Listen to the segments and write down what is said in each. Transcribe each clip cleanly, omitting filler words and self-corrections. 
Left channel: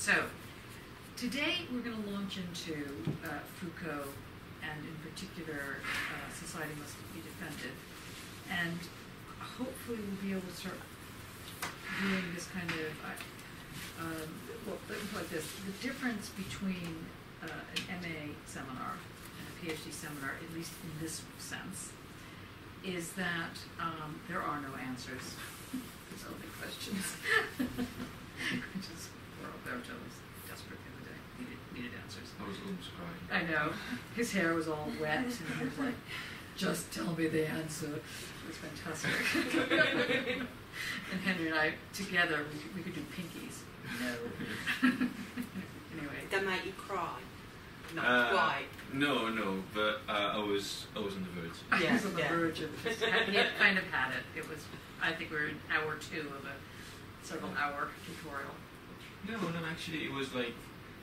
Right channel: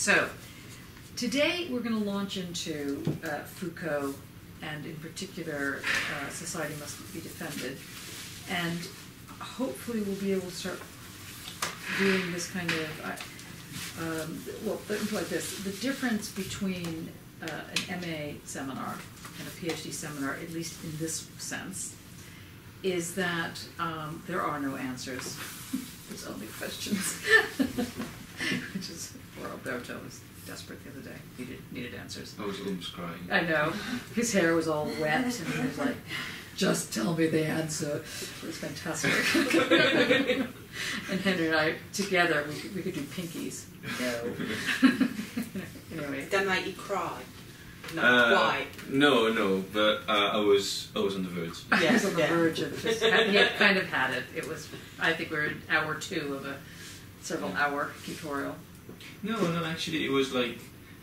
So, today we're going to launch into Foucault, and in particular, Society Must Be Defended. And hopefully we'll be able to start doing this kind of, well, like this. The difference between an MA seminar and a PhD seminar, at least in this sense, is that there are no answers. There's only questions. Which is poor Alberto was desperate the other day. Needed answers. I was almost crying. I know. His hair was all wet, and he was like, "Just tell me the answer." It was fantastic. And Henry and I together, we could do pinkies. No. Anyway. That made you cry. No, why? No, but I was on the verge. I was on the verge of just, he had kind of had it. It was, I think we're in hour 2 of a several hour tutorial. No, actually it was like,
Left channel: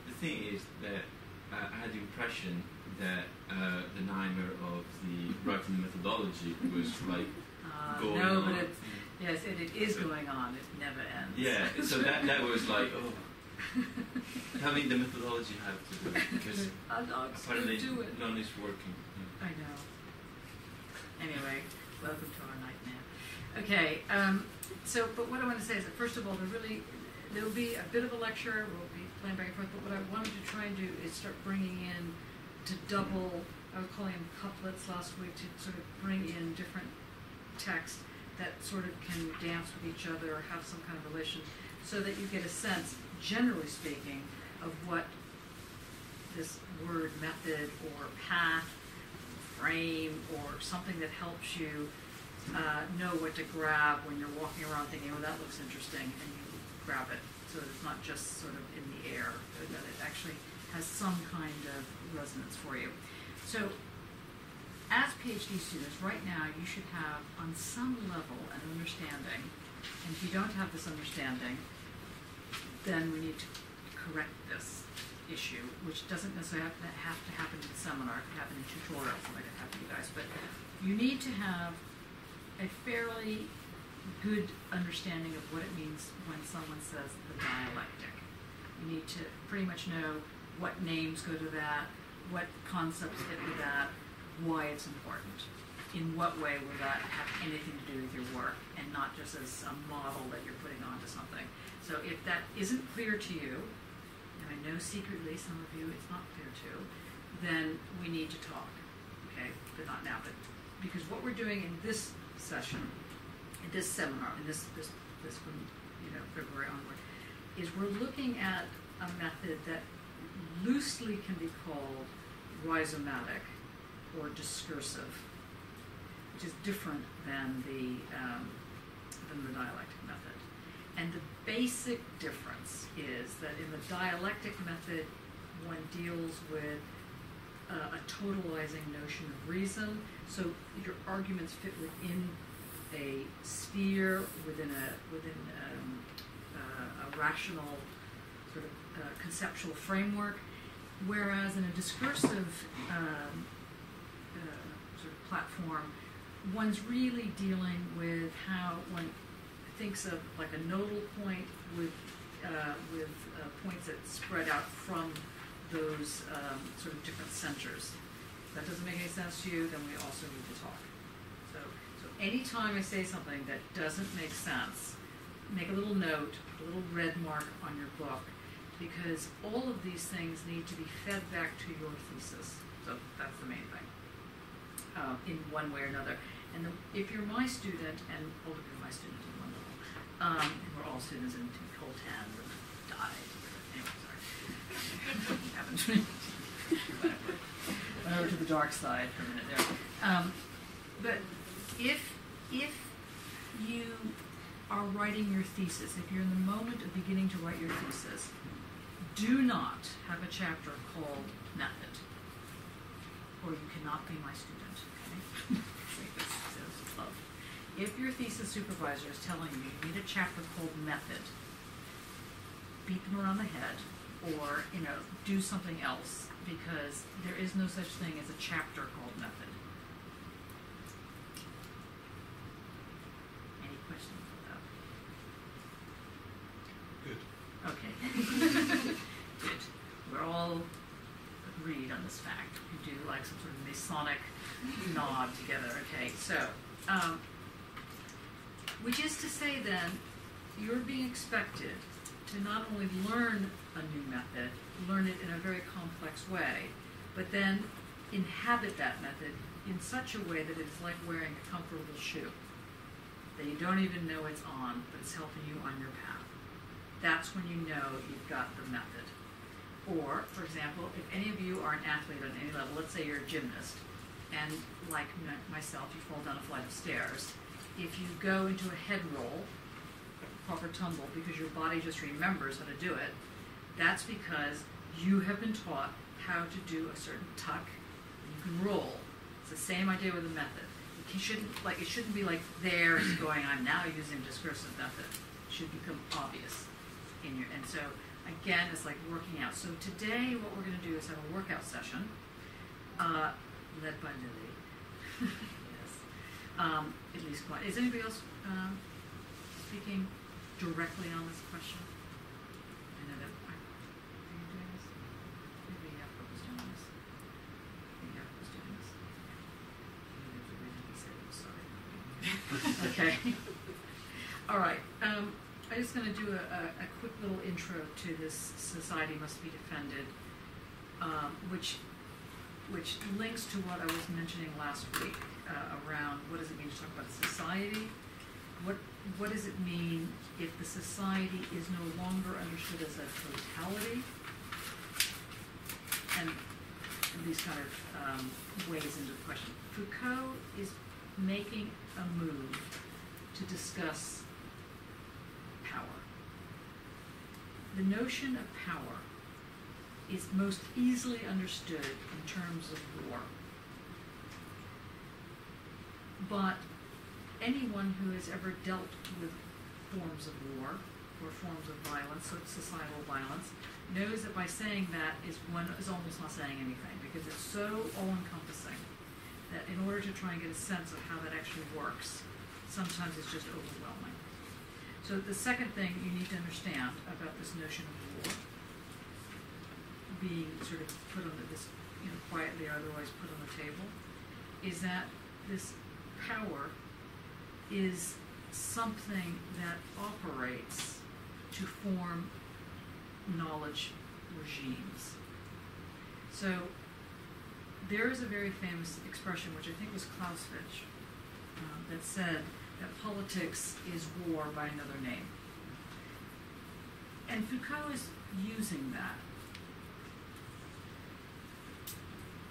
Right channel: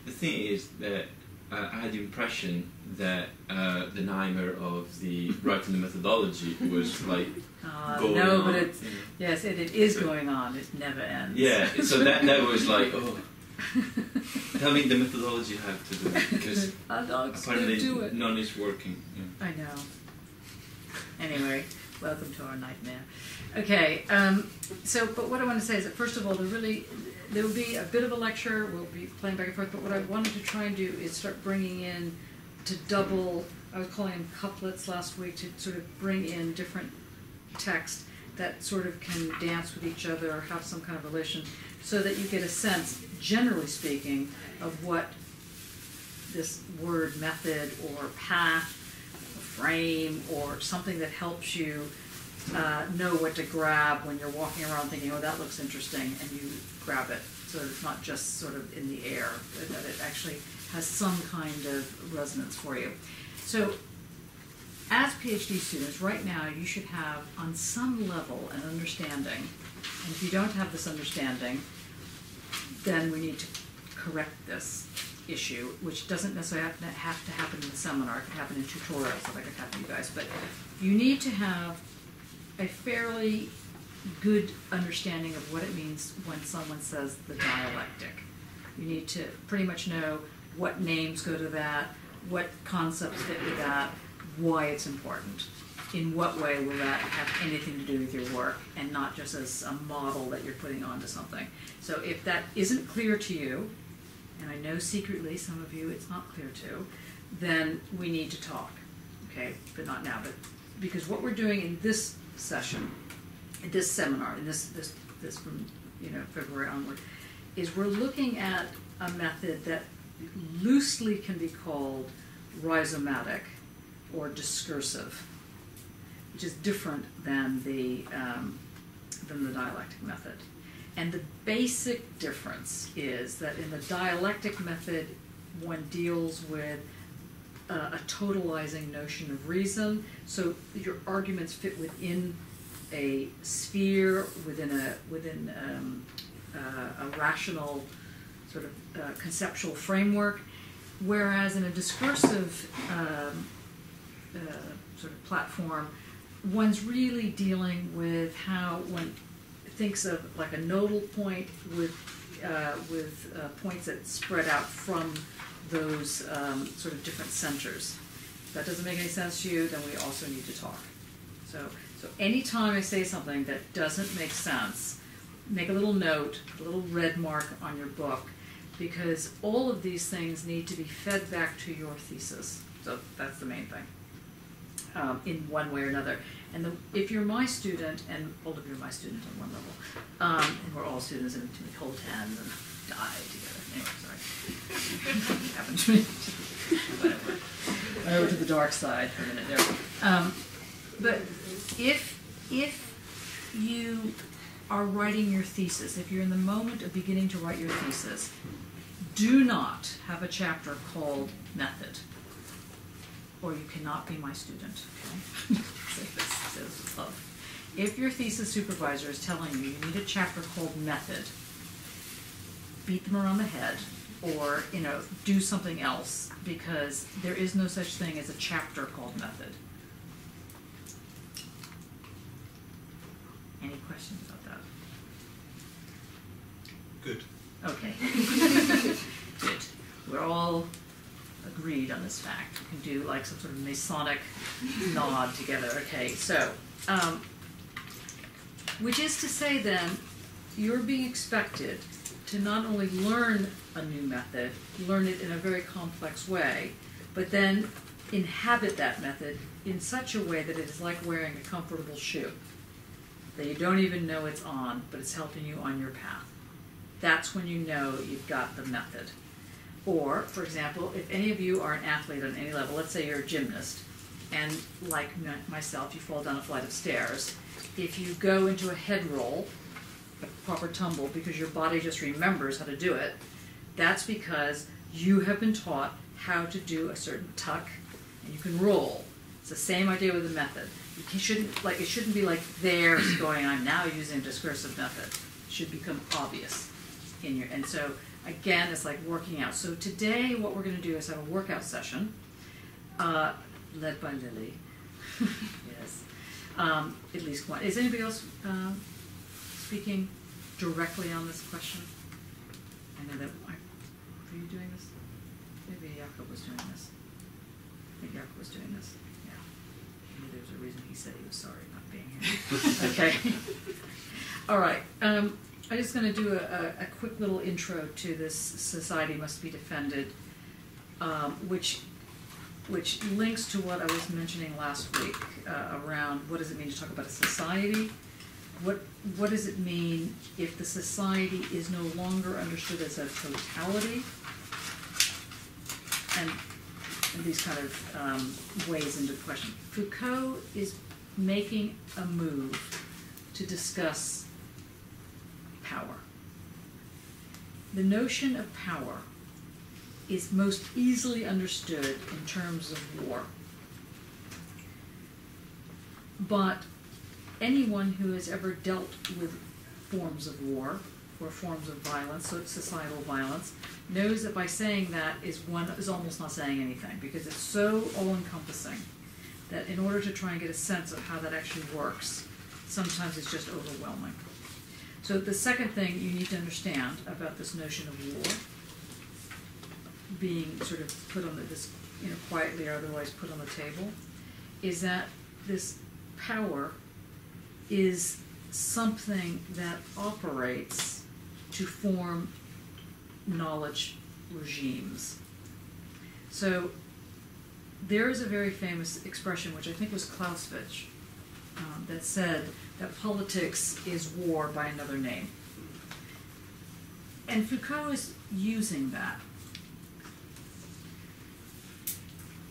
the thing is that I had the impression that the nightmare of the writing the methodology was like going no, on. but it's, yes, it is going on. It never ends. Yeah, so that was like, oh, tell me the methodology you have to do it, because apparently do it. none is working. Yeah. I know. Anyway, welcome to our nightmare. Okay, but what I want to say is that first of all, there will be a bit of a lecture. We'll be playing back and forth. But what I wanted to try and do is start bringing in to double. I was calling them couplets last week, to sort of bring in different text that sort of can dance with each other or have some kind of relation, so that you get a sense, generally speaking, of what this word method or path, or frame, or something that helps you know what to grab when you're walking around thinking, oh, that looks interesting, and you grab it. So it's not just sort of in the air, that it actually has some kind of resonance for you. So as PhD students, right now, you should have, on some level, an understanding. And if you don't have this understanding, then we need to correct this issue, which doesn't necessarily have to happen in the seminar. It could happen in tutorials, so that could happen to you guys. But you need to have a fairly good understanding of what it means when someone says the dialectic. You need to pretty much know what names go to that, what concepts fit with that, why it's important. In what way will that have anything to do with your work, and not just as a model that you're putting onto something. So if that isn't clear to you, and I know secretly some of you it's not clear to, then we need to talk, okay? But not now, but because what we're doing in this session, in this seminar, in this from February onward, is we're looking at a method that loosely can be called rhizomatic or discursive, which is different than the dialectic method. And the basic difference is that in the dialectic method, one deals with a totalizing notion of reason. So your arguments fit within a sphere, within a rational sort of conceptual framework. Whereas in a discursive sort of platform, one's really dealing with how one thinks of like a nodal point with points that spread out from those sort of different centers. If that doesn't make any sense to you, then we also need to talk. So anytime I say something that doesn't make sense, make a little note, a little red mark on your book, because all of these things need to be fed back to your thesis. So that's the main thing, in one way or another. And if you're my student, and all of you are my students on one level, and we're all students, and we hold hands and die together. Anyway, sorry. Happened to me. Whatever. Went over to the dark side for a minute there. But if you are writing your thesis, if you're in the moment of beginning to write your thesis, do not have a chapter called method, or you cannot be my student. Okay? Say this with love. If your thesis supervisor is telling you you need a chapter called method, beat them around the head, or do something else, because there is no such thing as a chapter called method. Any questions about that? Good. Okay. Good. We're all agreed on this fact. We can do like some sort of Masonic nod together. Okay, so, which is to say then, you're being expected to not only learn a new method, learn it in a very complex way, but then inhabit that method in such a way that it is like wearing a comfortable shoe, that you don't even know it's on, but it's helping you on your path. That's when you know you've got the method. Or, for example, if any of you are an athlete on any level, let's say you're a gymnast, and like myself, you fall down a flight of stairs, if you go into a head roll, a proper tumble, because your body just remembers how to do it, that's because you have been taught how to do a certain tuck, and you can roll. It's the same idea with the method. It shouldn't be like there's going, I'm now using discursive method. It should become obvious in your, and so again, it's like working out. So today what we're going to do is have a workout session, led by Lily. Yes. At least one. Is anybody else speaking directly on this question? I know that, are you doing this? Maybe Jakob was doing this. I think Jakob was doing this. Yeah. Maybe there's a reason he said he was sorry not being here. Okay. All right. I'm just going to do a quick little intro to this Society Must Be Defended, which links to what I was mentioning last week around what does it mean to talk about a society? What does it mean if the society is no longer understood as a totality? And these kind of ways into the question. Foucault is making a move to discuss power. The notion of power is most easily understood in terms of war. But anyone who has ever dealt with forms of war or forms of violence, so societal violence, knows that by saying that is almost not saying anything, because it's so all-encompassing that in order to try and get a sense of how that actually works, sometimes it's just overwhelming. So the second thing you need to understand about this notion of war being sort of put on this, quietly or otherwise put on the table, is that this power is something that operates to form knowledge regimes. So there is a very famous expression, which I think was Clausewitz, that said that politics is war by another name. And Foucault is using that.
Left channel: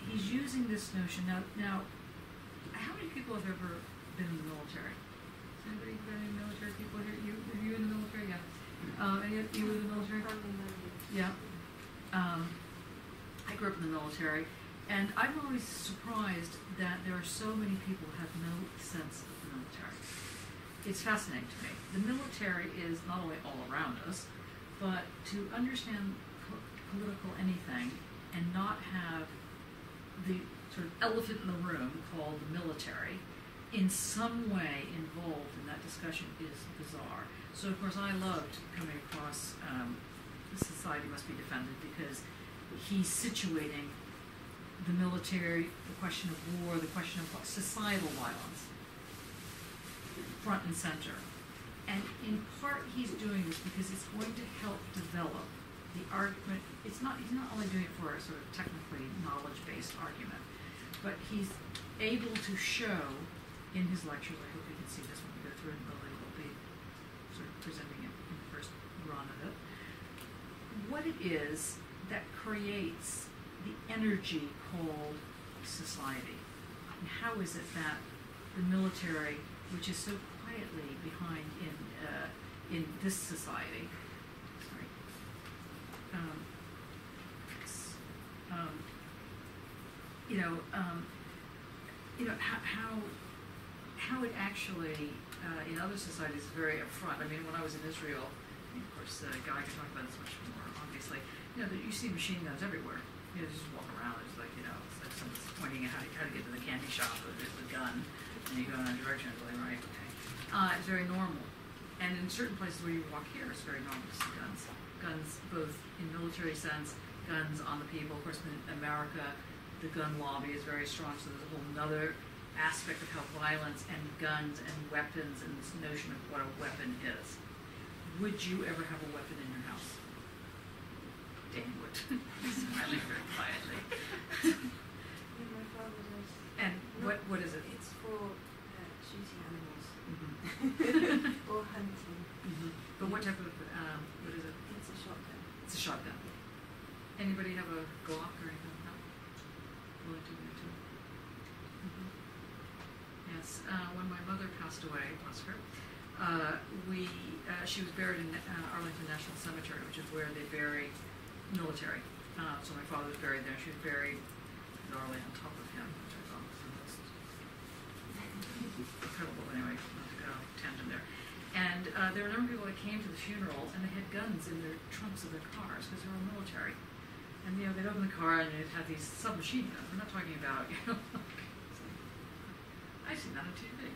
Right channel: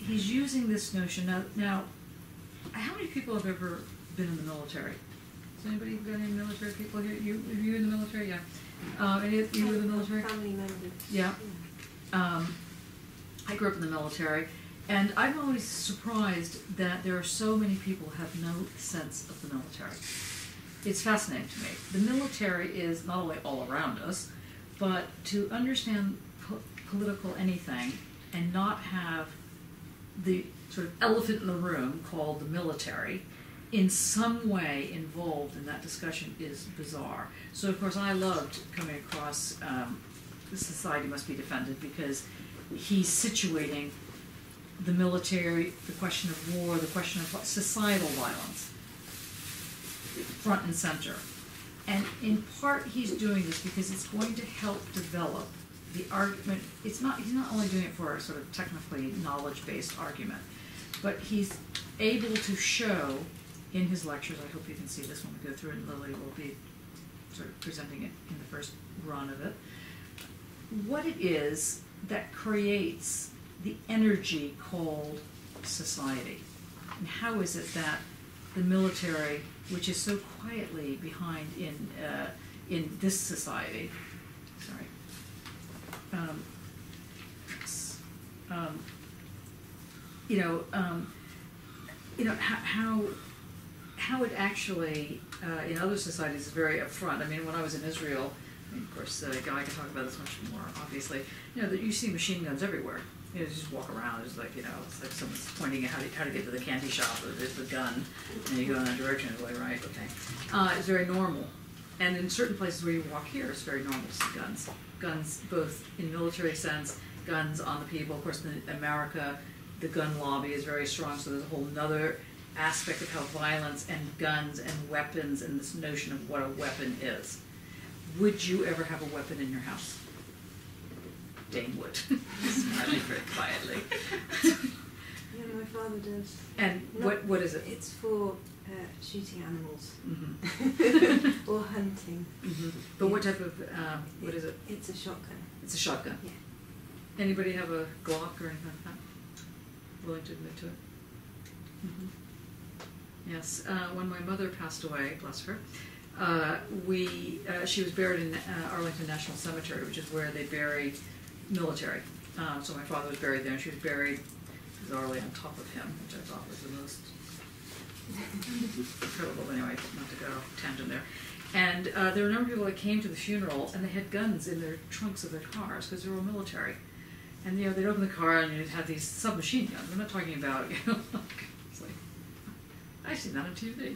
He's using this notion. Now, how many people have ever been in the military? Has anybody got any military people here? Are you in the military? Yeah. Any of you in the military? Family members. Yeah. I grew up in the military, and I'm always surprised that there are so many people who have no sense of the military. It's fascinating to me. The military is not only all around us, but to understand political anything and not have the sort of elephant in the room called the military in some way involved in that discussion is bizarre. So of course I loved coming across The Society Must Be Defended, because he's situating the military, the question of war, the question of societal violence, front and center. And in part he's doing this because it's going to help develop the argument. He's not only doing it for a sort of technically knowledge-based argument, but he's able to show in his lectures, I hope you can see this when we go through it, and Lily will be sort of presenting it in the first run of it, what it is that creates the energy called society. And how is it that the military, which is so quietly behind in this society, how it actually in other societies is very upfront. I mean, when I was in Israel, of course, Guy can talk about this much more obviously. That you see machine guns everywhere. You just walk around. It's like it's like someone's pointing at how to get to the candy shop. Or there's the gun, and you go in that direction. It's like, right, okay. It's very normal. And in certain places where you walk here, it's very normal to see guns. guns both in military sense, guns on the people. Of course, in America, the gun lobby is very strong, so there's a whole nother aspect of how violence and guns and weapons and this notion of what a weapon is. Would you ever have a weapon in your house? Dane would. Smiling very quietly. Yeah, my father does. And what is it? It's for shooting animals Mm-hmm. or hunting. Mm-hmm. But what type of, what is it? It's a shotgun. It's a shotgun. Yeah. Anybody have a Glock or anything like that? Willing to admit to it? Mm-hmm. Yes. When my mother passed away, bless her, she was buried in Arlington National Cemetery, which is where they bury military. So my father was buried there, and she was buried bizarrely on top of him, which I thought was the most incredible. Anyway, not to go tangent there. And there were a number of people that came to the funeral, and they had guns in their trunks of their cars because they were all military. And they'd open the car, and you'd have these submachine guns. We're not talking about, it's like, I've seen that on TV.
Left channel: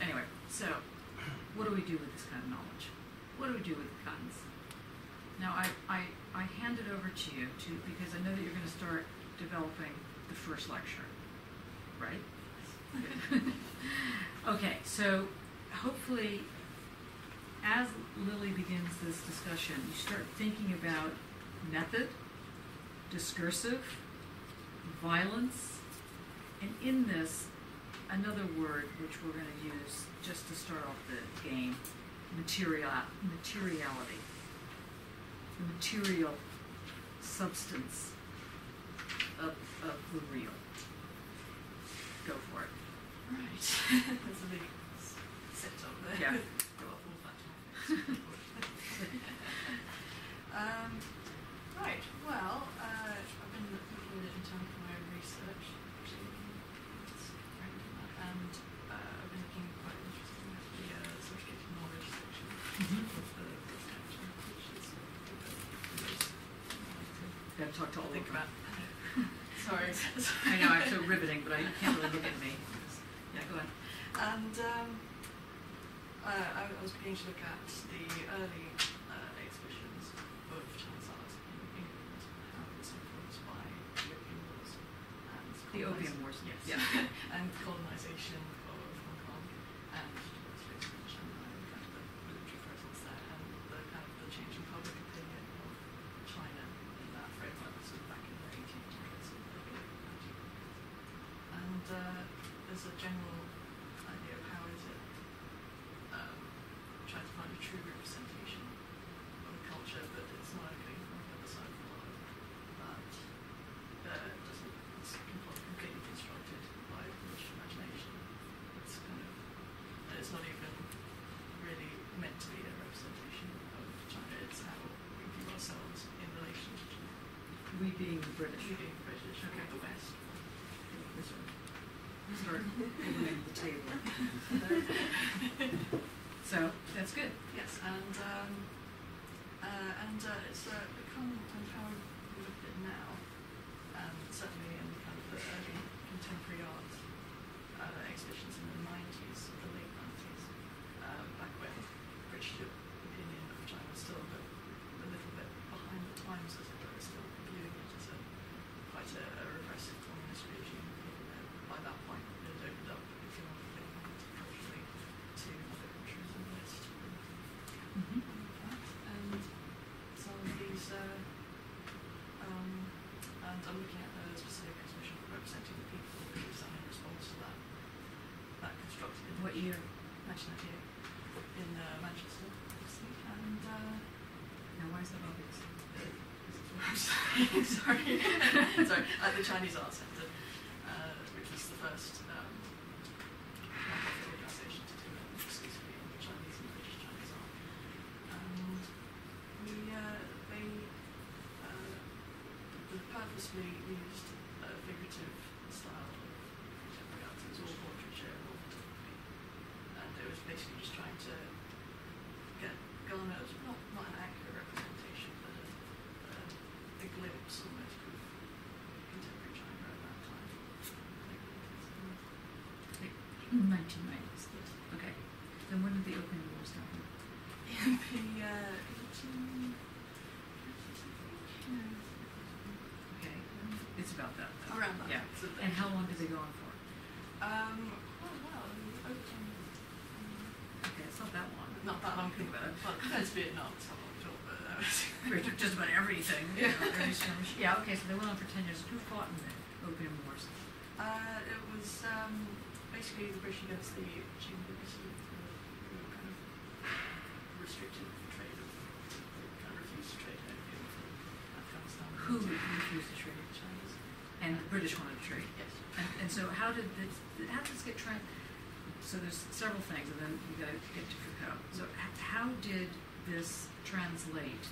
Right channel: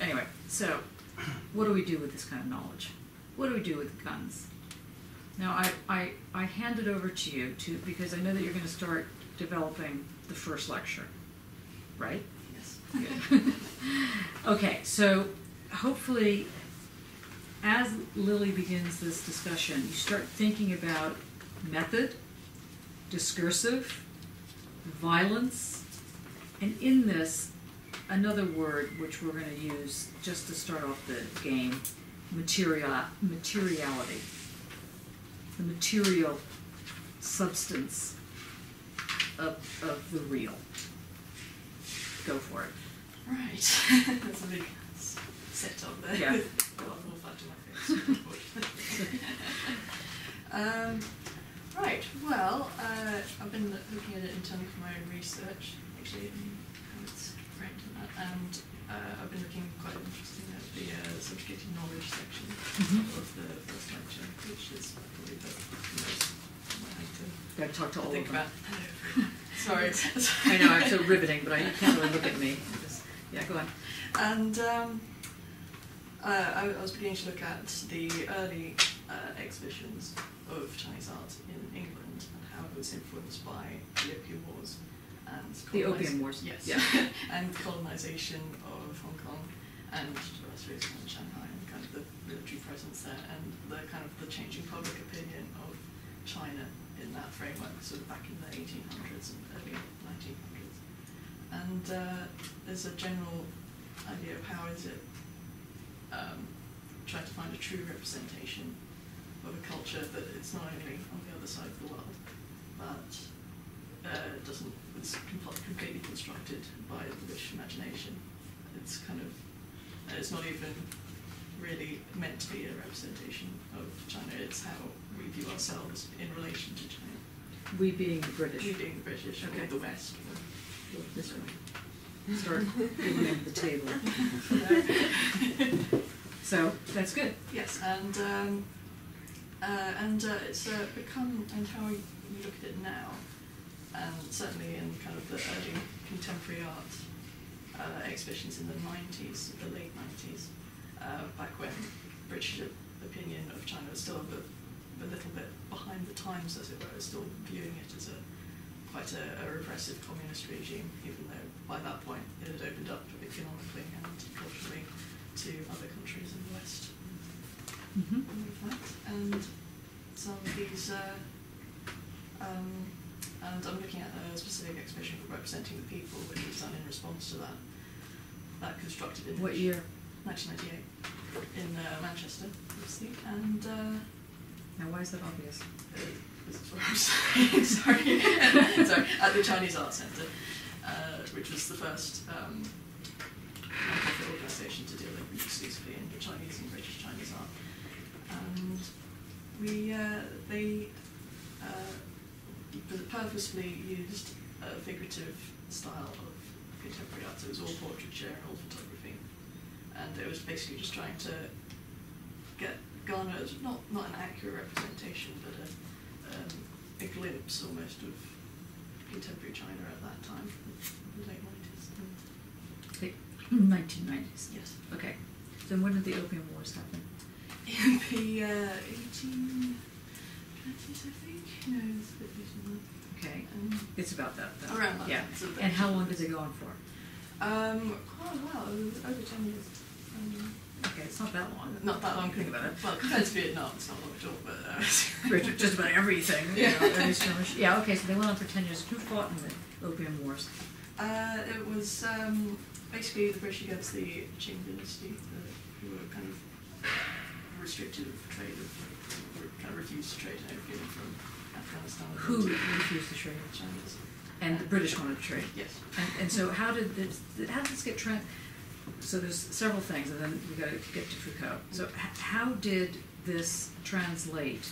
Anyway, so what do we do with this kind of knowledge? What do we do with guns? Now, I hand it over to you because I know that you're going to start developing the first lecture, right? Yes. Good. Okay, so hopefully, as Lily begins this discussion, you start thinking about method, discursive, violence, and in this, another word which we're going to use just to start off the game, materiality. The material substance of the real. Go for it. Right. There's a big set up there. Yeah. With a lot more flat to my face. Right. Well, I've been looking at it in terms of my own research, actually, and how it's framed in that, and I've been looking quite interesting at the subjugated knowledge section of the first lecture, which is probably the most I had to Got to talk to all think of them. about. Hello. Sorry. I know, I'm so riveting, but you can't really look at me. Yeah, go on. And I was beginning to look at the early exhibitions of Chinese art in England and how it was influenced by the Opium Wars and The Opium Wars. Yes. Yeah. And colonisation of Hong Kong and Shanghai, and kind of the military presence there, and the kind of the changing public opinion of China in that framework, sort of back in the 1800s and early 1900s. And there's a general idea of how is it trying to find a true representation of a culture that it's not only on the other side of the world, but it's completely constructed by the British imagination. It's kind of, it's not even really meant to be a representation of China. It's how we view ourselves in relation to China. We being the British. We being the British, Okay. or the West. This room. Start moving the table. So that's good. Yes, and it's become, and how we look at it now, and certainly in kind of the early contemporary art exhibitions in the 90s, the late 90s, back when British opinion of China was still a little bit behind the times, as it were, still viewing it as quite a repressive communist regime, even though by that point it had opened up economically and culturally to other countries in the West. Mm-hmm. With that. And some of these, and I'm looking at a specific exhibition for representing the people that he's done in response to that constructed image. What year? 1998 in Manchester, obviously. And Now, why is that obvious? this is what I'm saying. Sorry. Sorry. At the Chinese Art Centre, which was the first non-profit organisation to deal exclusively in Chinese and British Chinese art. And they purposely used a figurative style of contemporary art. It was all portraiture and all photography, and it was basically just trying to garner not an accurate representation, but a glimpse almost of contemporary China at that time, the late 90s. Late 1990s. Yes. Okay. Then when did the Opium Wars happen? In the 30s, I think. No, it's a bit later than that. Okay, it's about that though. Around that. Yeah. It's a bit And how later long than did they go on for? Quite a while. It was over 10 years. Okay, it's not that long. Not that long. Think about it. Well, compared to Vietnam, it's not long at all. But Just about everything. Yeah. You know, every skirmish. Yeah. Okay, so they went on for 10 years. Who fought in the Opium Wars? it was basically the British against the Qing dynasty, who were kind of restricted of trade, kind of refused to trade in opium from Afghanistan. Who refused to trade? Chinese. And the British wanted to trade. Yes. And so how did this get so there's several things, and then we got to get to Foucault. So how did this translate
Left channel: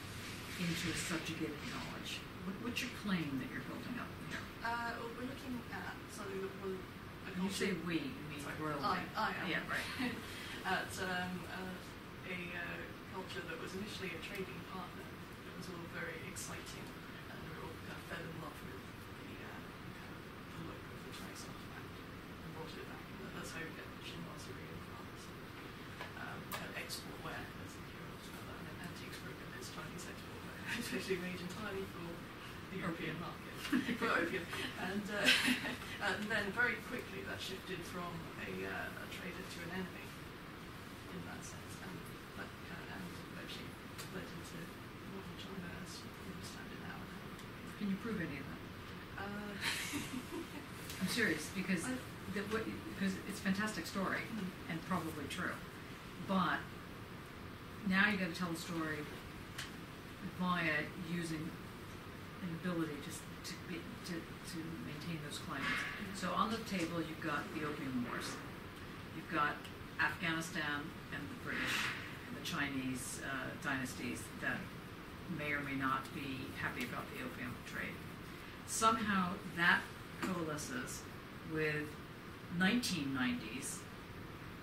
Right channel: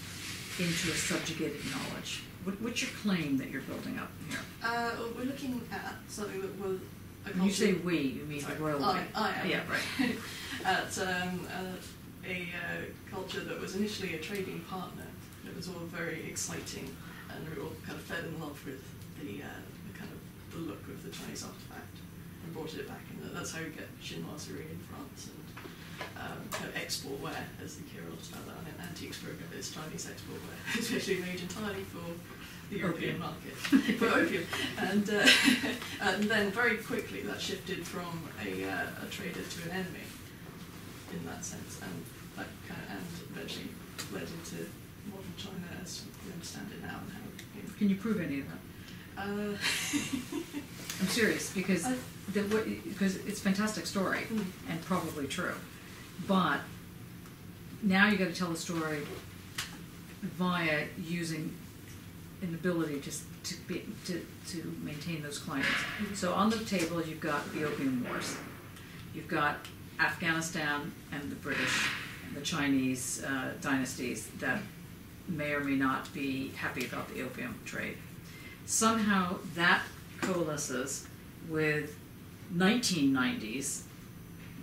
into a subjugated knowledge? What's your claim that you're building up here? Well, we're looking at something that will. When you say we, you mean the royal we. I am. Yeah, right. At a culture that was initially a trading partner. It was all very exciting, and we were all kind of fell in love with the kind of the look of the Chinese artifact and brought it back. And that's how you get chinoiserie in France and kind of export wear, as you hear a lot about that. And an antiques program is Chinese export wear, especially made entirely for the European market, for opium. And then very quickly that shifted from a trader to an enemy in that sense, and that and eventually led into modern China as we understand it now. And how Can you prove any of that? I'm serious because it's a fantastic story and probably true, but now you got to tell the story via using an ability to maintain those claims. So on the table you've got the Opium Wars, you've got Afghanistan and the British and the Chinese dynasties that may or may not be happy about the opium trade. Somehow that coalesces with 1990s,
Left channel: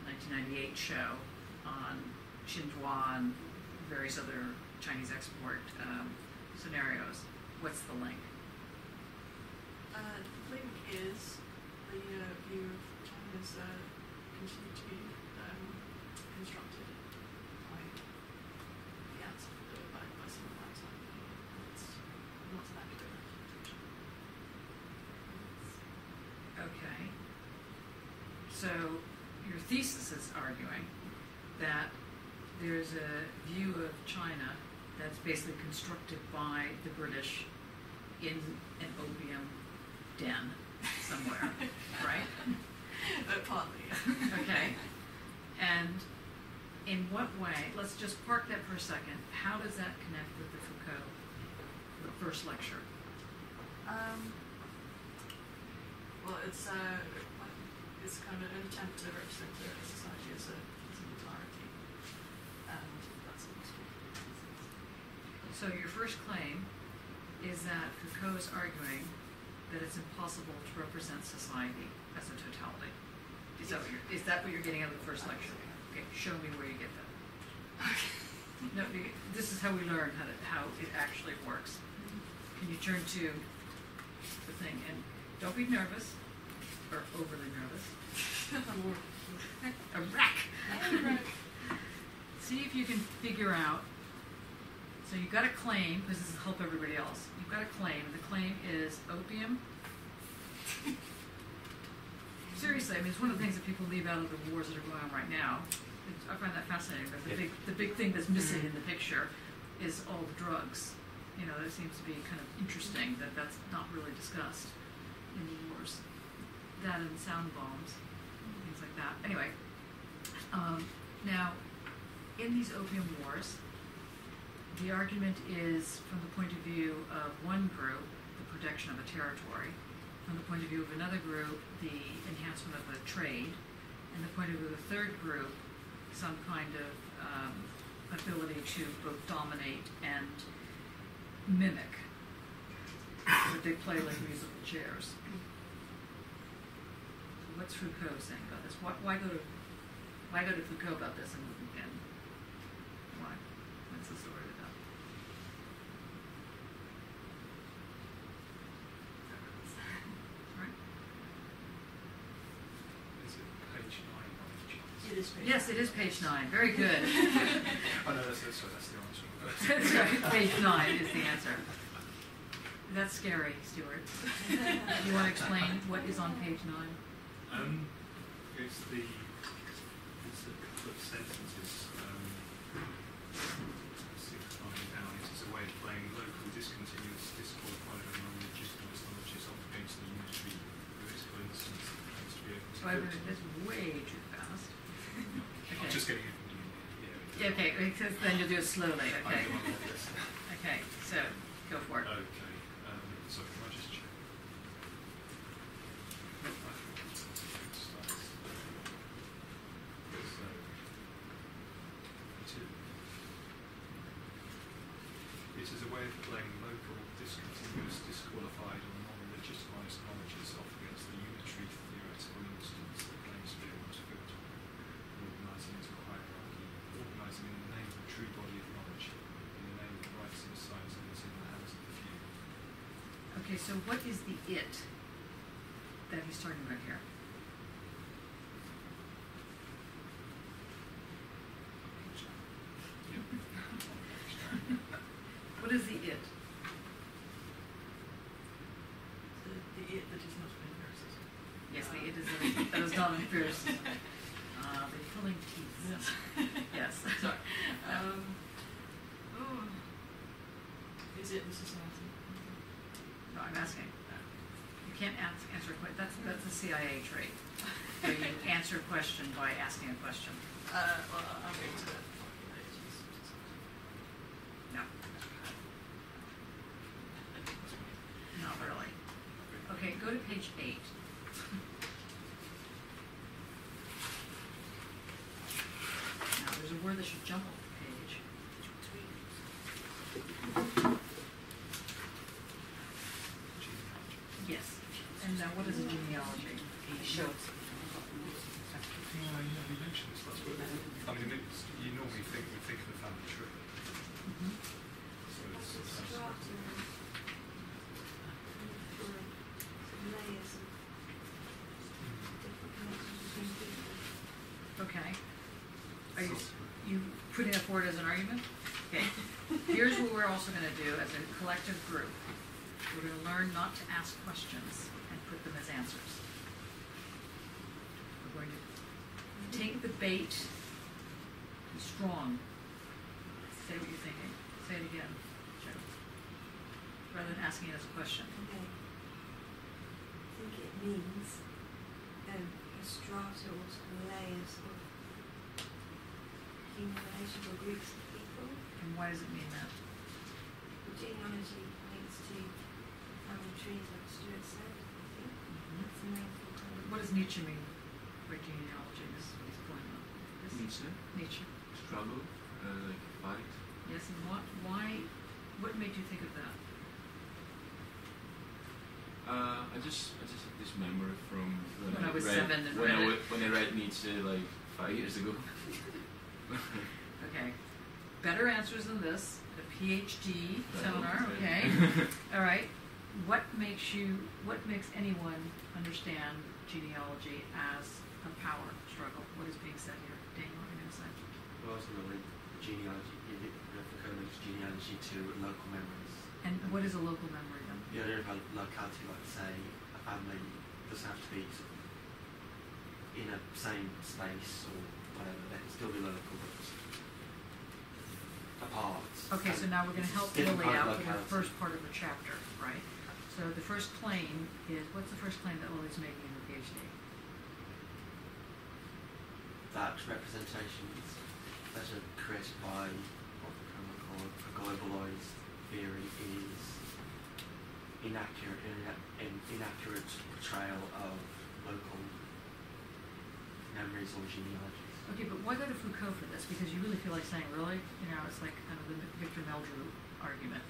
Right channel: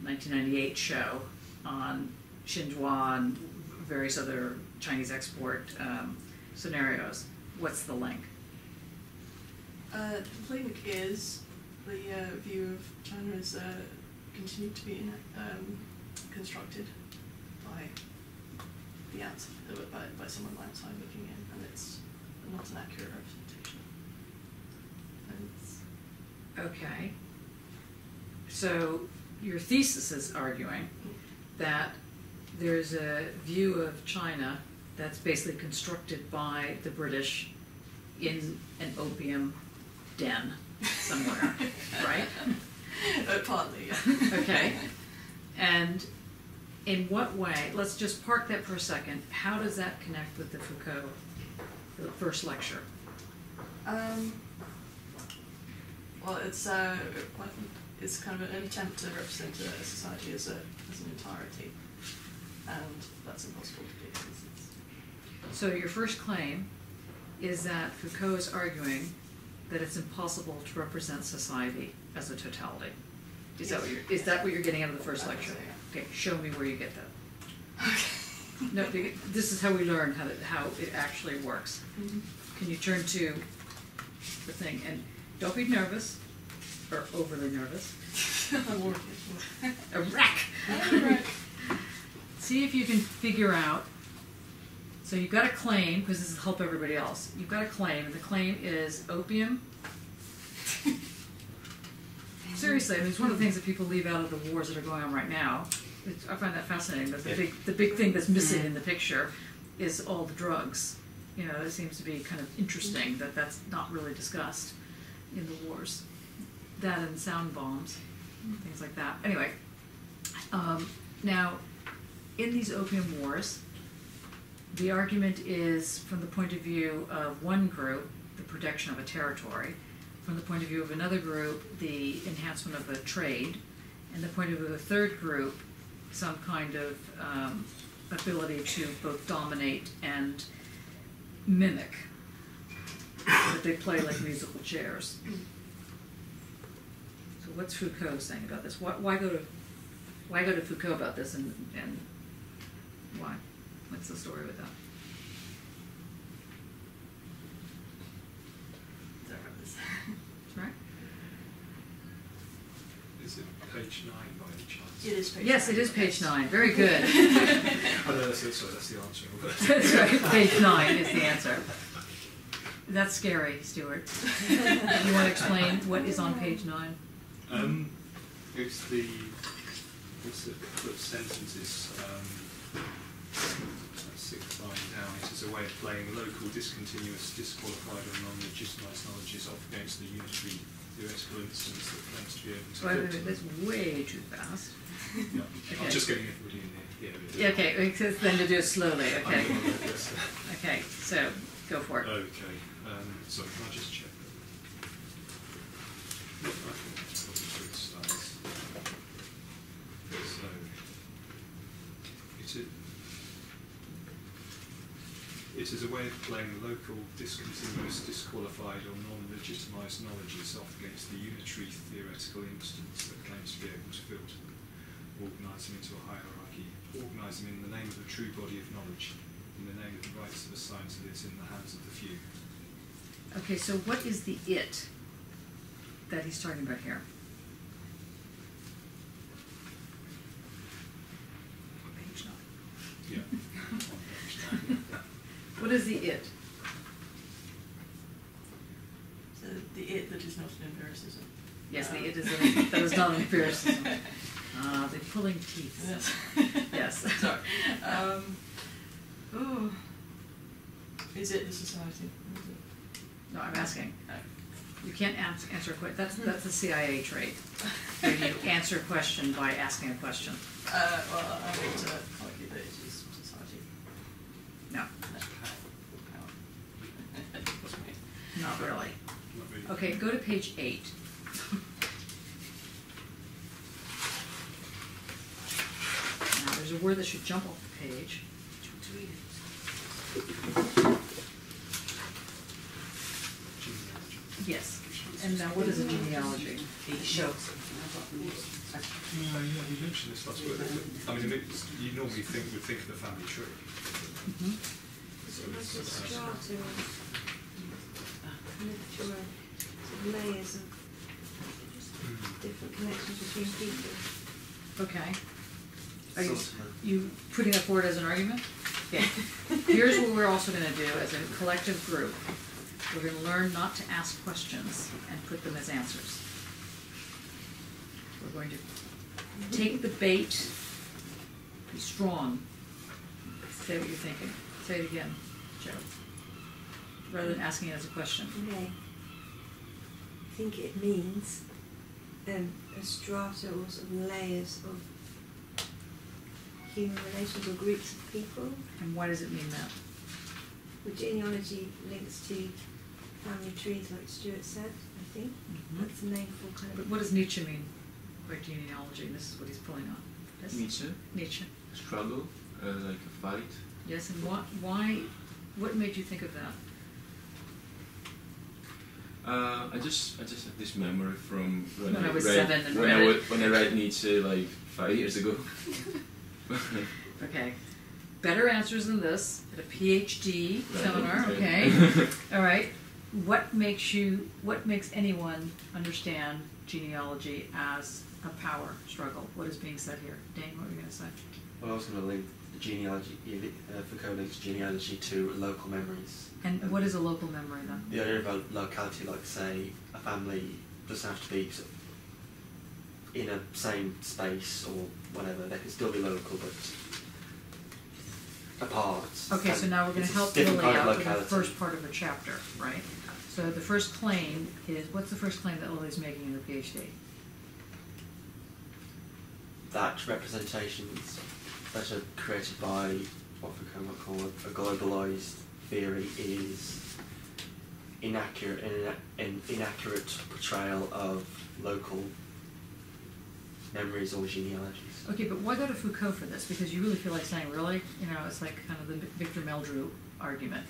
1998 show on Xinhua and various other Chinese export scenarios. What's the link? The link is the view of China as continued to be constructed by the outside, by someone outside looking in, and it's not an accurate representation. Okay. So your thesis is arguing that there's a view of China that's basically constructed by the British in an opium den somewhere, right? Partly, yeah. Okay. And in what way, let's just park that for a second, how does that connect with the Foucault, the first lecture? Well, it's kind of an attempt to represent a society as an entirety, and that's impossible to do. So your first claim is that Foucault is arguing that it's impossible to represent society as a totality. Is that what you're getting out of the first lecture? So, yeah. Okay, show me where you get that. Okay. No, this is how we learn how it actually works. Mm-hmm. Can you turn to the thing, and don't be nervous or overly nervous. I'm working. A wreck. See if you can figure out. So you've got a claim, because this will help everybody else. You've got a claim, and the claim is opium. Seriously, I mean, it's one of the things that people leave out of the wars that are going on right now. I find that fascinating. But the big thing that's missing in the picture is all the drugs. You know, it seems to be kind of interesting that that's not really discussed in the wars. That and sound bombs, things like that. Anyway, now in these opium wars, the argument is from the point of view of one group, the protection of a territory, from the point of view of another group, the enhancement of a trade, and the point of view of a third group, some kind of ability to both dominate and mimic. But they play like musical chairs. So what's Foucault saying about this? Why go to Foucault about this, and why? What's the story with that? Right? Is it page 9 by any chance? It is page Yes, 9. it is page 9. Very good. I know that's the answer. That's right. Page 9 is the answer. That's scary, Stuart. You want to explain what is on page 9? It's the sentences. 6th line down. It is a way of playing local, discontinuous, disqualified, or non-legitimised knowledges off against the unitary theoretical instance that claims to be open to Wait, filter. that's way too fast. No, Okay. I'm just getting everybody in here. Yeah, okay, because then to do it slowly. I Okay. know, yes. Okay, so go for it. Okay. Sorry, can I just check? I think that's what it starts. So, it is a way of playing local, discontinuous, disqualified, or non-legitimised knowledges off against the unitary theoretical instance that claims to be able to filter, organise them into a hierarchy, organise them in the name of a true body of knowledge, in the name of the rights of a science that is in the hands of the few. Okay, so what is the it that he's talking about here? On page 9. Yeah. On page 9. What is the it? So the it that is not an empiricism. Yes, the it is that is not an empiricism. They're pulling teeth. Yes. Yes. Sorry. Is it the society? No, I'm asking. Oh. You can't answer a question. That's a CIA trait, where you answer a question by asking a question. Well, I'm going to argue that it is society. No, not really. Not really. Okay, go to page 8. Now, there's a word that should jump off the page. Genealogy. Yes. And now, what is a genealogy? Yeah, you mentioned this last week. I mean, you normally would think of a family tree. Mm-hmm. Is it like a strata or kind of sort of layers of different connections between people? Okay. Are you putting that forward as an argument? Okay. Here's what we're also going to do as a collective group. We're going to learn not to ask questions and put them as answers. We're going to take the bait, be strong, say what you're thinking. Say it again, Joe. Rather than asking it as a question. Okay. I think it means a strata or sort of layers of human relations or groups of people. And why does it mean that? The genealogy links to family trees, like Stuart said, I think. Mm-hmm. That's the name for kind But of... what does Nietzsche mean by genealogy? And this is what he's pulling on. Yes? Nietzsche, Nietzsche. struggle, like a fight. Yes, and what made you think of that? I just had this memory from When I was read, 7 and when read it. when I read Nietzsche like 5 years ago. Okay. Better answers than this at a PhD Right, seminar, okay. okay. All right. What makes anyone understand genealogy as a power struggle? What is being said here? Dane, what were you going to say? Well, I was going to link the genealogy, Foucault links genealogy to local memories. And what is a local memory then? The idea of a locality, like say, a family doesn't have to be sort of in a same space or whatever. They can still be local, but apart. Okay, so now we're going to It's a help different Lily kind of out with the locality. first part of her chapter, right? So the first claim is, what's the first claim that Lily's making in her PhD? That representations that are created by what Foucault would call a globalised theory is inaccurate, an inaccurate portrayal of local memories or genealogies. Okay, but why go to Foucault for this? Because you really feel like saying, really? You know, it's like kind of the Victor Meldrew argument.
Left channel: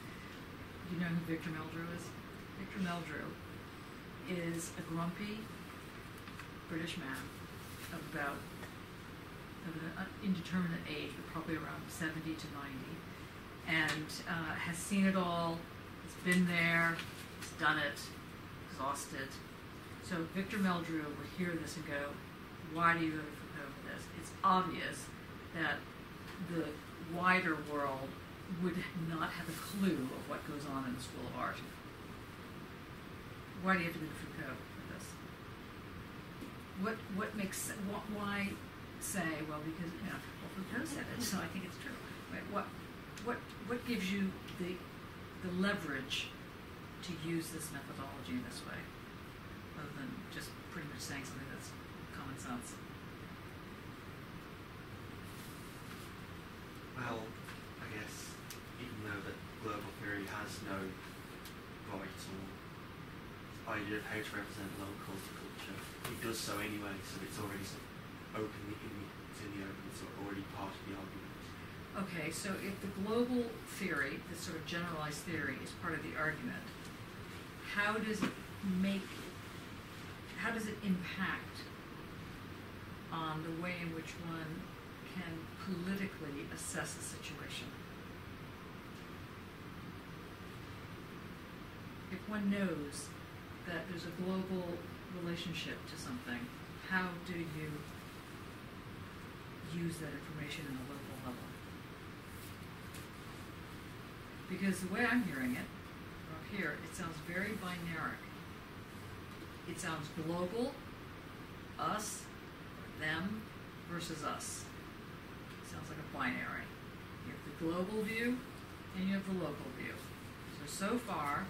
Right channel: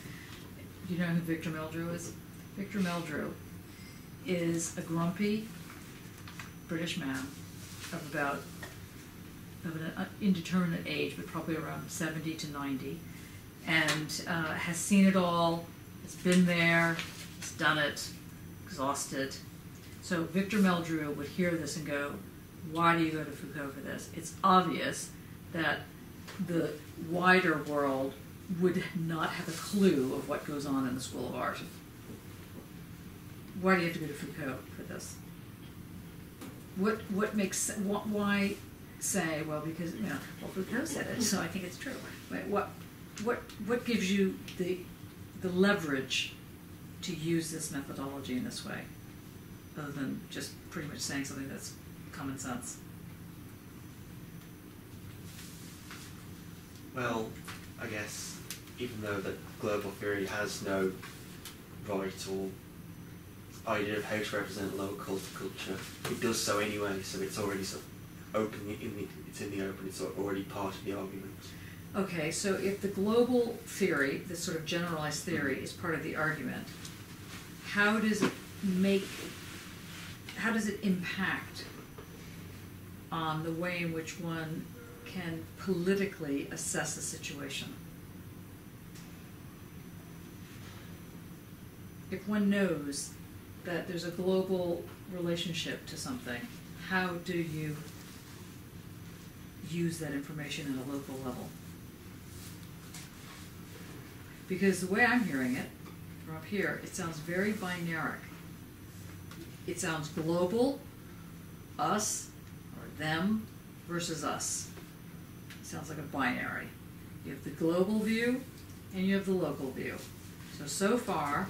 Do you know who Victor Meldrew is? Victor Meldrew is a grumpy British man of an indeterminate age, but probably around 70 to 90, and has seen it all, has been there, has done it, exhausted. So Victor Meldrew would hear this and go, why do you go to Foucault for this? It's obvious that the wider world would not have a clue of what goes on in the School of Art. Why do you have to go to Foucault for this? What makes, why say, well, because, well, Foucault said it, so I think it's true. What gives you the leverage to use this methodology in this way, other than just pretty much saying something that's common sense? Well, I guess even though that global theory has no right or idea of how to represent local culture, it does so anyway. So it's already sort of open it's in the open. It's sort of already part of the argument. Okay, so if the global theory, this sort of generalized theory, is part of the argument, how does it impact on the way in which one can politically assess a situation? If one knows that there's a global relationship to something, how do you use that information at a local level? Because the way I'm hearing it, from up here, it sounds very binaric. It sounds global, us, or them, versus us. It sounds like a binary. You have the global view, and you have the local view. So far,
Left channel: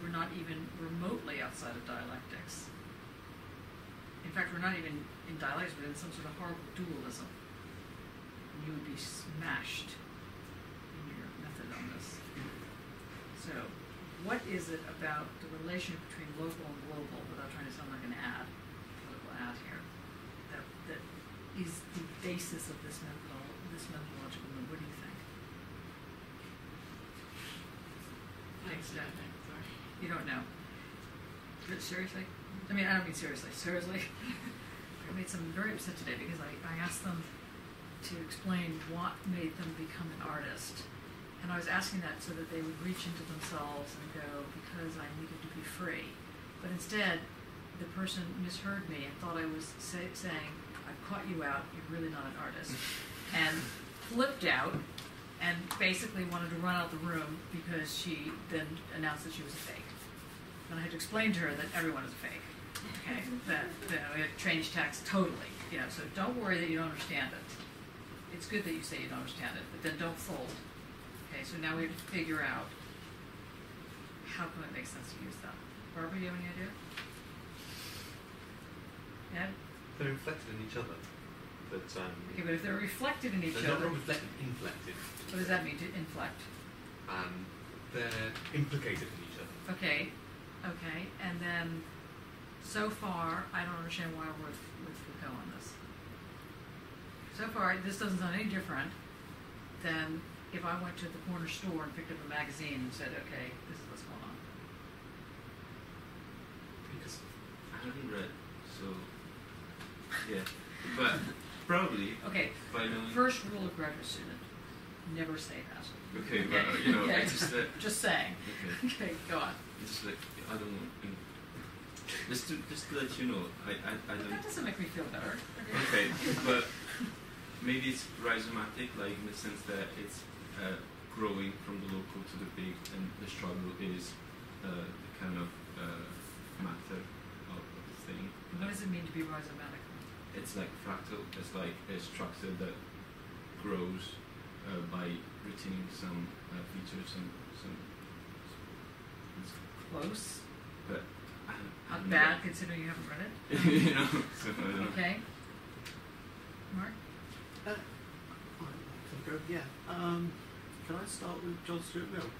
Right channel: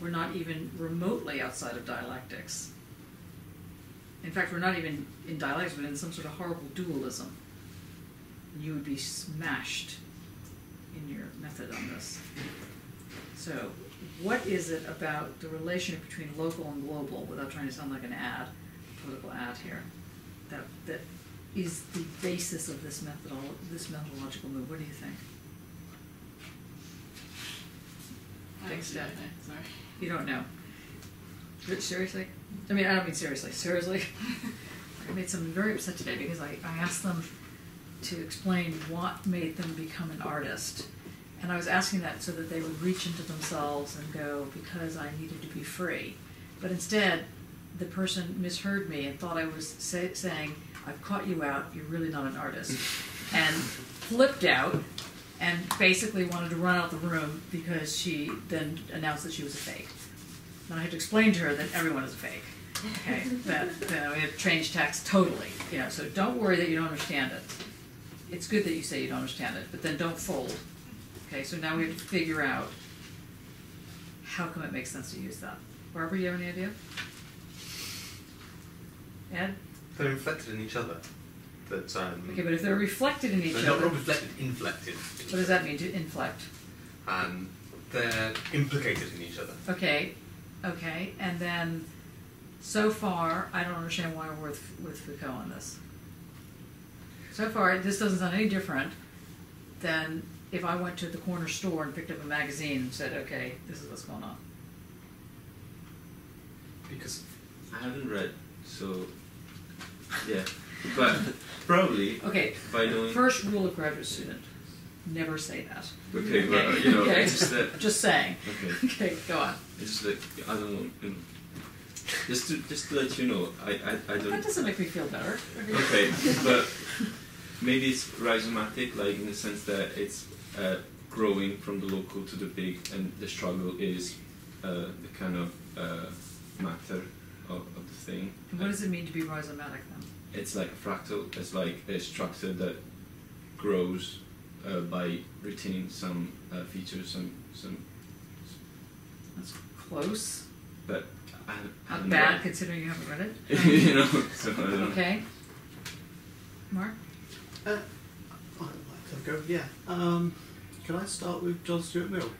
we're not even remotely outside of dialectics. In fact, we're not even in dialectics, but in some sort of horrible dualism. You would be smashed in your method on this. So, what is it about the relationship between local and global, without trying to sound like an political ad here, that is the basis of this methodological move? What do you think? Take a step. Sorry. You don't know. Seriously? I mean, I don't mean seriously. Seriously? I made someone very upset today because I asked them to explain what made them become an artist. And I was asking that so that they would reach into themselves and go, because I needed to be free. But instead, the person misheard me and thought I was saying, I've caught you out, you're really not an artist. And flipped out and basically wanted to run out the room because she then announced that she was a fake. And I had to explain to her that everyone is a fake. Okay, that we have changed text totally. So don't worry that you don't understand it. It's good that you say you don't understand it, but then don't fold. Okay, so now we have to figure out how come it makes sense to use that. Barbara, you have any idea? Ed? They're reflected in each other. Okay, but if they're reflected in each they're other... not reflected, inflected. What does that mean, to inflect? They're implicated in each other. Okay, and then so far, I don't understand why we're with Foucault on this. So far, this doesn't sound any different than if I went to the corner store and picked up a magazine and said, okay, this is what's going on. Because I haven't read, so yeah. But probably by knowing... First rule of graduate student, never say that. Okay, well, okay. It's just that... Just saying. Okay, go on. It's just that I don't want... Just to let you know, I don't... That doesn't make me feel better. Okay, but maybe it's rhizomatic, like in the sense that it's growing from the local to the big, and the struggle is the kind of matter of the thing. What does it mean to be rhizomatic then? It's like a fractal. It's like a structure that grows by retaining some features, some. That's close. But I haven't not bad read considering you haven't read it. So I don't know. Okay. Mark? I'd like to go. Yeah. Can I start with John Stuart Mill?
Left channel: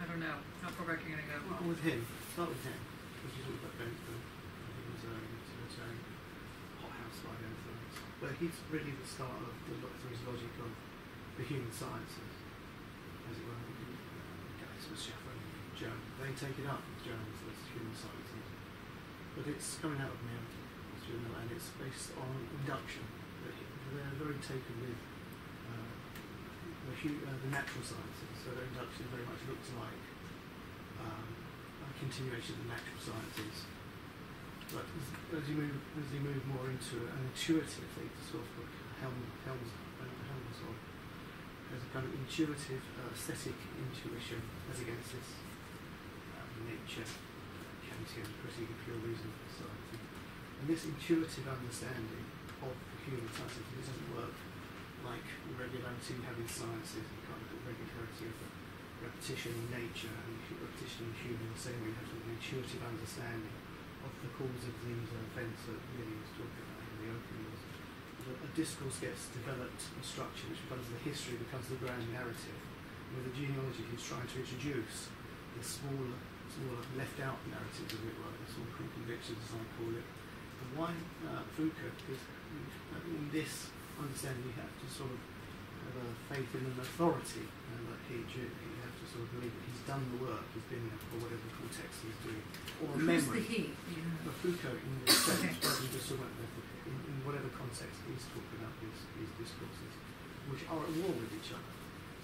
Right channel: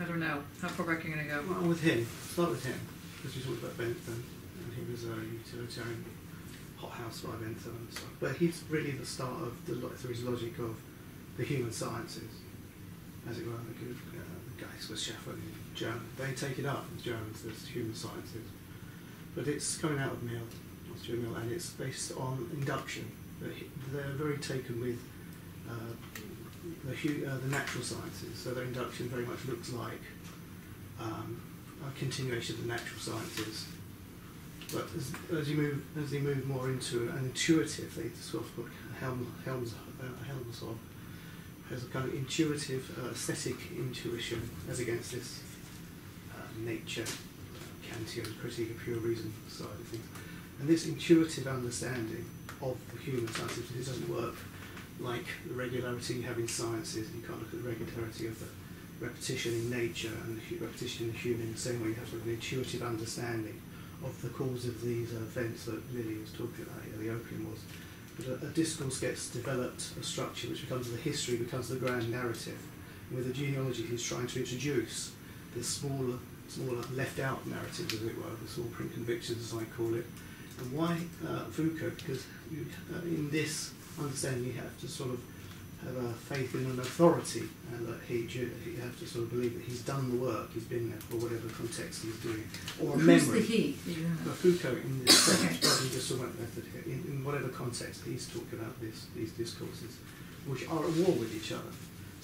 I don't know. How far back are you going to go? Well, with him. Start with him. Because you talked about Bentham, and he was a utilitarian hothouse by Bentham and stuff. But he's really the start of through his logic of the human sciences, as it were. Guys was scaffolding German. They take it up as Germans, the human sciences. But it's coming out of Mill, Stuart Mill, and it's based on induction. They're very taken with the natural sciences. So their induction very much looks like a continuation of the natural sciences. But as you move more into an intuitive, the sort of book Helmsov, has a kind of intuitive, aesthetic intuition as against this nature, Kantian critique of pure reason side of things. And this intuitive understanding of the human sciences, it doesn't work like the regularity you have in sciences. You can't look at the regularity of the repetition in nature and repetition in the human in the same way. You have to have an intuitive understanding of the cause of these events that Lily was talking about here, the Opium Wars. But a discourse gets developed, a structure which becomes the history, becomes the grand narrative. And with the genealogy, he's trying to introduce this smaller left-out narrative, as it were, the small print convictions, as I call it. And why Foucault? Because in this understanding, you have to sort of have a faith in an authority, and that you have to sort of believe that he's done the work, he's been there for whatever context he's doing, or a memory. Who's the he? Foucault in this Okay. rather than just talking about method here, in whatever context he's talking about these discourses, which are at war with each other.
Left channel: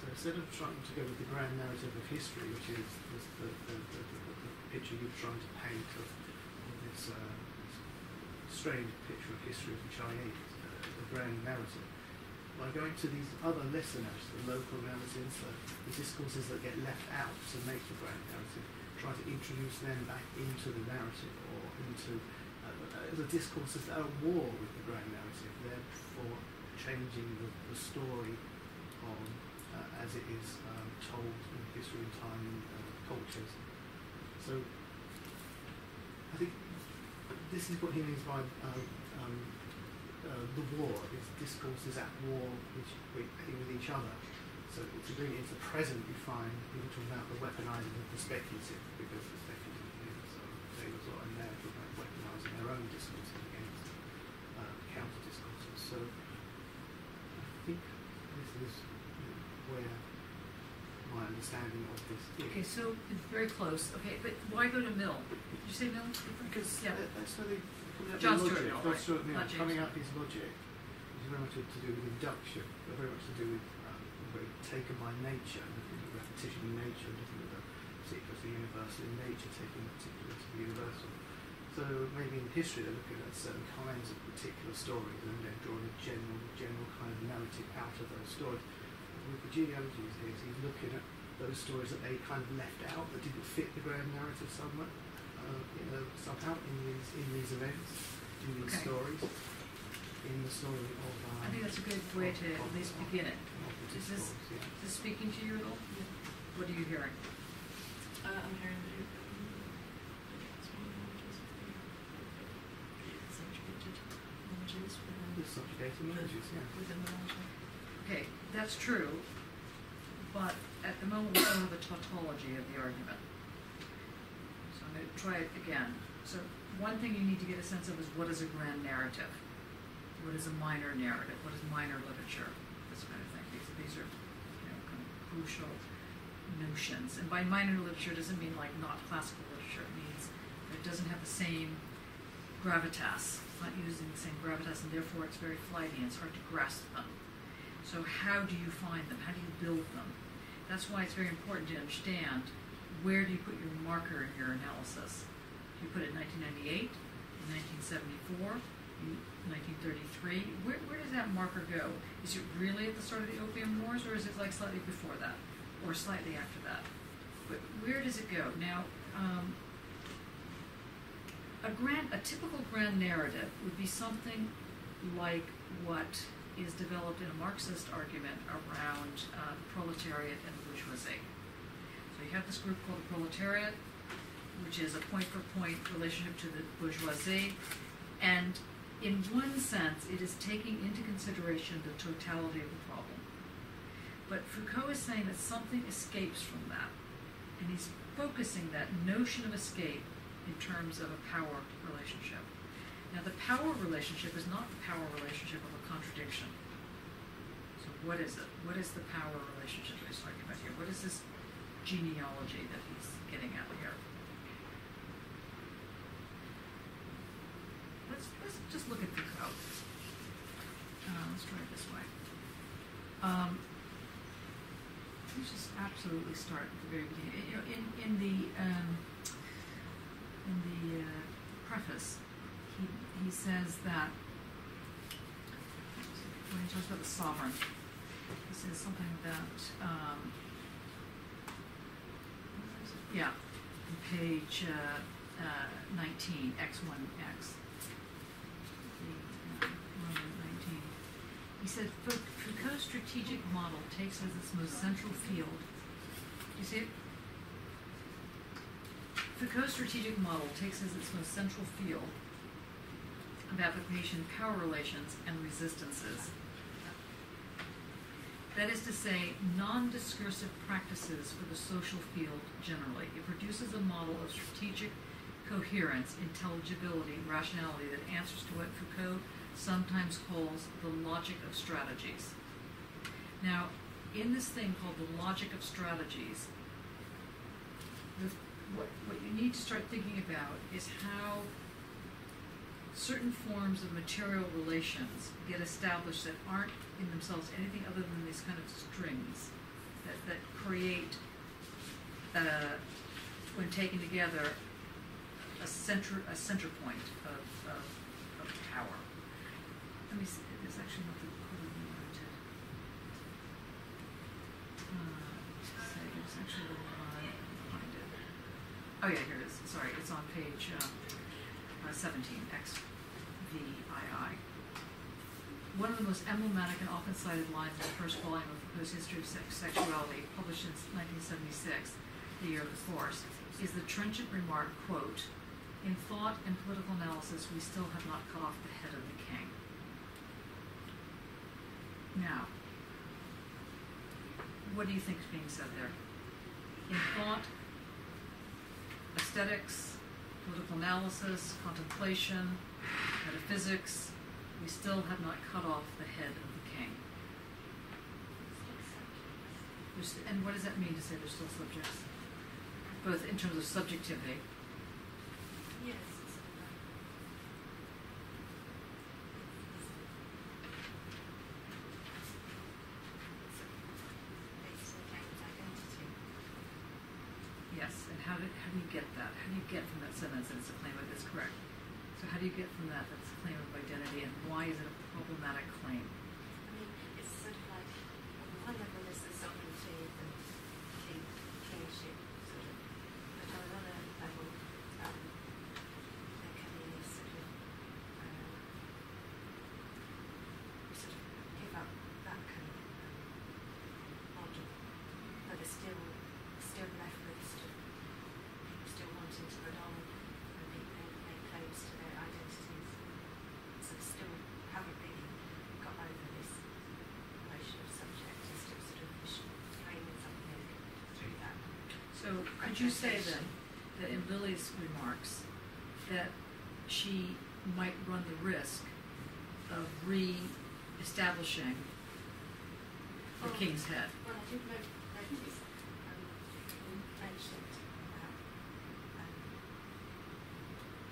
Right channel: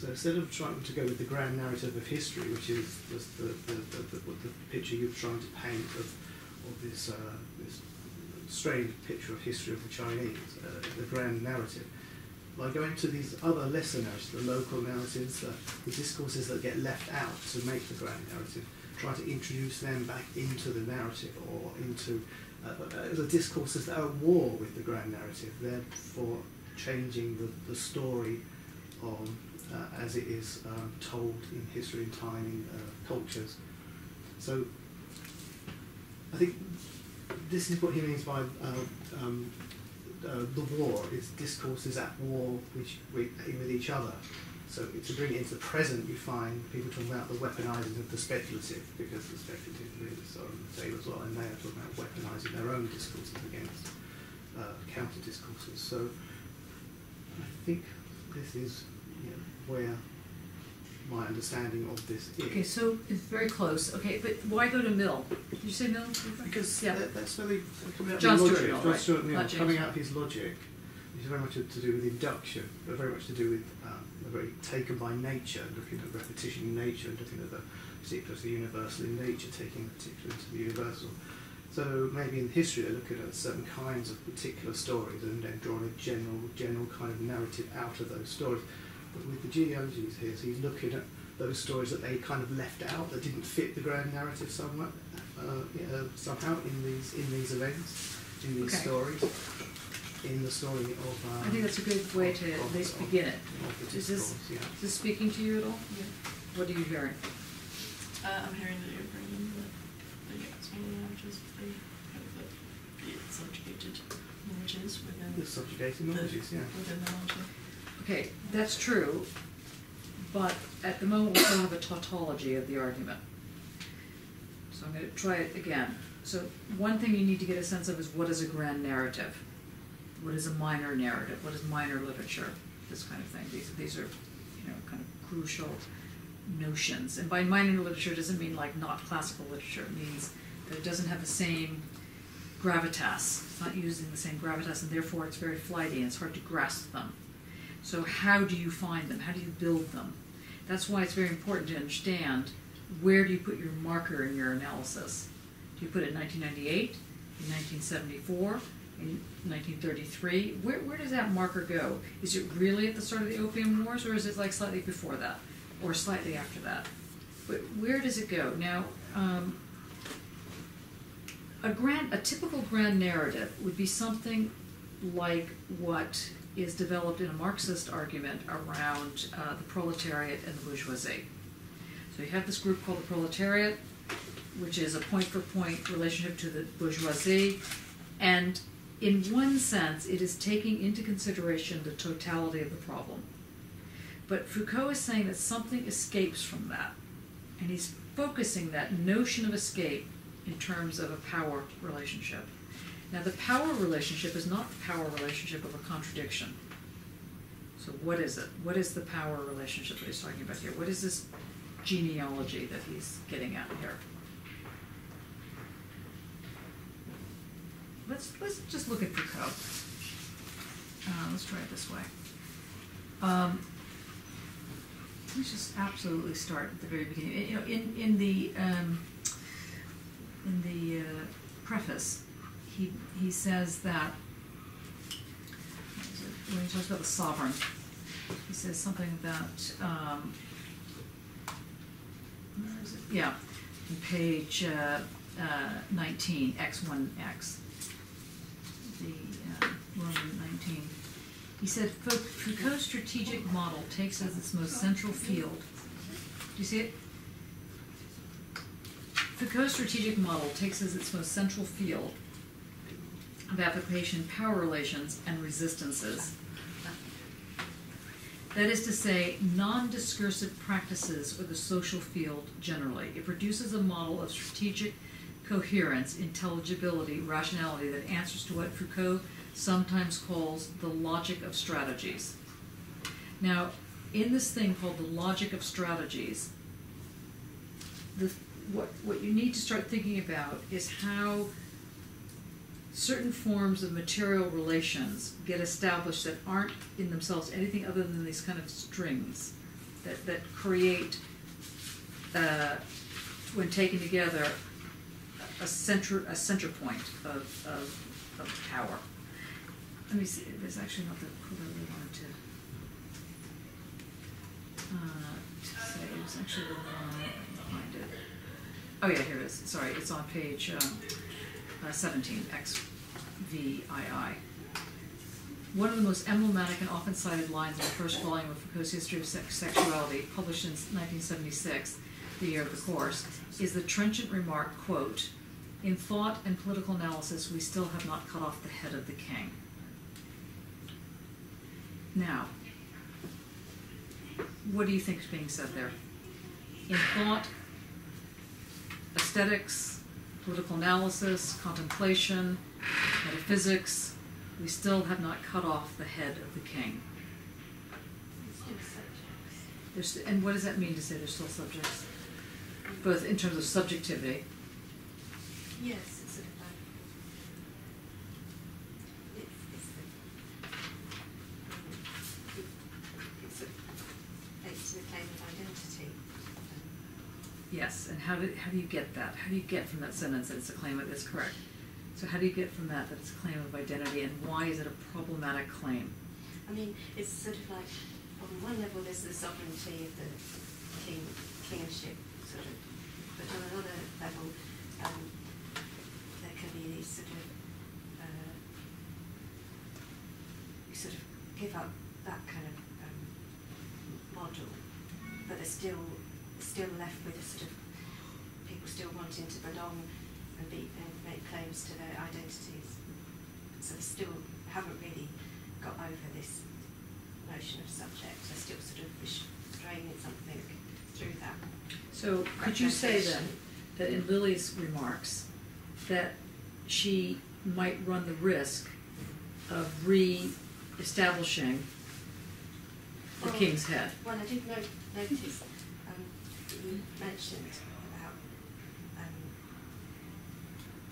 So instead of trying to go with the grand narrative of history, which is just the picture you're trying to paint of this strange picture of history of the Chinese, the grand narrative, by going to these other lesser narratives, the local narratives, the discourses that get left out to make the grand narrative, try to introduce them back into the narrative or into the discourses that are at war with the grand narrative, therefore changing the story as it is told in history and time in cultures. So I think this is what he means by the war. It's discourses at war with each other. So to bring it into the present, you find people talking about the weaponizing of the speculative, because the speculative is Taylor's law, and they are talking about weaponizing their own discourses against counter discourses. So I think this is where my understanding of this is. Okay, so it's very close. Okay, but why go to Mill? Did you say Mill? Because yeah. That's where they come out John of Stuart logic. Mill, John right. Stuart Mill, Not James. coming out of his logic, which is very much to do with induction, but very much to do with very taken by nature, looking at repetition in nature, looking at the particular to the universal in nature, taking particular to the universal. So maybe in history they're looking at certain kinds of particular stories and then drawing a general kind of narrative out of those stories. But with the genealogies here, so he's looking at those stories that they kind of left out, that didn't fit the grand narrative somehow in these events, in these stories, in the story of. I think that's a good way to at least begin it. Is this speaking to you at all? Yeah. What are you hearing? I'm hearing that you're bringing the smaller narratives of the subjugated knowledges within The subjugated knowledges, within the larger. Okay, that's true, but at the moment we don't have a tautology of the argument. So I'm going to try it again. So one thing you need to get a sense of is what is a grand narrative? What is a minor narrative? What is minor literature? This kind of thing. These are kind of crucial notions. And by minor literature doesn't mean like not classical literature. It means that it doesn't have the same gravitas. It's not using the same gravitas, and therefore it's very flighty and it's hard to grasp them. So how do you find them? How do you build them? That's why it's very important to understand where do you put your marker in your analysis. Do you put it in 1998, in 1974, in 1933? Where does that marker go? Is it really at the start of the Opium Wars, or is it like slightly before that, or slightly after that? Where does it go? Now, a typical grand narrative would be something like what is developed in a Marxist argument around the proletariat and the bourgeoisie. So you have this group called the proletariat, which is a point-for-point relationship to the bourgeoisie, and in one sense it is taking into consideration the totality of the problem. But Foucault is saying that something escapes from that, and he's focusing that notion of escape in terms of a power relationship. Now, the power relationship is not the power relationship of a contradiction. So what is it? What is the power relationship that he's talking about here? What is this genealogy that he's getting at here? Let's just look at Foucault. Let's try it this way. Let's just absolutely start at the very beginning. In the preface, he says that when he talks about the sovereign, he says something about, where is it? Yeah, on page 19, X1X, the Roman 19. He said, Foucault's strategic model takes as its most central field. Do you see it? Foucault's strategic model takes as its most central field of application power relations and resistances. That is to say, non-discursive practices or the social field generally. It produces a model of strategic coherence, intelligibility, rationality that answers to what Foucault sometimes calls the logic of strategies. Now, in this thing called the logic of strategies, what you need to start thinking about is how certain forms of material relations get established that aren't in themselves anything other than these kind of strings that create, when taken together, a center point of power. Let me see. There's actually not the quote I really wanted to say. It was actually the one. I can find it. Oh yeah, here it is. Sorry, it's on page 17, XVII. One of the most emblematic and often cited lines in the first volume of Foucault's History of Sexuality, published in 1976, the year of the course, is the trenchant remark, quote, "In thought and political analysis, we still have not cut off the head of the king." Now, what do you think is being said there? In thought, aesthetics, political analysis, contemplation, metaphysics, we still have not cut off the head of the king. And what does that mean to say there's still subjects? Both in terms of subjectivity. Yes, it's sort of like it's sort of based on the claim of identity. Yes, and how do you get that? How do you get from that sentence that it's a claim of, that's correct? So how do you get from that it's a claim of identity, and why is it a problematic claim? I mean, it's sort of like, on one level there's the sovereignty of the kingship, sort of, but on another level there can be these sort of, you sort of give up that kind of model, but they're still left with a sort of people still wanting to belong and make claims to their identities. So they still haven't really got over this notion of subject. They're still sort of restraining something through that. So could you say then that in Lily's remarks that she might run the risk of re-establishing the king's head? Well, I did notice that you mentioned about,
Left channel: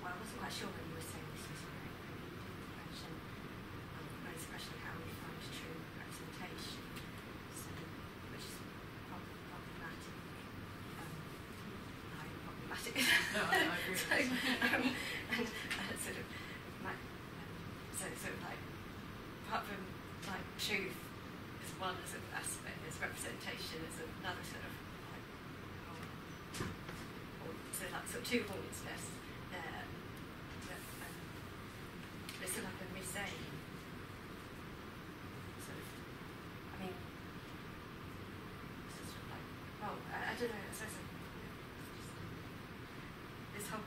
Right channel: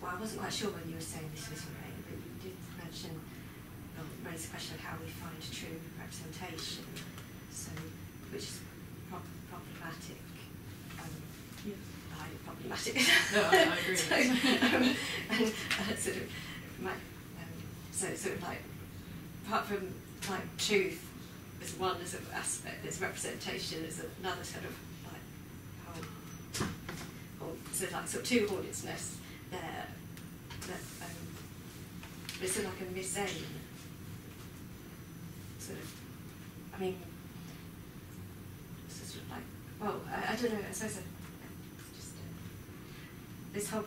well, I wasn't quite sure whether you were saying this was right, but you did mention, raise the question of how we find true representation, so, which is problematic. Highly problematic. No, I agree. So, sort of, so sort of like, apart from like truth as one as an aspect, there's representation as another sort of like whole, or so like sort of two hornets' nests there. That, it's sort of like a misaim. Sort of, I mean, sort of like, well, I don't know. I suppose just this whole.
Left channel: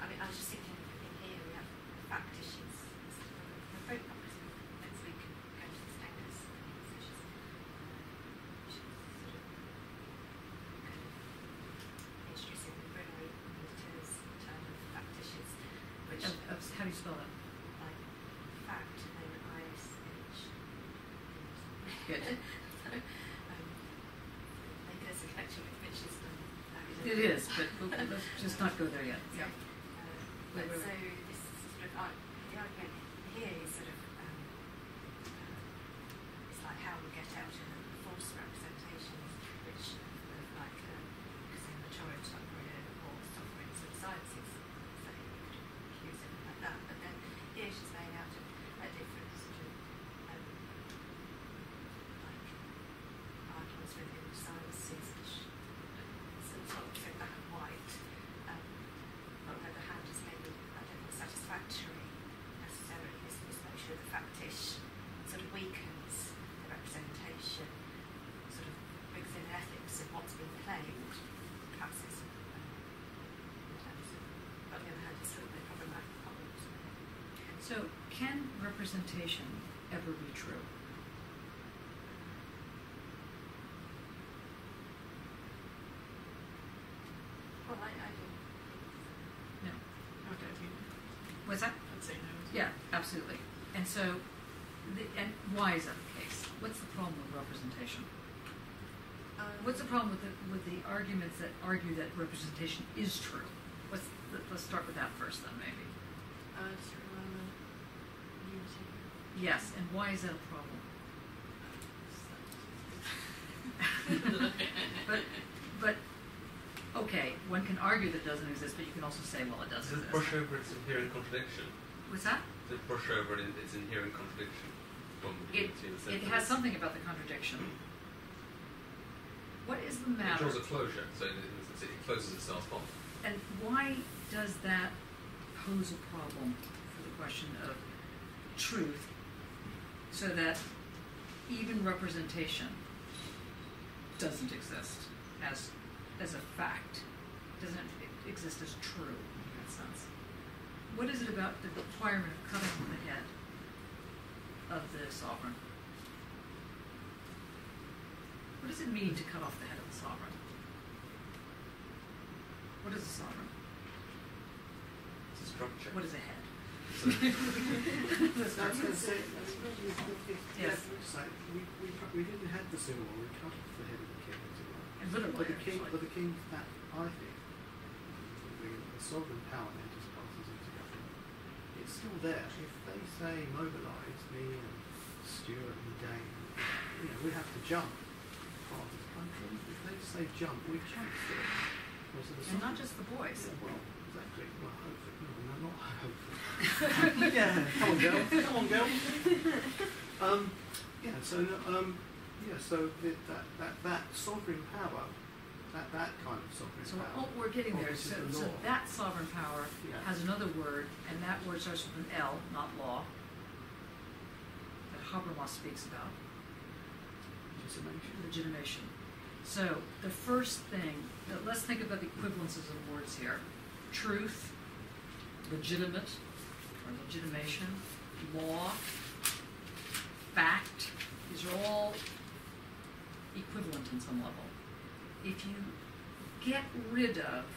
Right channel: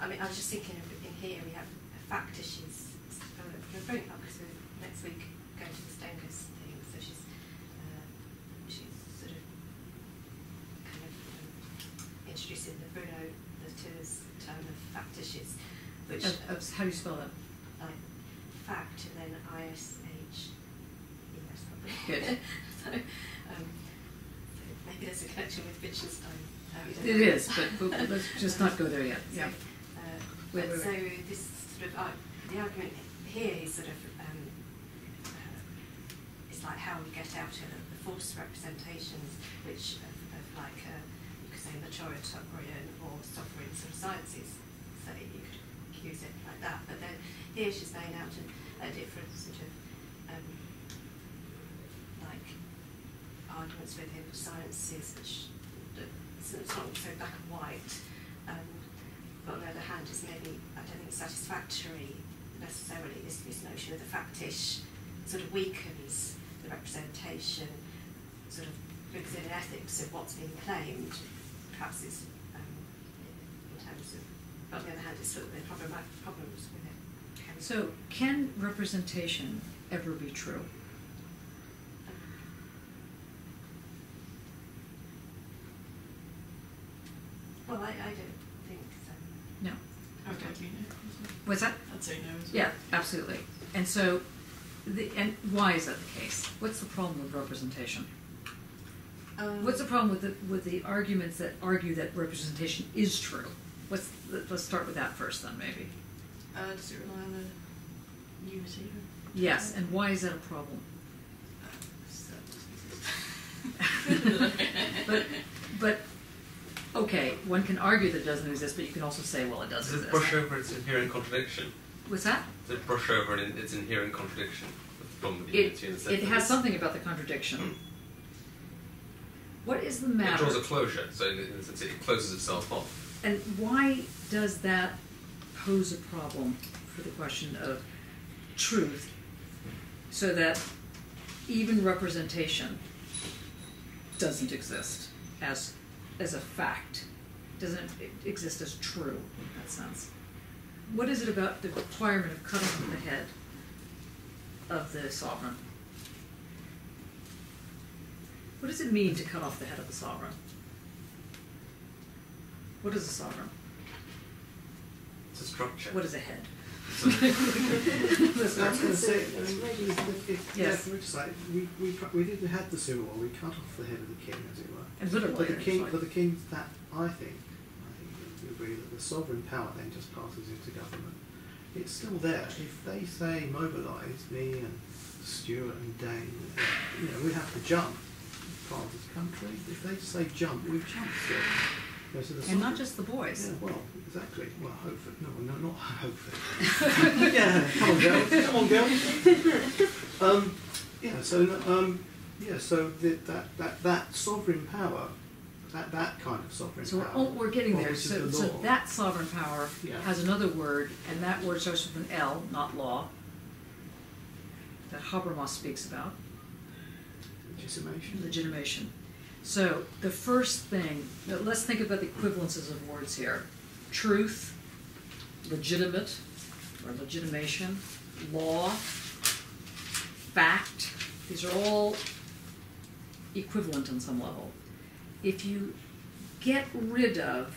I mean, I was just thinking of in here we have fact issues. We're very up because next week going to the Stengers thing, so she's sort of kind of introducing the Bruno Latour's term of fact issues, which how do you spell that? like fact and then ISH. Good. So maybe there's a connection with Wittgenstein. It is, but let's just not go there yet. So, Yeah. But so this sort of the argument here is sort of it's like how we get out of the false representations, which of like because they're majoritarian or sovereign sort of sciences, so you could accuse it like that. But then here she's laying out a different sort of problems within sciences, which it's not so black and white. But on the other hand, is maybe, I don't think, satisfactory necessarily. This notion of the factish sort of weakens the representation, sort of brings in an ethics of what's being claimed. Perhaps it's in terms of, but on the other hand, it's sort of the problems with it. So, can representation ever be true? Well, I don't think so. No. I'd like you know. What's that? I'd say no as well. Yeah, absolutely. And so, and why is that the case? What's the problem with representation? What's the problem with the arguments that argue that representation is true? Let's start with that first, then, maybe. Does it rely on the unity? Yes, and why is that a problem? But okay, one can argue that it doesn't exist, but you can also say, well, it does Does exist. it brush over its inherent contradiction? What's that? Does it brush over its inherent contradiction? From the It unity in the sense that has it's- something about the contradiction. What is the It matter? draws a closure, so in the sense it closes itself off. And why does that pose a problem for the question of truth, so that even representation doesn't exist as a fact, doesn't exist as true in that sense? What is it about the requirement of cutting off the head of the sovereign? What does it mean to cut off the head of the sovereign? What is a sovereign? It's a structure. What is a head? That's going to say, Yes. we did had the Civil War. We cut off the head of the king, as it were. And literally, But the king, it's like- that I think we agree that the sovereign power then just passes into government. It's still there. If they say mobilise, me and Stuart and Dane, we have to jump. Part of this country. If they say jump, we jump still. So the and not just the boys. Yeah, well, exactly. Well, hopefully. No, not hopefully. Yeah, come on, girls. Come on, girls. So that sovereign power, that kind of sovereign So power. we're getting there. which is So, the so law. that sovereign power Yeah. has another word, and that word starts with an L, not law, that Habermas speaks about, Legitimation. legitimation. So the first thing, let's think about the equivalences of words here. Truth, legitimate, or legitimation, law, fact, these are all equivalent on some level. If you get rid of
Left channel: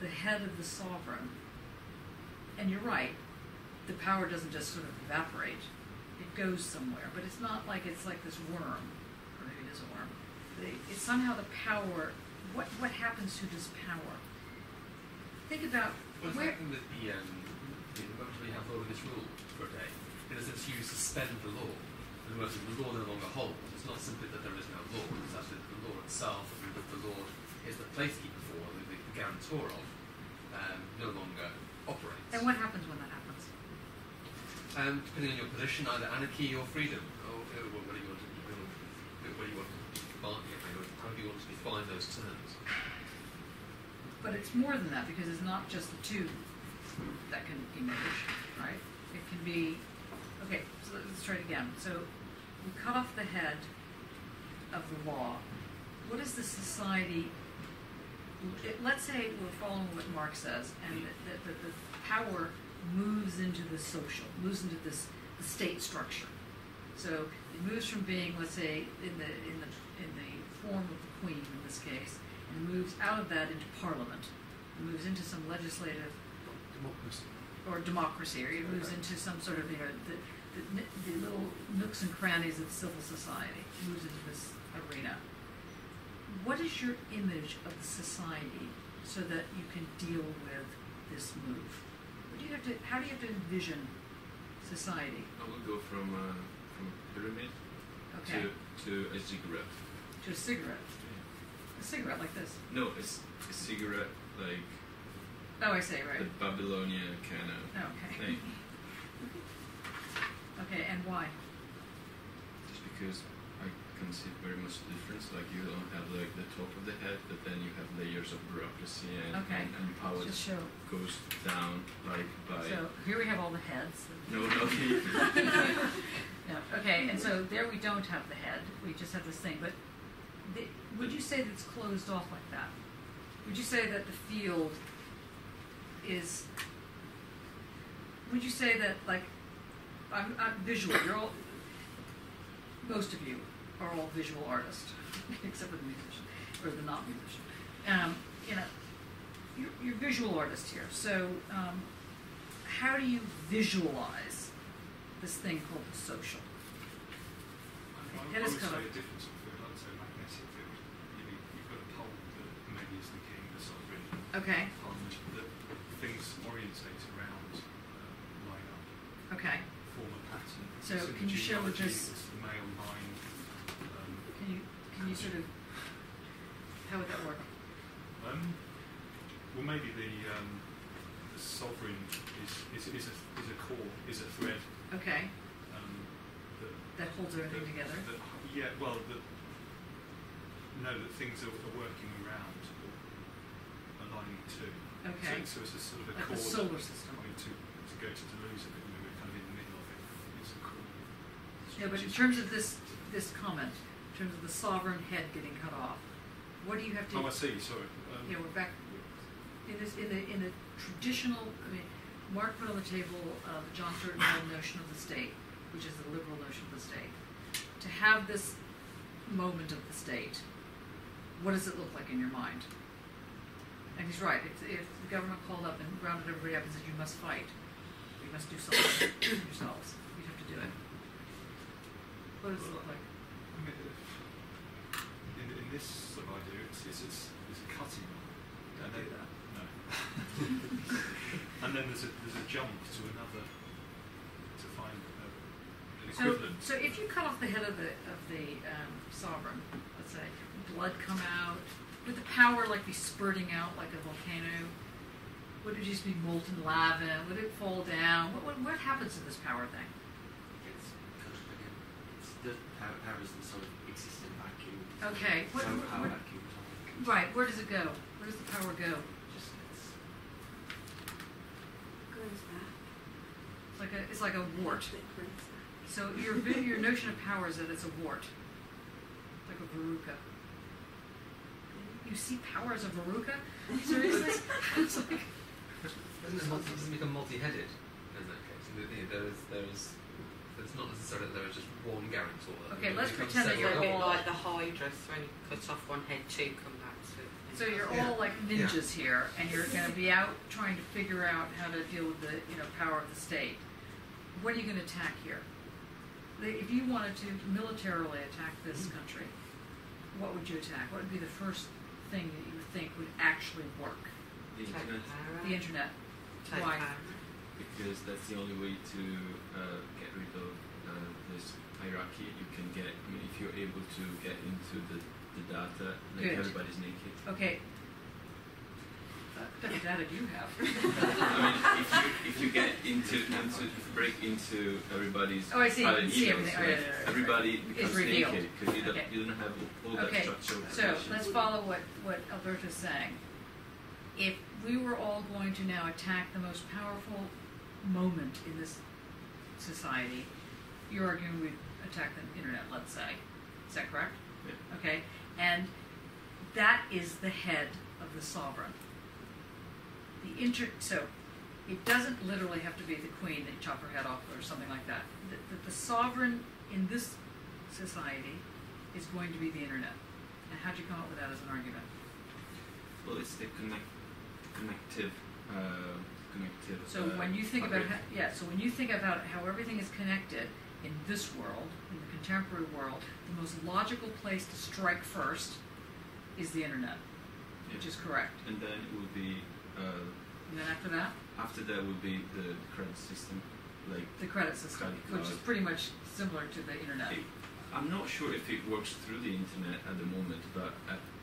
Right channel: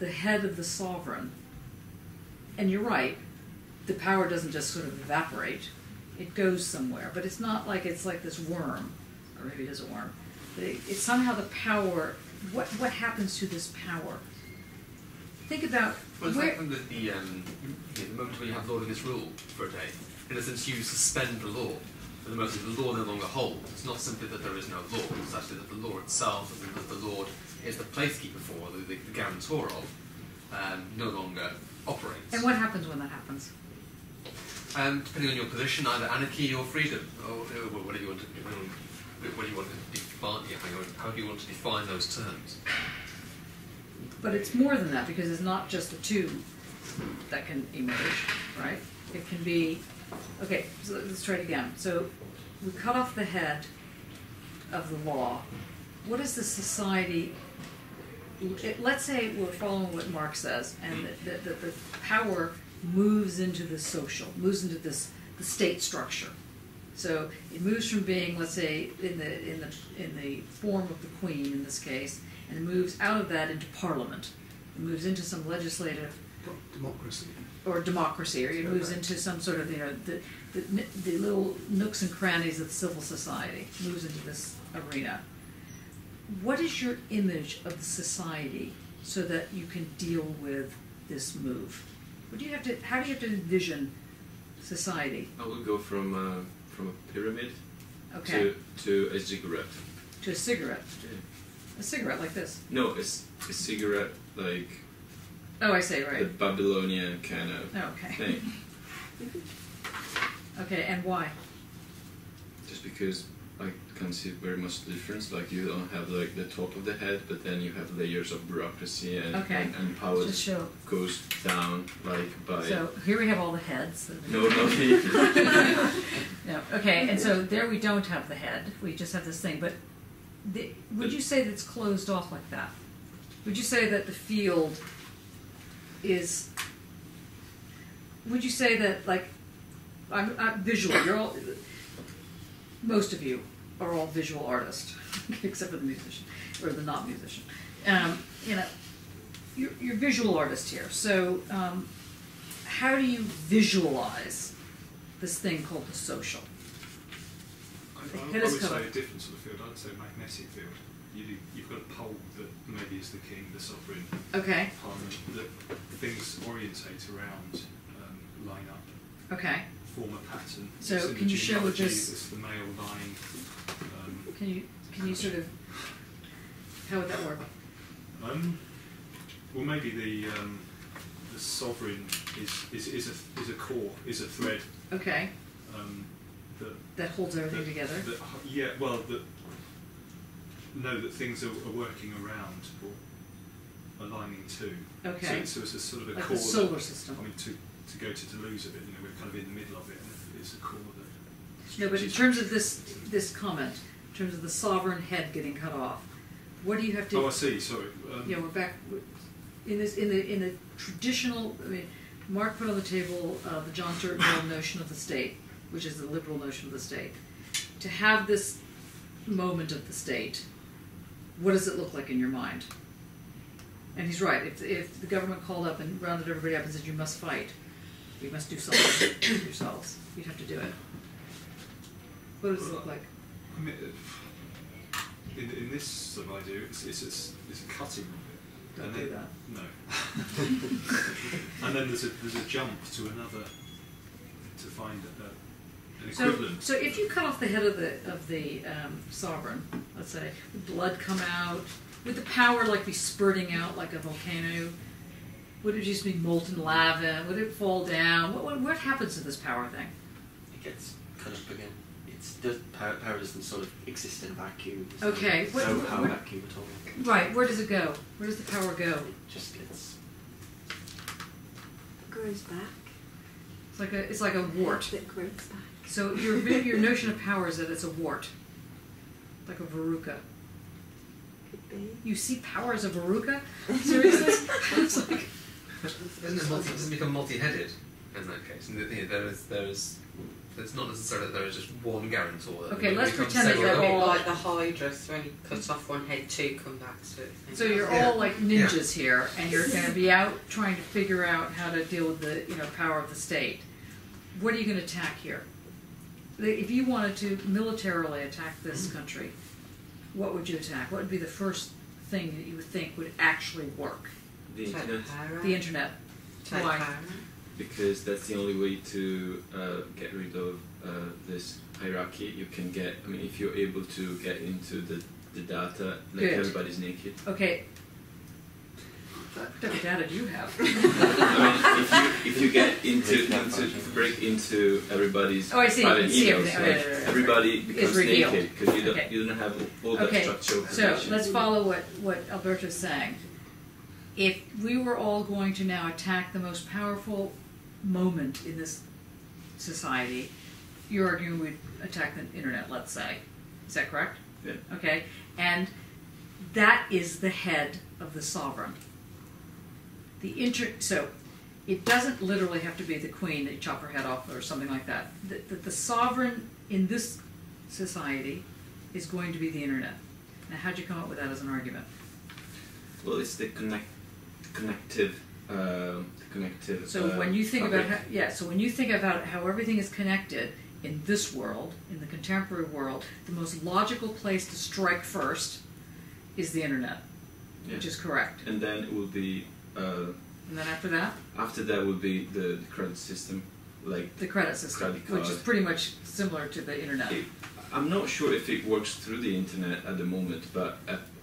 the head of the sovereign, and you're right, the power doesn't just sort of evaporate, it goes somewhere, but it's not like it's like this worm, or maybe it is a worm, but it's somehow the power, what happens to this power? Think about Well, it's where, like when the moment where you have law of this rule for a day, in a sense you suspend the law. For the most the law no longer holds. It's not simply that there is no law, it's actually that the law itself, and that the Lord is the placekeeper for, the guarantor of, no longer operates. and what happens when that happens? Depending on your position, either anarchy or freedom, or whatever you want to define, how do you want to define those terms? But it's more than that, because it's not just the two that can emerge, right? It can be, okay, so let's try it again. So we cut off the head of the law. What is the society, let's say we're following what Marx says, and that the power moves into the social, moves into the state structure. So it moves from being, let's say, in the form of the queen in this case, and it moves out of that into parliament. It moves into some legislative Democracy. or democracy, or it moves into some sort of the little nooks and crannies of civil society. It moves into this arena. What is your image of the society so that you can deal with this move? What do you have to? How do you have to envision society? I would go from a pyramid Okay, to a cigarette. to a cigarette. Yeah. A cigarette like this. No, it's a cigarette like Oh, I say the right. Babylonian kind of Oh, okay. thing. Okay, and why? Just because can't see very much difference. Like you don't have like the top of the head, but then you have layers of bureaucracy and Okay. and power Just show. goes down like by. So here we have all the heads. No. No. Okay, and so there we don't have the head. We just have this thing. But would you say that it's closed off like that? Would you say that the field is? Would you say that like I'm visual? You're all. Most of you are all visual artists, except for the musician or the not musician. You know, you're visual artists here. So, how do you visualize this thing called the social? I would say a different sort of field. I'd say magnetic field. You've got a pole that maybe is the king, the sovereign, Okay. parliament, that things orientate around, line up, Okay. form a pattern. So It's in can the you show with genealogy, this? it's the male line. Can you sort of? How would that work? Well, maybe the sovereign is a core, is a thread. Okay. That That holds everything together. yeah, well, that things are working around or aligning to. Okay. So it's a sort of a Like core. the solar system. I mean, to go to Toulouse a bit, we're kind of in the middle of it. It's a core that. No, but in terms of this comment, in terms of the sovereign head getting cut off, what do you have to? Oh, I see. Sorry. Yeah, we're back in the traditional. I mean, Mark put on the table the John Stuart Mill notion of the state, which is the liberal notion of the state. To have this moment of the state, what does it look like in your mind? And he's right. If the government called up and rounded everybody up and said, "You must fight, you must do something yourselves," you'd have to do it. What does it look like? I mean, in this sort of idea, it's a cutting of it. Don't and do then, that. No. And then there's a jump to another to find an equivalent. So if you cut off the head of the sovereign, let's say, would blood come out? Would the power like be spurting out like a volcano? Would it just be molten lava? Would it fall down? What happens to this power thing? It gets cut up again. Power doesn't sort of exist in a vacuum. Okay. There's no power vacuum at all. Right. Where does it go? Where does the power go? It just gets. It grows back. It's like a wart. It grows back. So your notion of power is that it's a wart, like a verruca. You see power as a verruca? Seriously? It's like. Doesn't become multi-headed in that case. And the thing is, there's not necessarily that there is just one guarantor. Okay, It let's becomes pretend that several. you're A bit all- like the Hydra, so when you cut off one head, two come back, sort of thing. So you're all like ninjas here, and you're going to be out trying to figure out how to deal with the power of the state. What are you going to attack here? If you wanted to militarily attack this country, what would you attack? What would be the first thing that you would think would actually work? The Take internet. power out. The internet. Take Why? power out. Because that's the only way to get rid of this hierarchy. You can get. I mean, if you're able to get into the data, like Good. everybody's naked. Okay. What type of data do you have? I mean, if you get into break into everybody's Oh, I see. You private can see emails, everything. like, Right. everybody becomes revealed. naked because Okay. you don't have all that Okay, structural so information. let's follow what Alberto's saying. If we were all going to now attack the most powerful moment in this society, you're arguing we'd attack the internet, let's say. Is that correct? Yeah. Okay. And that is the head of the sovereign. So it doesn't literally have to be the queen that you chop her head off or something like that. The sovereign in this society is going to be the internet. Now, how'd you come up with that as an argument? Well, it's the connective. So when you think fabric. about so when you think about how everything is connected in this world, in the contemporary world, the most logical place to strike first is the internet, which is correct. And then it will be. And then after that, would be the credit system, like the credit system, credit which is card. pretty much similar to the internet. I'm not sure if it works through the internet at the moment, but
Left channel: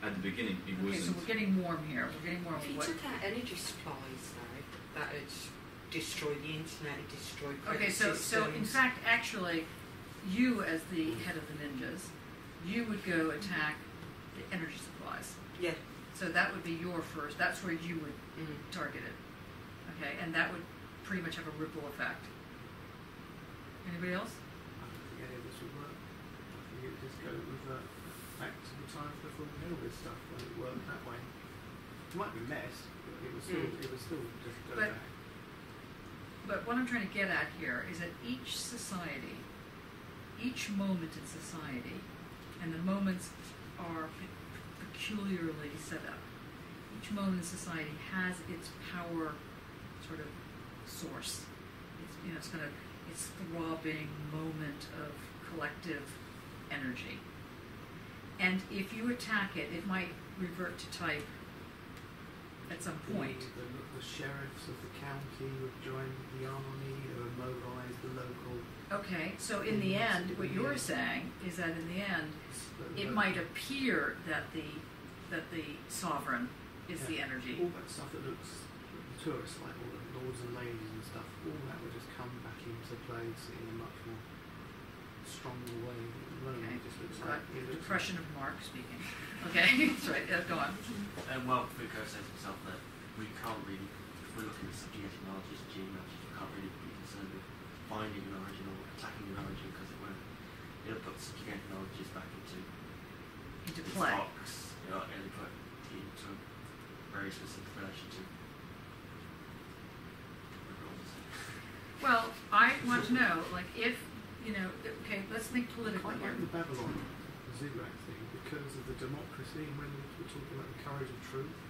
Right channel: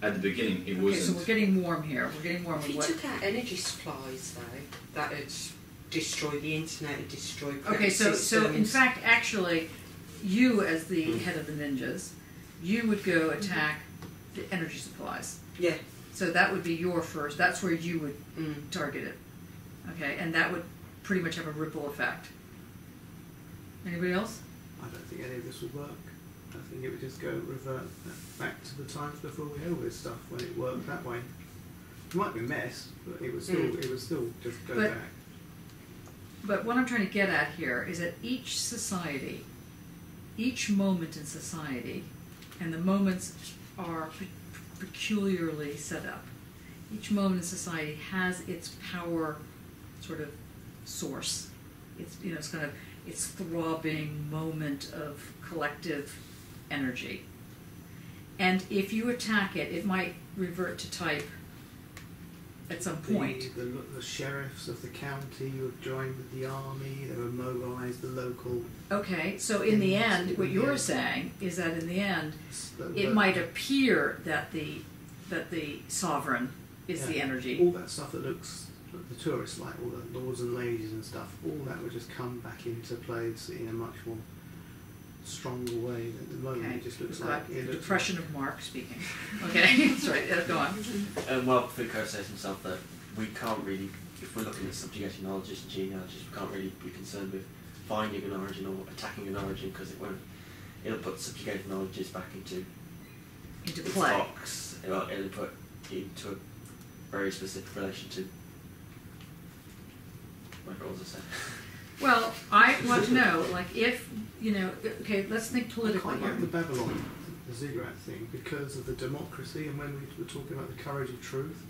at the beginning it Okay, wasn't. so we're getting warm here. We're getting warm If with you what? took out energy supplies, though, that would destroy the internet and destroy credit Okay, so in systems. fact, actually, you as the head of the ninjas you would go attack the energy supplies. Yeah. So that would be your first, that's where you would target it. Okay, and that would pretty much have a ripple effect. Anybody else? I don't think any of this would work. I think it would just revert back to the times before we had all this stuff when it worked that way. It might be a mess, but it would still just go back. But what I'm trying to get at here is that each society, each moment in society, and the moments are peculiarly set up. Each moment in society has its power sort of source. It's, you know, it's kind of its throbbing moment of collective energy. And if you attack it, it might revert to type at some point. The sheriffs of the county would join the army, they would mobilise the local... Okay, so in the end, what you're saying is that in the end, it might appear that the sovereign is the energy. All that stuff that looks, the tourists like, all the lords and ladies and stuff, all that would just come back into place in a much more stronger way. At the moment it just looks like... the depression of Mark speaking. Okay, that's right, go on. Well, Foucault says himself that we can't really, if we're looking at subjugated knowledges and genealogies, we can't really be concerned with finding an origin or attacking an origin because it'll put subjugated knowledges back into its play. box. It'll put into a very specific relation to whatever it was I said. Well, I want to know, like, if, you know, okay, let's think politically I quite here. like the Babylon, the ziggurat thing, because of the democracy, and when we were talking about the courage of truth,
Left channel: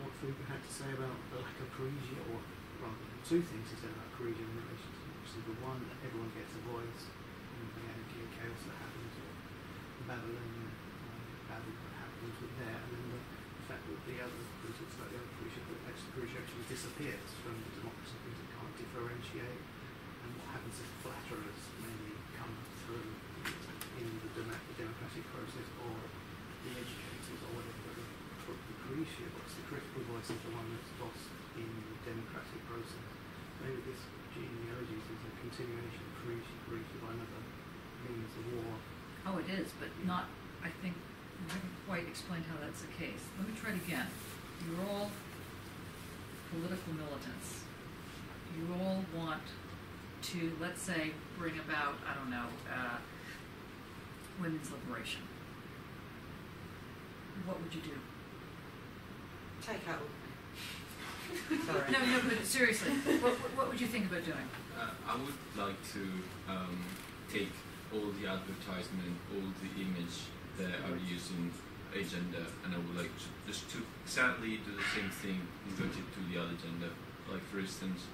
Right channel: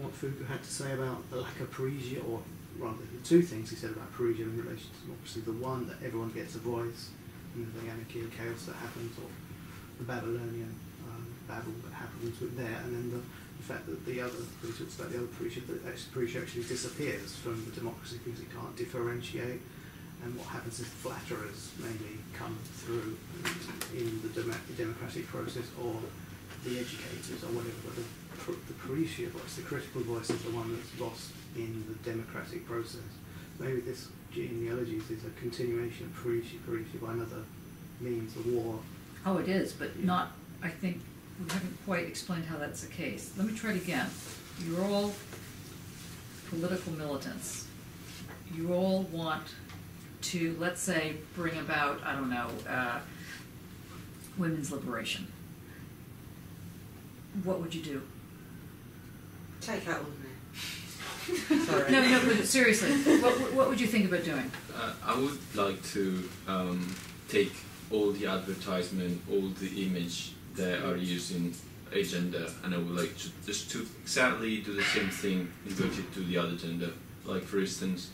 what Foucault had to say about the lack of Parisia, or rather, the two things he said about Parisia in relation to democracy: the one, that everyone gets a voice, and the anarchy and chaos that happens, or the Babylonian Babel that happens with there, and then the fact that the other, when he talks about the other Parisia, that Parisia actually disappears from the democracy because it can't differentiate. And what happens if flatterers maybe come through in the democratic process, or the educators, or whatever, but the Parisia voice, the critical voice, is the one that's lost in the democratic process. So maybe this genealogies is a continuation of Parisia by another means, a war. Oh, it is, but not, I think, we haven't quite explained how that's the case. Let me try it again. You're all political militants. You all want to, let's say, bring about, I don't know, women's liberation. What would you do? Take out all the men. Sorry. No, but seriously, what would you think about doing? I would like to take all the advertisement, all the image that are used in agenda, and I would like to just to exactly do the same thing inverted to the other gender. Like, for instance,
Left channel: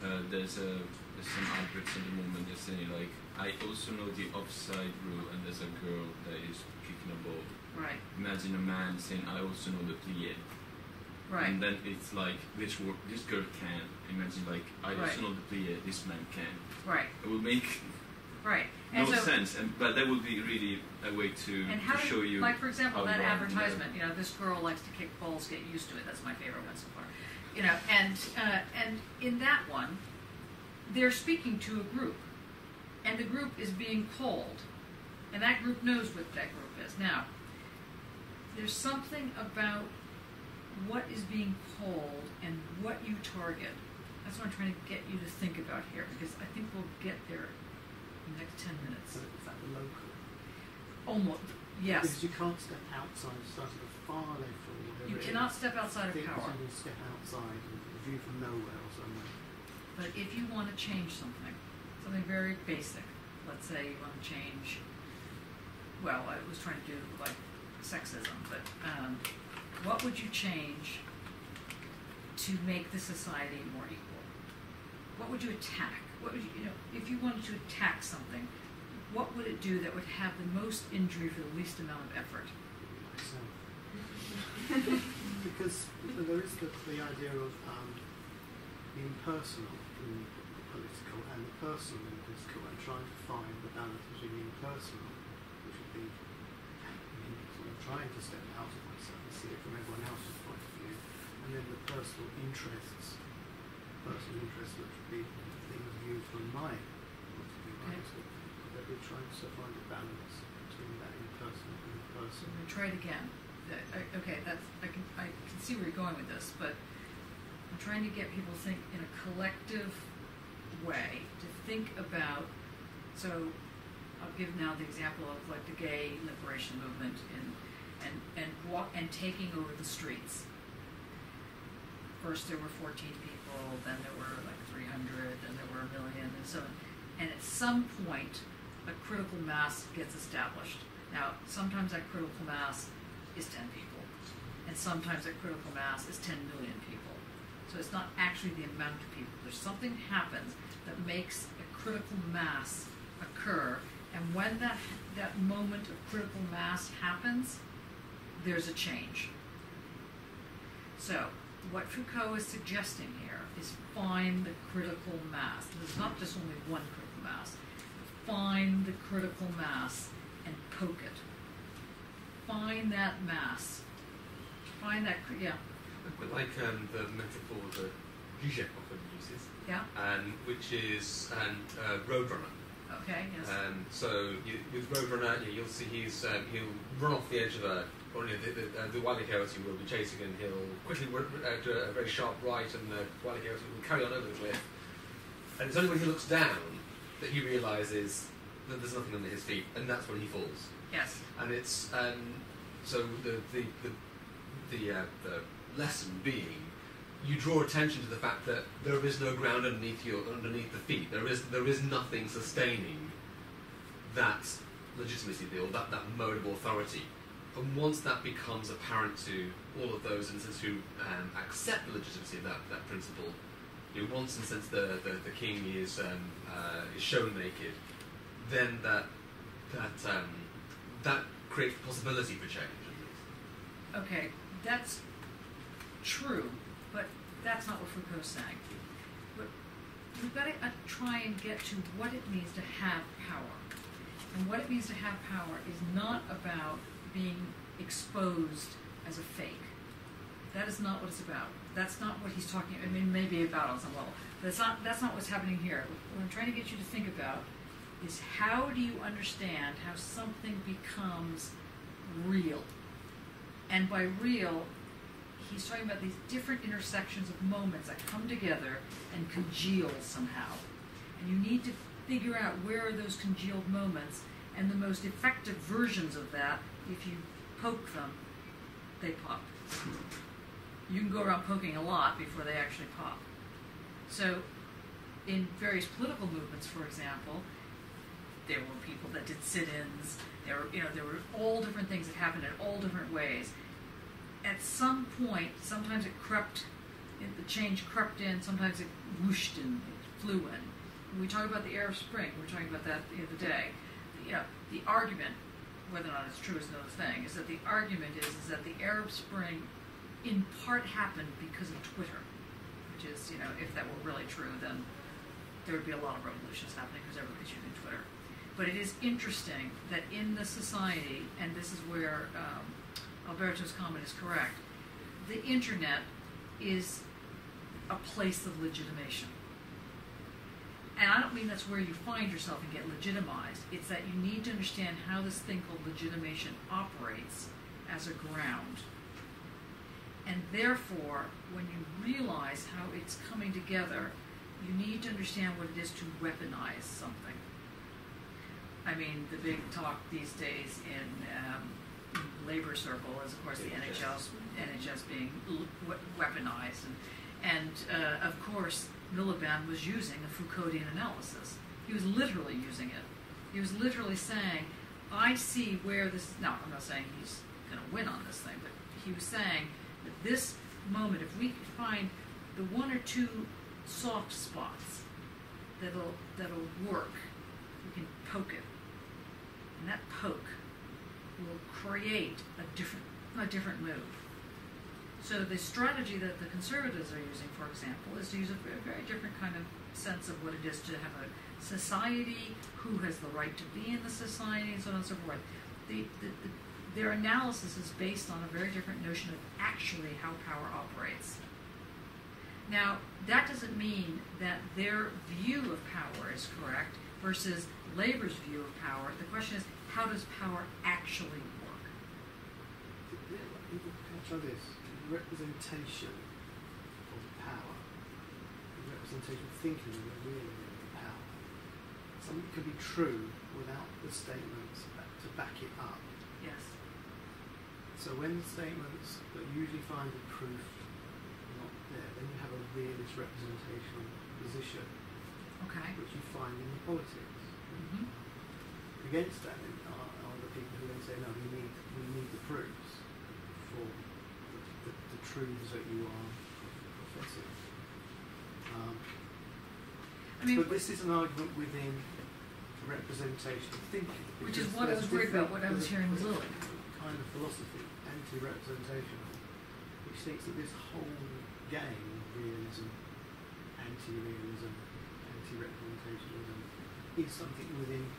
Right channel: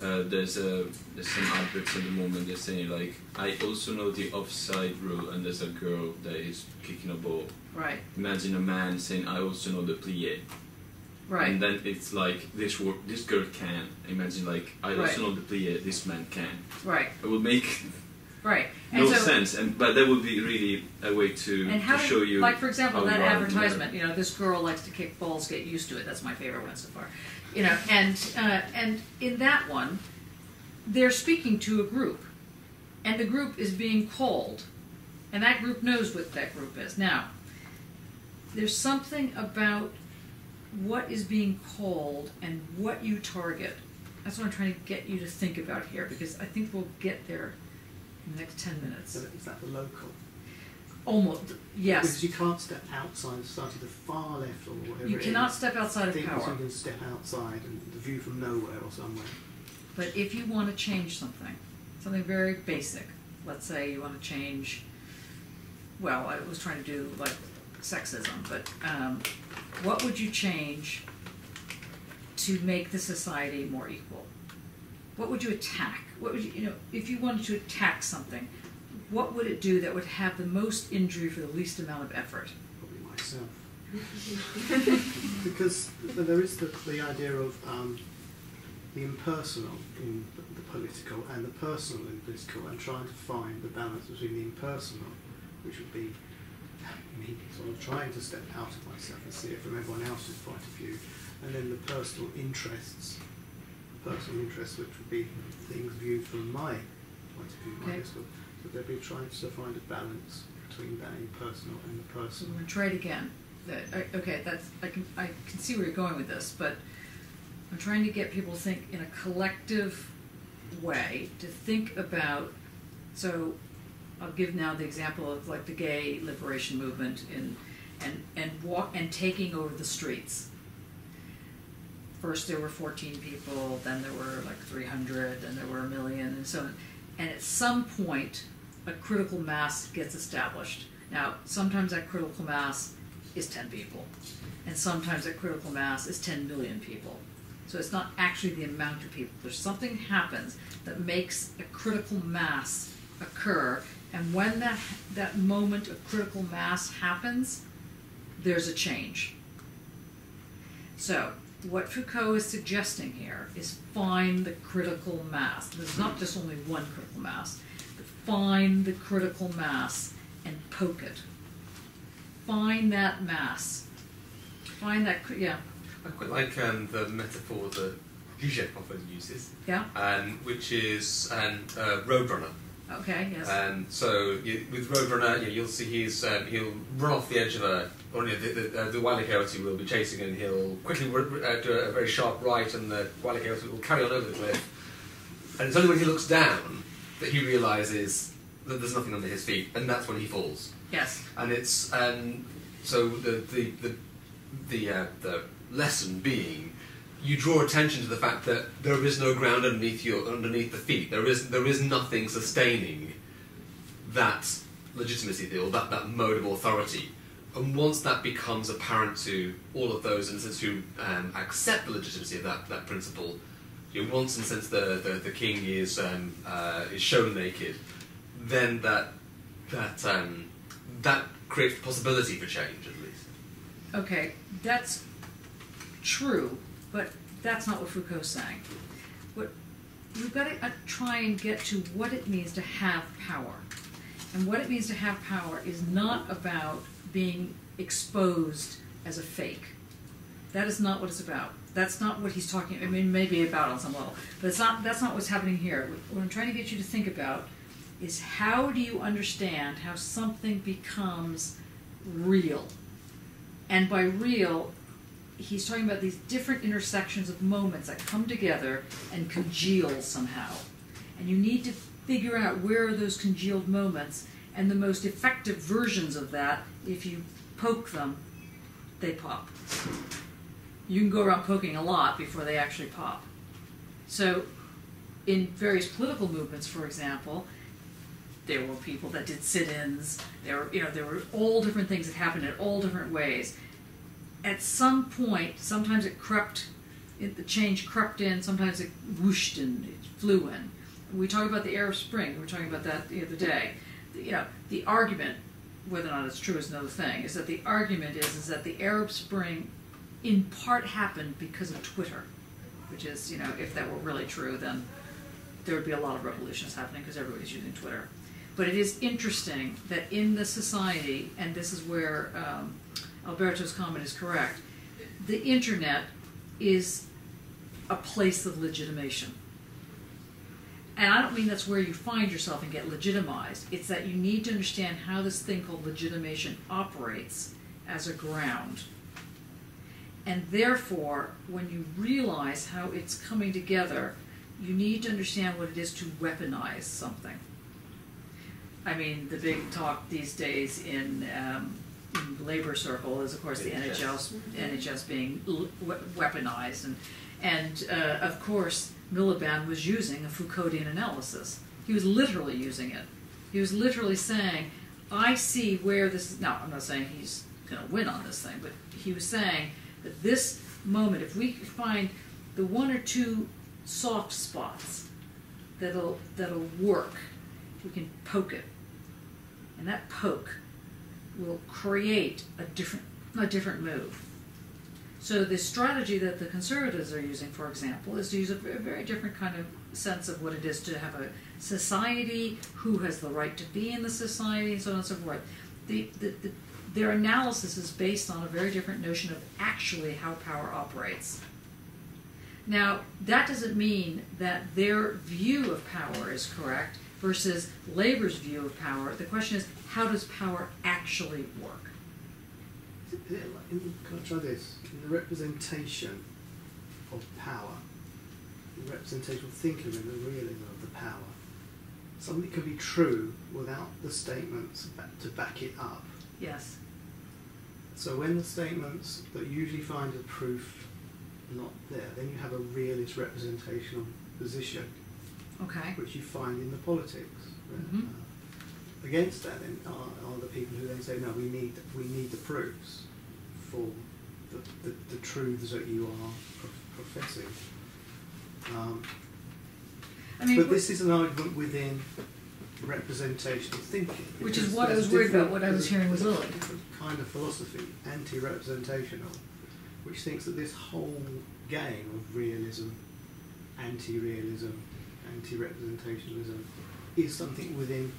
there's some adverts at the moment that saying, like, I also know the offside rule, and there's a girl that is kicking a ball. Right. Imagine a man saying, I also know the plie. Right. And then it's like, this girl can. Imagine, like, I also know the plie, this man can. Right. It would make right. no sense, but that would be really a way to show you. Like, for example, that wrong advertisement, you know, this girl likes to kick balls, get used to it. That's my favorite one so far. You know, and in that one, they're speaking to a group, and the group is being called, and that group knows what that group is. Now, there's something about what is being called and what you target. That's what I'm trying to get you to think about here, because I think we'll get there in the next 10 minutes. So is that the local? Almost, yes. Because you can't step outside society, the far left or whatever You it cannot is. step outside of Things power. you can step outside and the view from nowhere or somewhere. But if you want to change something very basic, let's say you want to change, well, I was trying to do like sexism, but what would you change to make the society more equal? What would you attack? What would you know, if you wanted to attack something, what would it do that would have the most injury for the least amount of effort? Probably myself. Because there is the idea of the impersonal in the political and the personal in the political, and trying to find the balance between the impersonal, which would be me sort of trying to step out of myself and see it from everyone else's point of view, and then the personal interests, which would be things viewed from my point of view, I guess. So they'd be trying to find a balance between that impersonal and the So I'm personal. going to try it again. Okay, I can see where you're going with this, but I'm trying to get people to think in a collective way, to think about, so I'll give now the example of like the gay liberation movement and taking over the streets. First there were 14 people, then there were like 300, then there were 1 million, and so on. And at some point, a critical mass gets established. Now, sometimes that critical mass is 10 people, and sometimes that critical mass is 10 million people. So it's not actually the amount of people. There's something happens that makes a critical mass occur, and when that moment of critical mass happens, there's a change. So what Foucault is suggesting here is find the critical mass. There's not just only one critical mass, but find the critical mass and poke it. Find that mass. Find that, yeah. I quite like the metaphor that Zizek often uses, Yeah, which is Roadrunner. okay, yes. So with Roadrunner, you'll see he'll run off the edge of the Wile E. Coyote will be chasing, and he'll quickly do a very sharp right, and the Wile E. Coyote will carry on over the cliff. And it's only when he looks down that he realizes that there's nothing under his feet, and that's when he falls. Yes. And it's so the lesson being, you draw attention to the fact that there is no ground underneath the feet. There is nothing sustaining that legitimacy, or that mode of authority. And once that becomes apparent to all of those, in a sense, who accept the legitimacy of that principle, once, in a sense, the king is shown naked, then that creates possibility for change, at least. Okay, that's true, but that's not what Foucault's saying. We've got to try and get to what it means to have power. And what it means to have power is not about being exposed as a fake. That is not what it's about. That's not what he's talking, I mean, maybe about on some level, but that's not what's happening here. What I'm trying to get you to think about is, how do you understand how something becomes real? And by real, he's talking about these different intersections of moments that come together and congeal somehow. And you need to figure out where are those congealed moments, and the most effective versions of that, if you poke them, they pop. You can go around poking a lot before they actually pop. So in various political movements, for example, there were people that did sit-ins. There were all different things that happened in all different ways. At some point, sometimes the change crept in, sometimes it whooshed in, it flew in. We talk about the Arab Spring, we were talking about that the other day. The argument, whether or not it's true is another thing, is that the argument is that the Arab Spring in part happened because of Twitter, which is, if that were really true, then there would be a lot of revolutions happening because everybody's using Twitter. But it is interesting that in the society, and this is where Alberto's comment is correct, the internet is a place of legitimation. And I don't mean that's where you find yourself and get legitimized. It's that you need to understand how this thing called legitimation operates as a ground. And therefore, when you realize how it's coming together, you need to understand what it is to weaponize something. I mean, the big talk these days in labor circle is, of course, the NHS being weaponized, and of course, Miliband was using a Foucauldian analysis. He was literally using it. He was literally saying, I see where this is. Now, I'm not saying he's going to win on this thing, but he was saying that this moment, if we find the one or two soft spots that'll work, we can poke it, and that poke will create a different move. So the strategy that the conservatives are using, for example, is to use a very different kind of sense of what it is to have a society, who has the right to be in the society, and so on and so forth. Their analysis is based on a very different notion of actually how power operates. Now, that doesn't mean that their view of power is correct versus Labor's view of power. The question is, how does power actually work? Can I try this? In the representation of power, the representation of thinking and the realism of the power, something can be true without the statements to back it up. Yes. So when the statements that usually find a proof not there, then you have a realist representational position, Okay. which you find in the politics. Mhm. Against that, then are the people who then say, no, we need the proofs for the truths that you are professing. I mean, But this is an argument within representational thinking. which is because what I there's was worried about. different- What I was hearing with there's a Lily. different kind of philosophy, anti-representational, which thinks that this whole game of realism, anti-realism, anti-representationalism is something within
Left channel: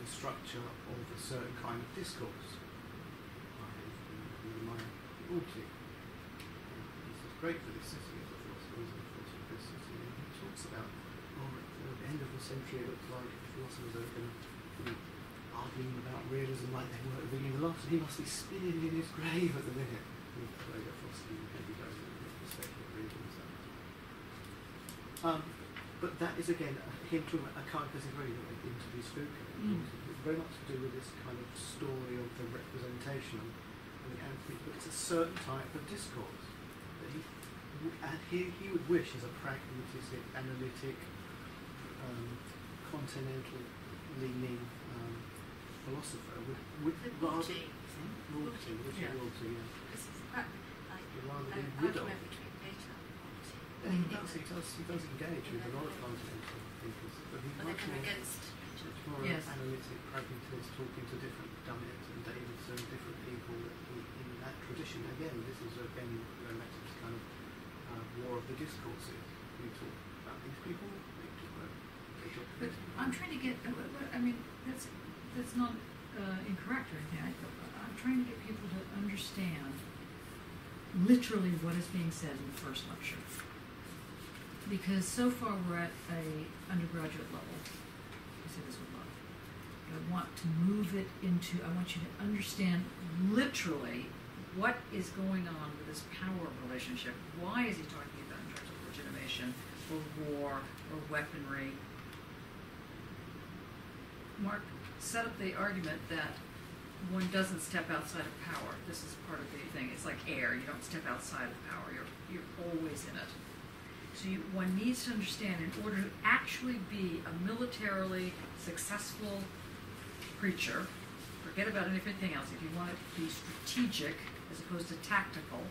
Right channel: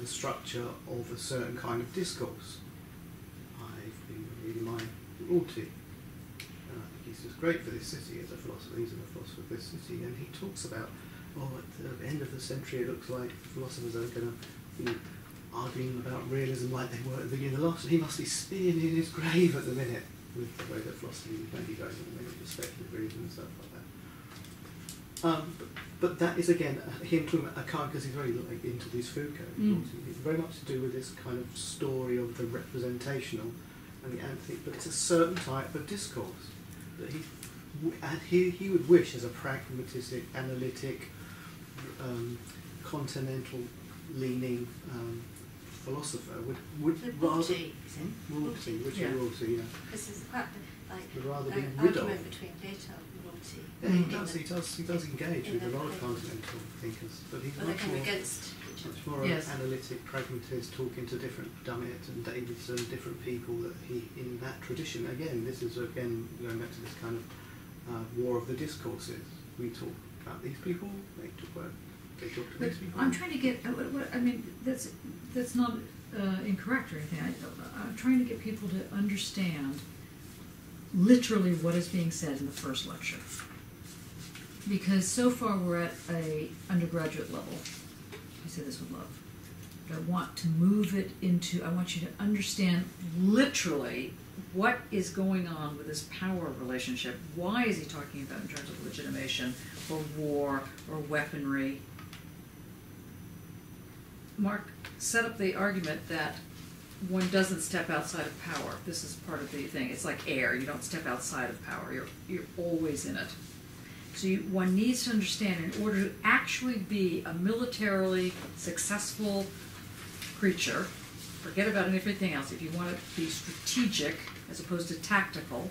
the structure of a certain kind of discourse. I've been reading my Rorty, and I think he's just great for this city as a philosopher. He's a philosopher of this city, and he talks about, at the end of the century, it looks like philosophers are going to arguing about realism like they were at the beginning of the last. He must be spinning in his grave at the minute with the way that philosophy is going to be going in a minute with speculative realism and stuff like that. But that is again him talking about a kind, because he's very into this Foucault. It's very much to do with this kind of story of the representational and the anti. But it's a certain type of discourse that he would wish as a pragmatistic, analytic, continental-leaning philosopher would rather Rorty, which Yeah. is Rorty, yeah. This is quite Would rather an be rid of. argument between Plato and Rorty. Yeah, he does engage with a lot of continental thinkers, but he's Well, they're much kind of more, against each much other. more Yes. an analytic pragmatist, talking to different Dummett and Davidson, different people that he in that tradition. Again, this is again going back to this kind of war of the discourses. We talk about these people, they talk to But these people. I'm trying to get. I mean, that's not incorrect or anything. I'm trying to get people to understand literally what is being said in the first lecture, because so far we're at a undergraduate level. I say this with love, but I want to move it into. I want you to understand literally what is going on with this power relationship. Why is he talking about in terms of legitimation or war or weaponry? Mark set up the argument that one doesn't step outside of power. This is part of the thing. It's like air. You don't step outside of power. You're always in it. So one needs to understand, in order to actually be a militarily successful creature, forget about everything else. If you want to be strategic as opposed to tactical,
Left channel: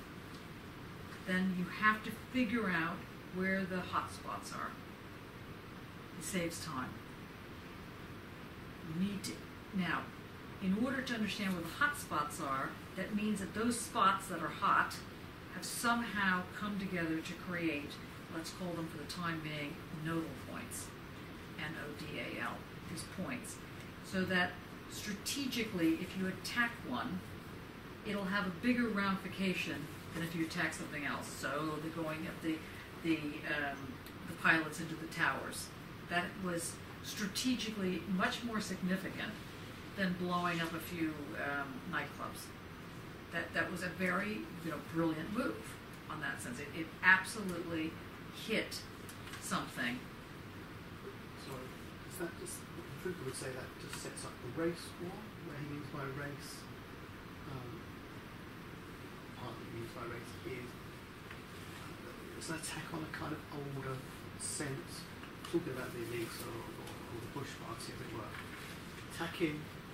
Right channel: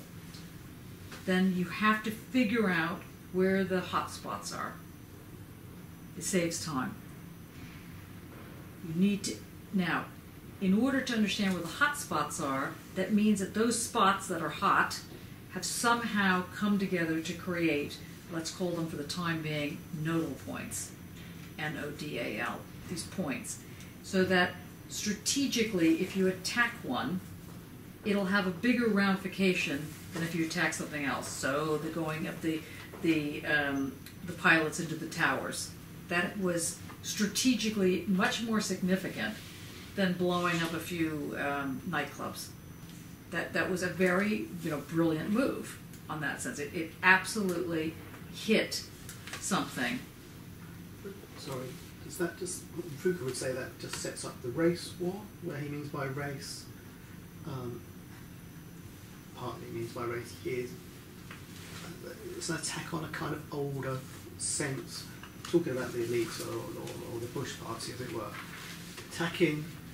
then you have to figure out where the hot spots are. It saves time. You need to, now, in order to understand where the hot spots are, that means that those spots that are hot have somehow come together to create, let's call them for the time being, nodal points, N-O-D-A-L, these points, so that strategically, if you attack one, it'll have a bigger ramification than if you attack something else. So the going up the pilots into the towers, that was strategically much more significant than blowing up a few nightclubs. That was a very brilliant move on that sense. It absolutely hit something. Sorry, does that just, Foucault would say that just sets up the race war, where he means by race, partly means by race is, it's an attack on a kind of older sense, talking about the elites or the Bush party, as it were.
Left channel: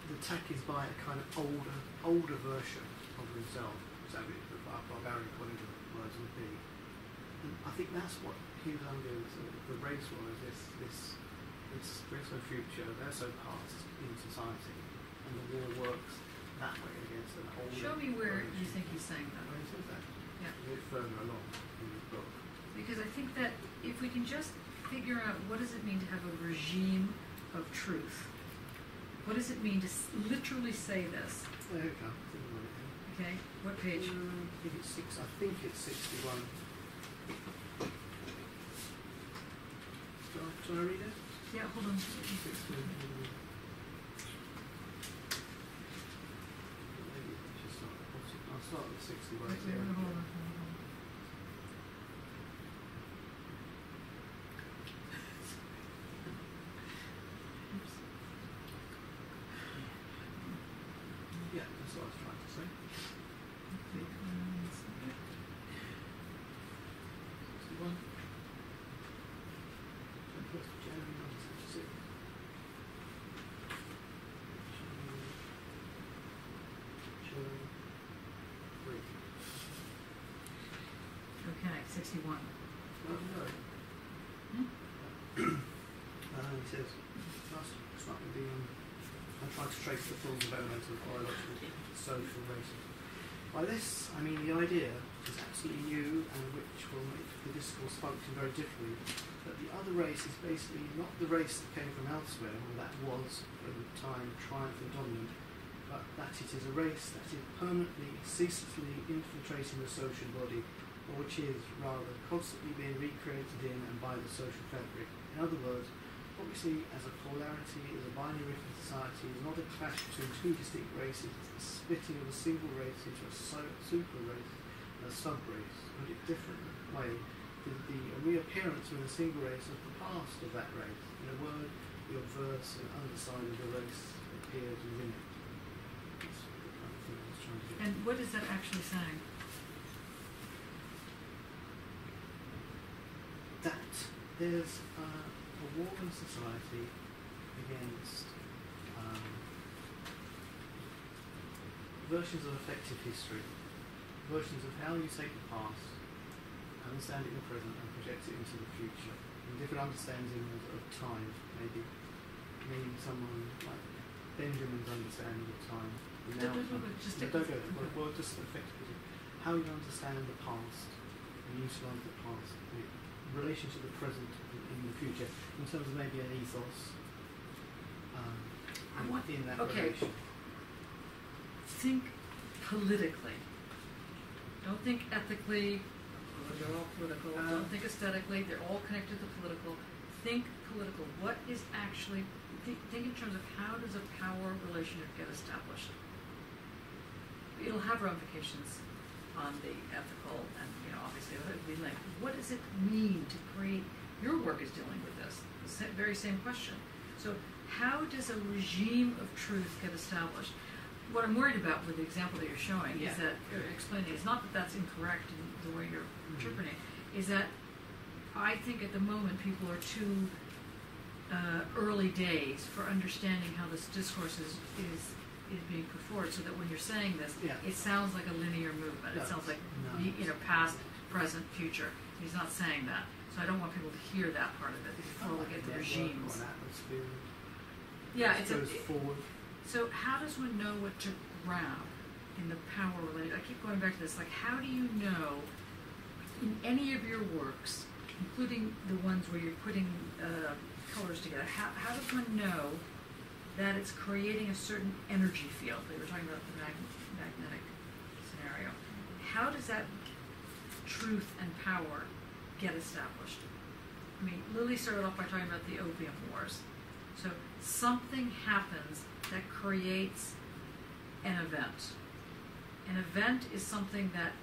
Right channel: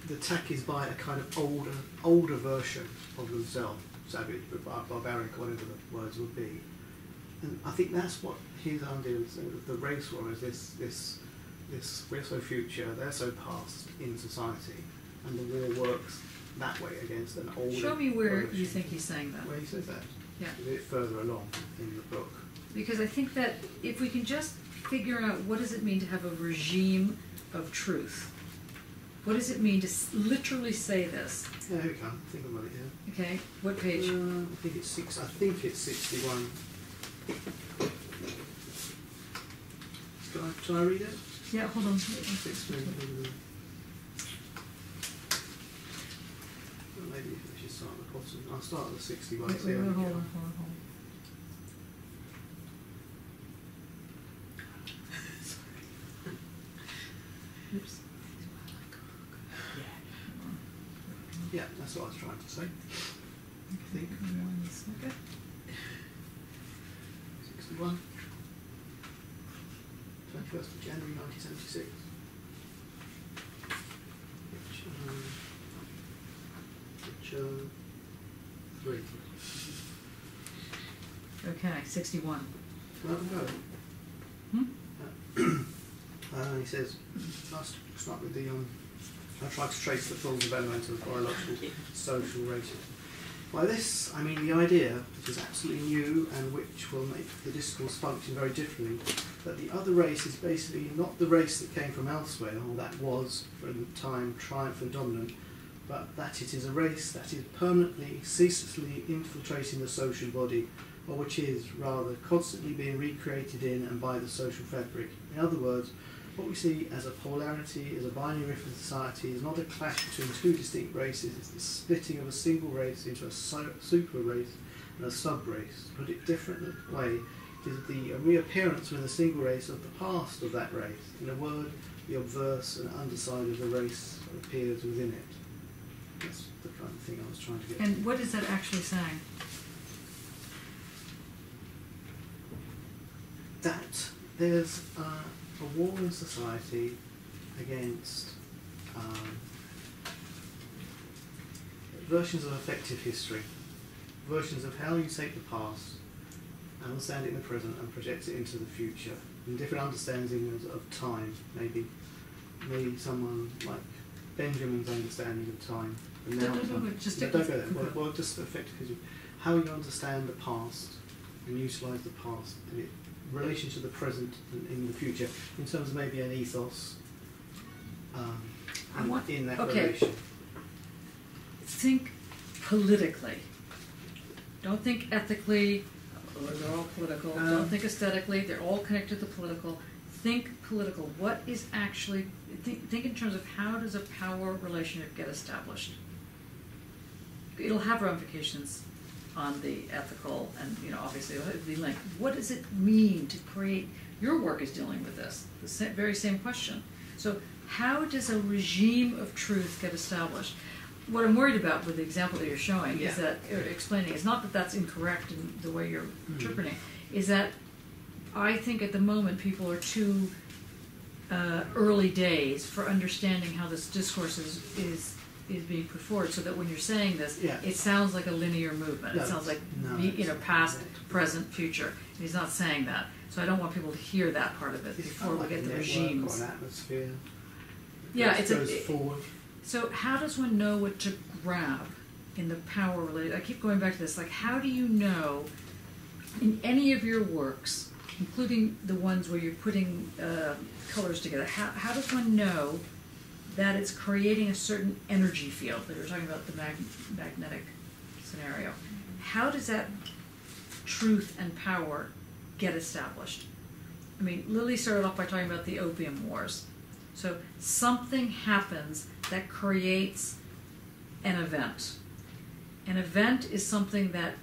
The attack is by a kind of older version of themselves, savage, barbaric, whatever the words would be. And I think that's what his idea is of the race war, is this we're so future, they're so past in society, and the war works that way against an older Show me where version. you think he's saying that. Where he says that. Yeah. A bit further along in the book. Because I think that if we can just figure out what does it mean to have a regime of truth, what does it mean to literally say this? Yeah, here we come. I think I've got it here. Okay, what page? I think it's 61. Shall I read it? Yeah, hold on. 61. I'll start at the 61. Wait, see how we hold get on, on. hold on. Oops. Yeah, that's what I was trying to say. I think. Okay. 61. 21st of January 1976. Which 3. Okay, 61. Can I have a go? Hmm? He says, let's start with the, I tried to trace the full development of biological, social, racial. By this, I mean the idea, which is absolutely new and which will make the discourse function very differently, that the other race is basically not the race that came from elsewhere, or that was, for the time, triumphant dominant, but that it is a race that is permanently, ceaselessly infiltrating the social body, or which is, rather, constantly being recreated in and by the social fabric. In other words, what we see as a polarity, as a binary rift in society, is not a clash between two distinct races, it's the splitting of a single race into a super race and a sub-race. To put it a different way, it is the reappearance within a single race of the past of that race. In a word, the obverse and underside of the race appears within it. That's the kind of thing I was trying to get. And what is that actually saying? That there's a war in society against versions of effective history, versions of how you take the past, understand it in the present, and project it into the future, and different understandings of time. Maybe someone like Benjamin's understanding of time. And now just don't go there. Well, just effective history. How you understand the past and utilise the past in relation to the present and in the future, in terms of maybe an ethos in that relation. Think politically. Don't think ethically. They're all political. Don't think aesthetically. They're all connected to the political. Think political. What is actually... Think in terms of how does a power relationship get established? It'll have ramifications on the ethical and, obviously it'll be linked. What does it mean to create... Your work is dealing with this, the very same question. So how does a regime of truth get established? What I'm worried about with the example that you're showing is that, explaining, is not that that's incorrect in the way you're interpreting it, is that I think at the moment people are too early days for understanding how this discourse is being put forward, so that when you're saying this, it sounds like a linear movement. It sounds like past, present, future. He's not saying that, so I don't want people to hear that part of it before we get the regimes. Atmosphere. It goes forward. So how does one know what to grab in the power related? I keep going back to this. Like, how do you know in any of your works, including the ones where you're putting colors together, how does one know that it's creating a certain energy field? They were talking about the magnetic scenario. How does that truth and power get established? I mean, Lily started off by talking about the Opium Wars. So something happens that creates an event. An event is something that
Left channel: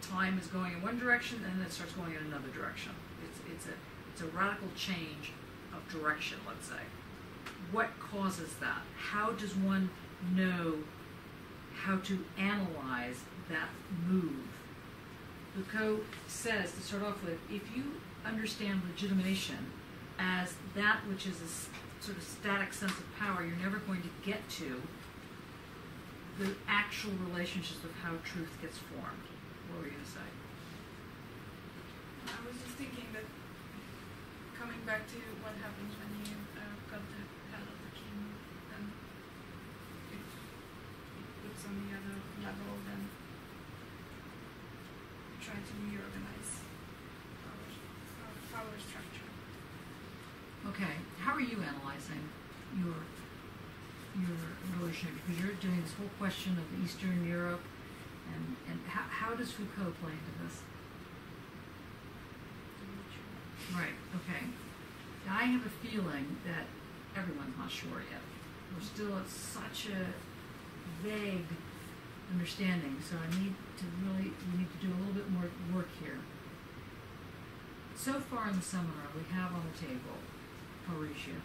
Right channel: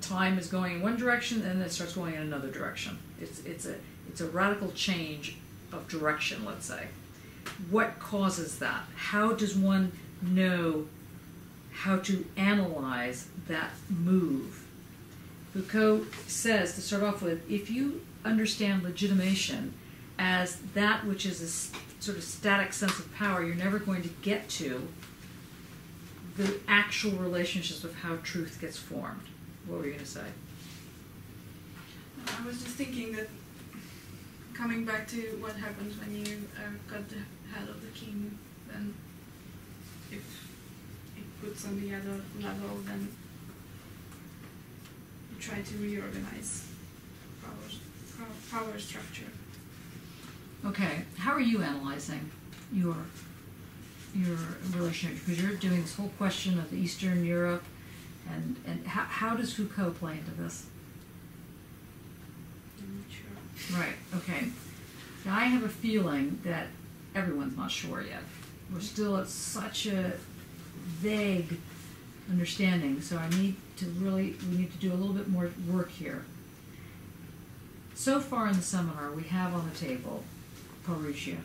time is going in one direction and then it starts going in another direction. It's a radical change of direction, let's say. What causes that? How does one know how to analyze that move? Foucault says, to start off with, if you understand legitimation as that which is a sort of static sense of power, you're never going to get to the actual relationships of how truth gets formed. What were you going to say? I was just thinking that, coming back to what happens when you cut the head of the king, then if it puts on the other level, then you try to reorganize power structure. Okay, how are you analyzing your relationship? Because you're doing this whole question of Eastern Europe, and how does Foucault play into this? Right, okay. Now I have a feeling that everyone's not sure yet. We're still at such a vague understanding, so we need to do a little bit more work here. So far in the seminar, we have on the table parousia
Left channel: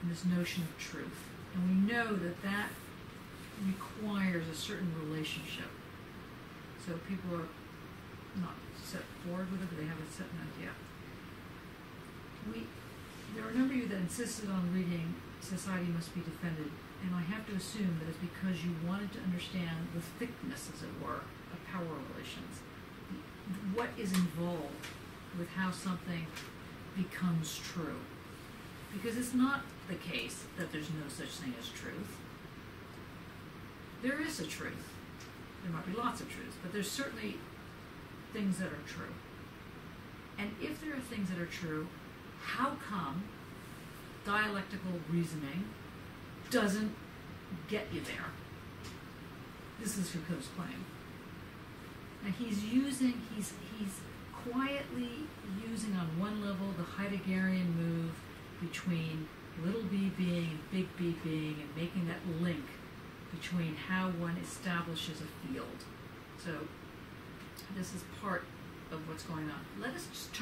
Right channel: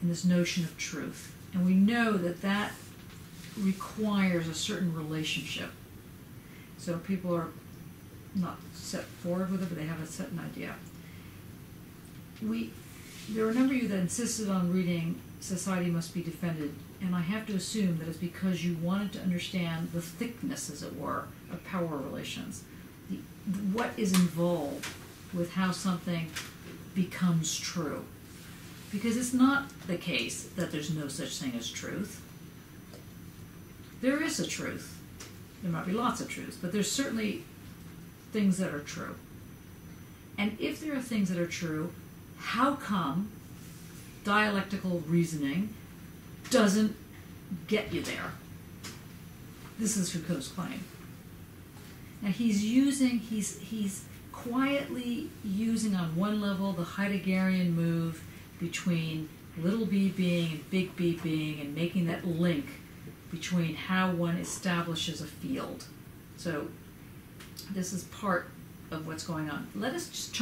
and this notion of truth. And we know that that requires a certain relationship. So people are not set forward with it, but they have a certain idea. There are a number of you that insisted on reading Society Must Be Defended, and I have to assume that it's because you wanted to understand the thickness, as it were, of power relations. What is involved with how something becomes true. Because it's not the case that there's no such thing as truth. There is a truth. There might be lots of truths, but there's certainly things that are true. And if there are things that are true, how come dialectical reasoning doesn't get you there? This is Foucault's claim. Now he's quietly using on one level the Heideggerian move between little b being and big B being, and making that link between how one establishes a field. So this is part of what's going on. Let's just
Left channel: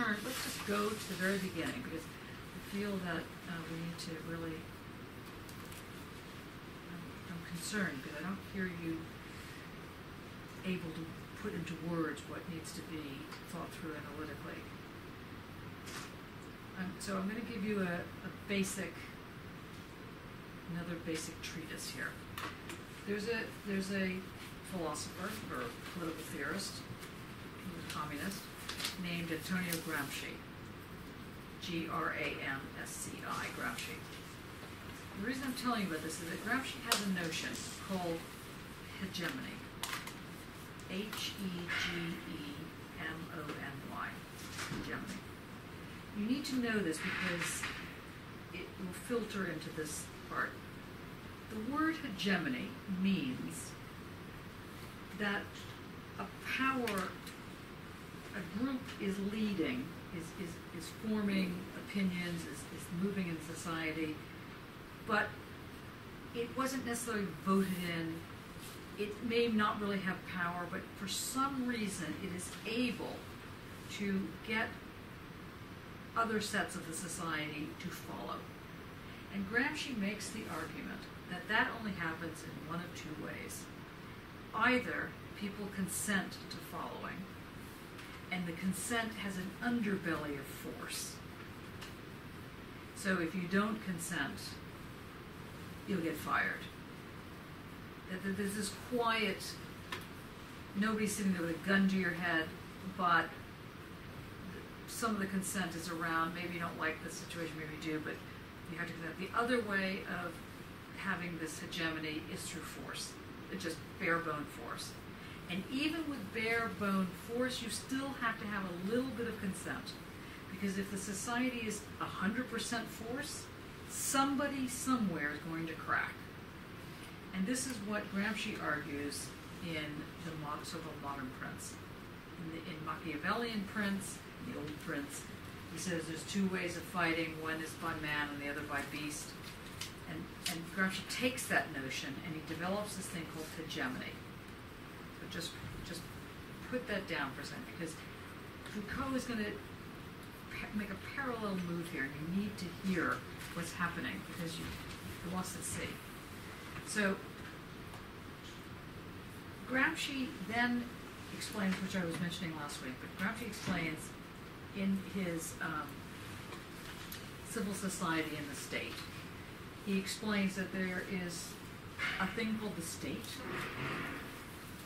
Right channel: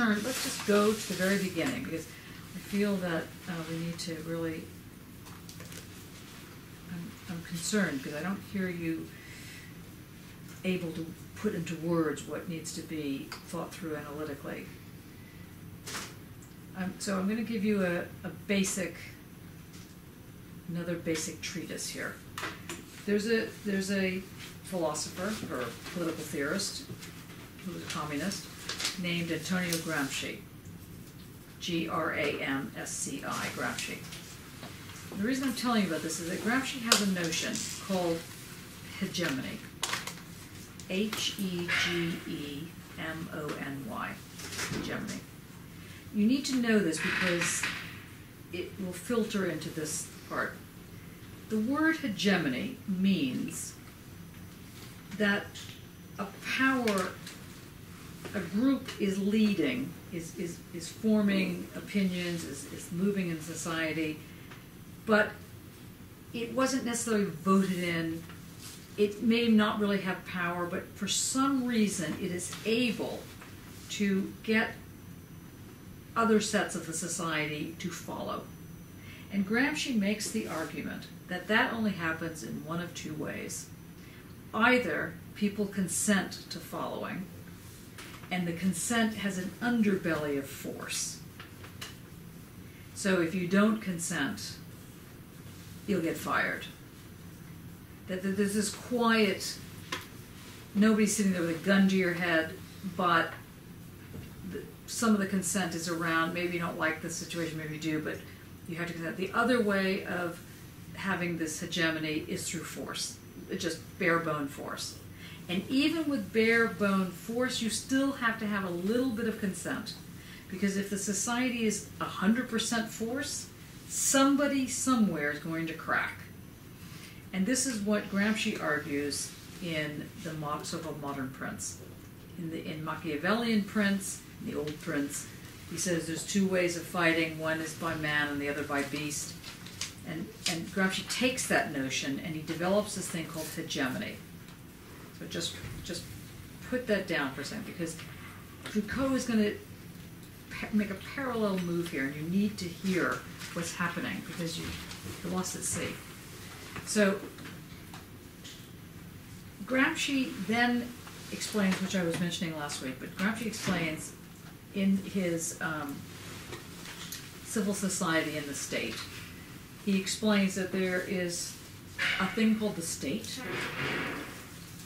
go to the very beginning, because I feel that we need to really, I'm concerned because I don't hear you able to put into words what needs to be thought through analytically. So I'm going to give you another basic treatise here. There's a philosopher or political theorist who was a communist named Antonio Gramsci, Gramsci, Gramsci. The reason I'm telling you about this is that Gramsci has a notion called hegemony, Hegemony, hegemony. You need to know this because it will filter into this part. The word hegemony means that a power, a group is leading, is forming opinions, is moving in society, but it wasn't necessarily voted in. It may not really have power, but for some reason it is able to get other sets of the society to follow. And Gramsci makes the argument that that only happens in one of two ways. Either people consent to following, and the consent has an underbelly of force. So if you don't consent, you'll get fired. That there's this quiet, nobody's sitting there with a gun to your head, but some of the consent is around. Maybe you don't like the situation, maybe you do, but you have to consent. The other way of having this hegemony is through force, just bare bone force. And even with bare bone force, you still have to have a little bit of consent, because if the society is 100% force, somebody somewhere is going to crack. And this is what Gramsci argues in the so-called modern prince. In Machiavellian prince, the old prince, he says there's two ways of fighting. One is by man and the other by beast. And Gramsci takes that notion and he develops this thing called hegemony. So just put that down for a second, because Foucault is going to make a parallel move here, and you need to hear what's happening because you're lost at sea. So Gramsci then explains, which I was mentioning last week, but Gramsci explains in his Civil Society and the State, he explains that there is a thing called the state,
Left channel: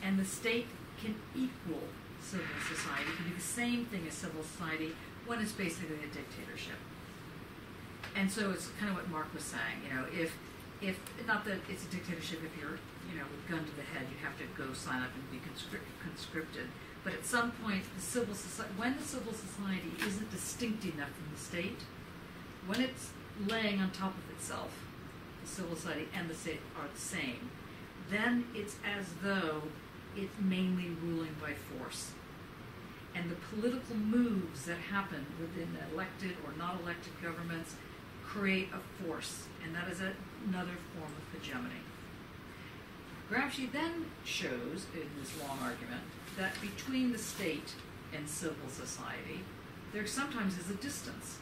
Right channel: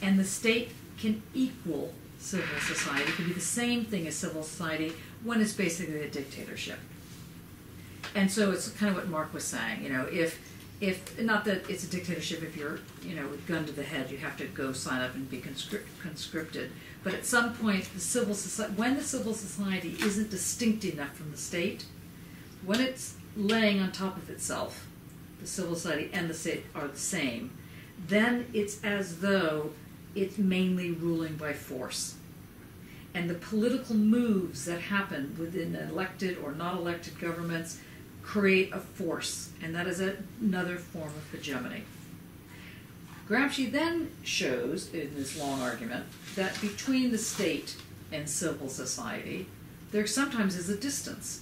and the state can equal civil society, it can be the same thing as civil society when it's basically a dictatorship. And so it's kind of what Mark was saying, if not that it's a dictatorship if you're, with gun to the head, you have to go sign up and be conscripted. But at some point, when the civil society isn't distinct enough from the state, when it's laying on top of itself, the civil society and the state are the same, then it's as though it's mainly ruling by force. And the political moves that happen within elected or not elected governments create a force, and that is another form of hegemony. Gramsci then shows, in this long argument, that between the state and civil society, there sometimes is a distance.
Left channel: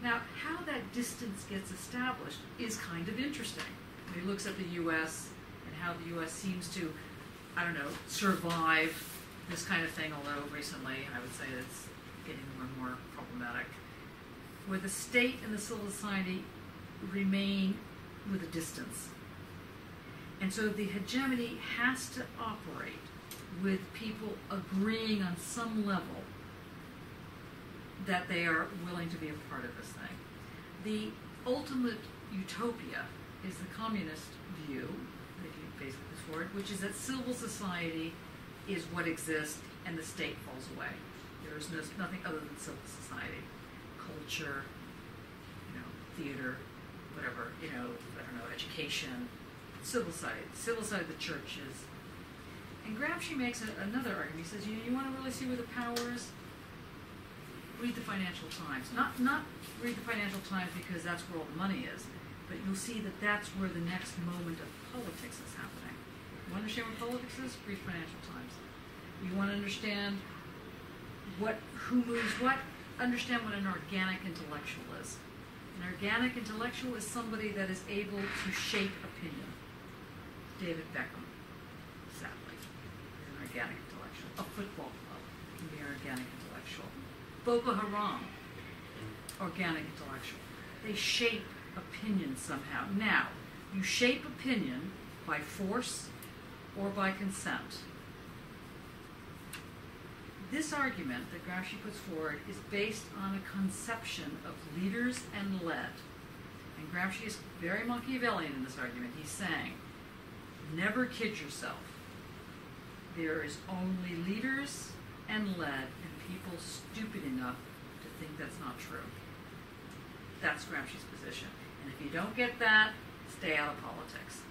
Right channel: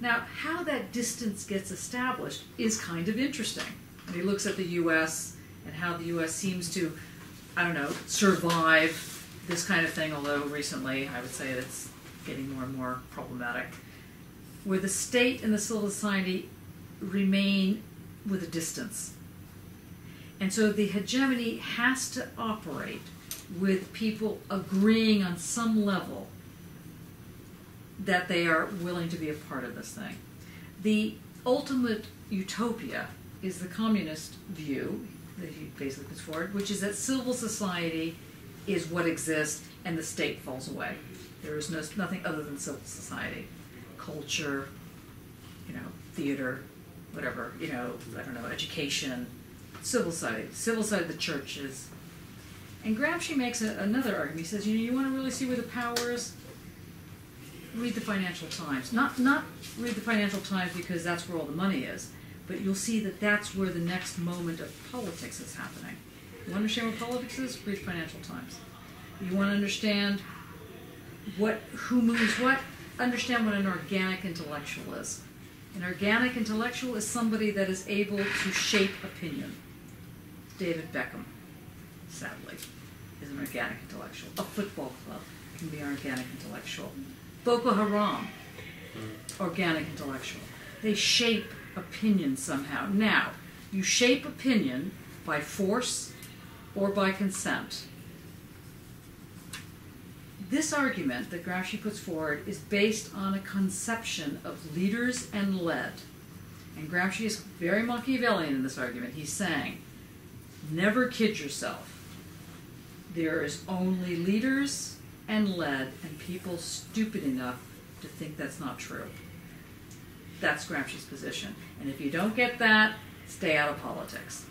Now, how that distance gets established is kind of interesting. And he looks at the U.S. and how the U.S. seems to, I don't know, survive this kind of thing, although recently I would say it's getting more and more problematic, where the state and the civil society remain with a distance. And so the hegemony has to operate with people agreeing on some level that they are willing to be a part of this thing. The ultimate utopia is the communist view that he basically puts forward, which is that civil society is what exists and the state falls away. There is nothing other than civil society. Culture, theater, whatever, I don't know, education, civil society, the churches. And Gramsci makes another argument. He says, you want to really see where the power is? Read the Financial Times. Not read the Financial Times because that's where all the money is, but you'll see that that's where the next moment of politics is happening. You want to understand what politics is? Read Financial Times. You want to understand who moves what? Understand what an organic intellectual is. An organic intellectual is somebody that is able to shape opinion. David Beckham, sadly, is an organic intellectual. A football club can be an organic intellectual. Boko Haram, organic intellectual. They shape opinion somehow. Now, you shape opinion by force or by consent. This argument that Gramsci puts forward is based on a conception of leaders and led. And Gramsci is very Machiavellian in this argument. He's saying, never kid yourself. There is only leaders and led, and people stupid enough to think that's not true. That's Gramsci's position. And if you don't get that, stay out of politics.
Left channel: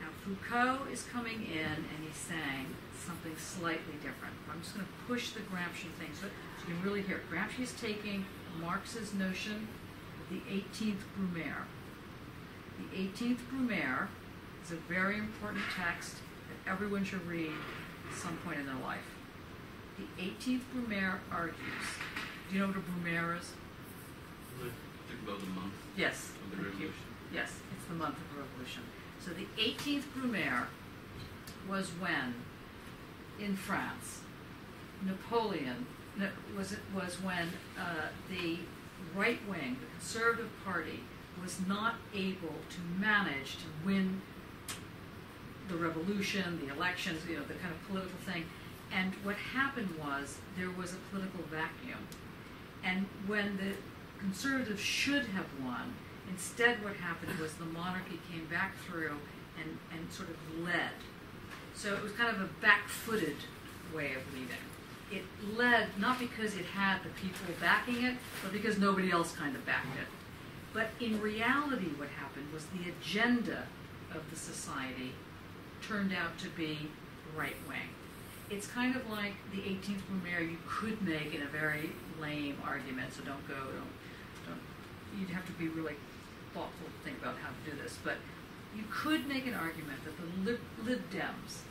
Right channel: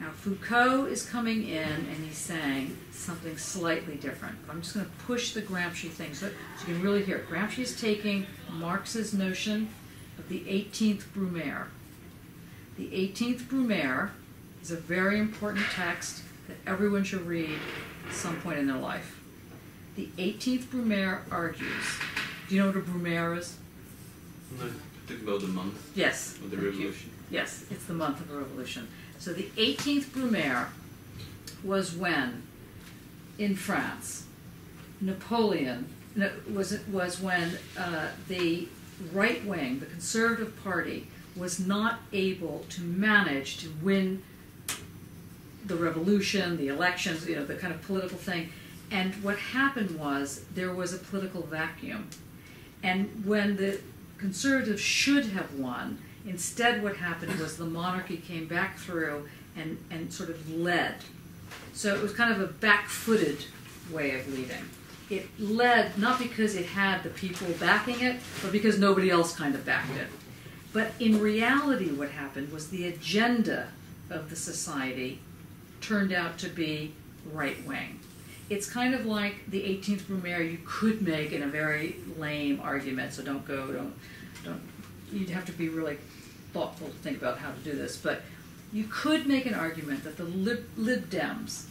Now, Foucault is coming in and he's saying something slightly different. I'm just going to push the Gramsci thing so you can really hear it. Gramsci is taking Marx's notion of the 18th Brumaire. The 18th Brumaire is a very important text that everyone should read at some point in their life. The 18th Brumaire argues, do you know what a Brumaire is? Think about the month Yes. of the revolution. Yes, it's the month of the revolution. So the 18th Brumaire was when, in France, was when the right wing, the Conservative Party, was not able to manage to win the revolution, the elections, the kind of political thing. And what happened was there was a political vacuum. And when the Conservatives should have won, instead what happened was the monarchy came back through and sort of led. So it was kind of a back-footed way of leading. It led not because it had the people backing it, but because nobody else kind of backed it. But in reality what happened was the agenda of the society turned out to be right-wing. It's kind of like the 18th Brumaire you could make in a very lame argument, so don't, you'd have to be really thoughtful to think about how to do this, but you could make an argument that the Lib Dems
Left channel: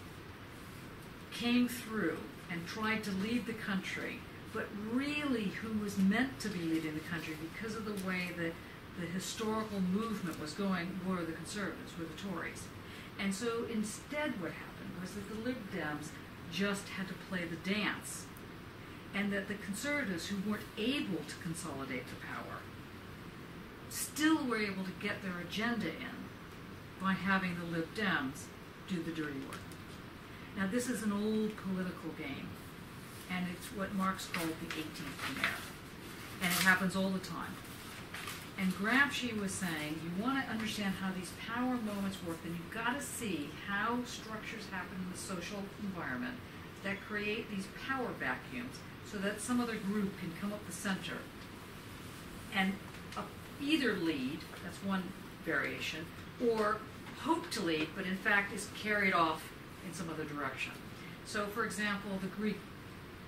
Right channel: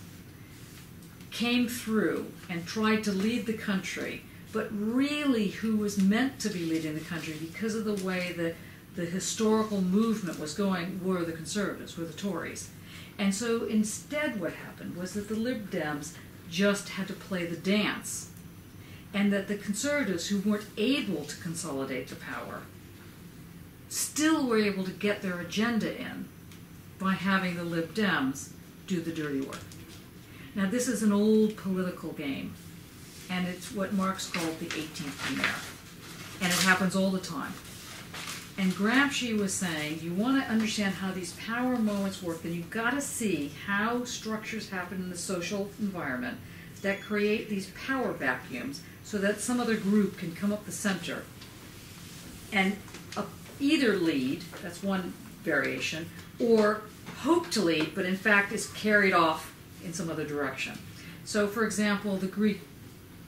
came through and tried to lead the country, but really who was meant to be leading the country because of the way that the historical movement was going were the Conservatives, were the Tories. And so instead what happened was that the Lib Dems just had to play the dance, and that the Conservatives, who weren't able to consolidate the power, still were able to get their agenda in by having the Lib Dems do the dirty work. Now this is an old political game, and it's what Marx called the 18th Brumaire, and it happens all the time. And Gramsci was saying, you want to understand how these power moments work, then you've got to see how structures happen in the social environment that create these power vacuums so that some other group can come up the center and either lead, that's one variation, or hope to lead, but in fact is carried off in some other direction. So, for example, the Greek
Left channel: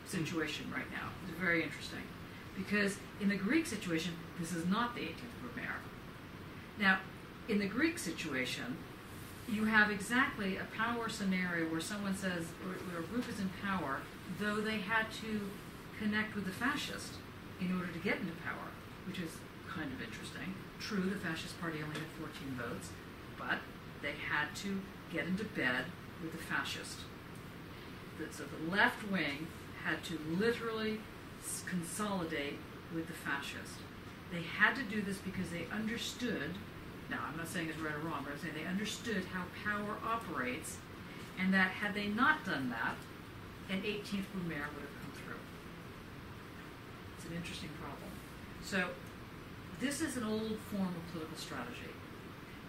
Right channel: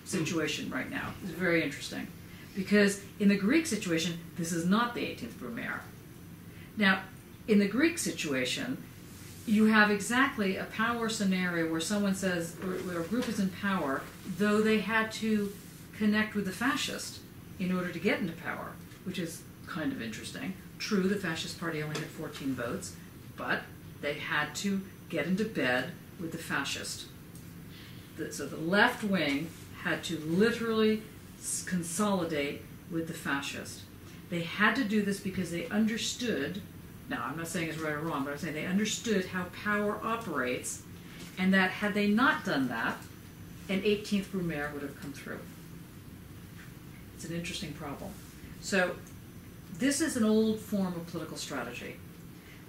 situation right now is very interesting, because in the Greek situation, this is not the 18th Brumaire. Now, in the Greek situation, you have exactly a power scenario where someone says, or where a group is in power, though they had to connect with the fascist in order to get into power, which is kind of interesting. True, the fascist party only had 14 votes, but they had to get into bed with the fascist. So the left wing had to literally consolidate with the fascist. They had to do this because they understood, now I'm not saying it's right or wrong, but I'm saying they understood how power operates, and that had they not done that, an 18th Brumaire would have come through. It's an interesting problem. So this is an old form of political strategy.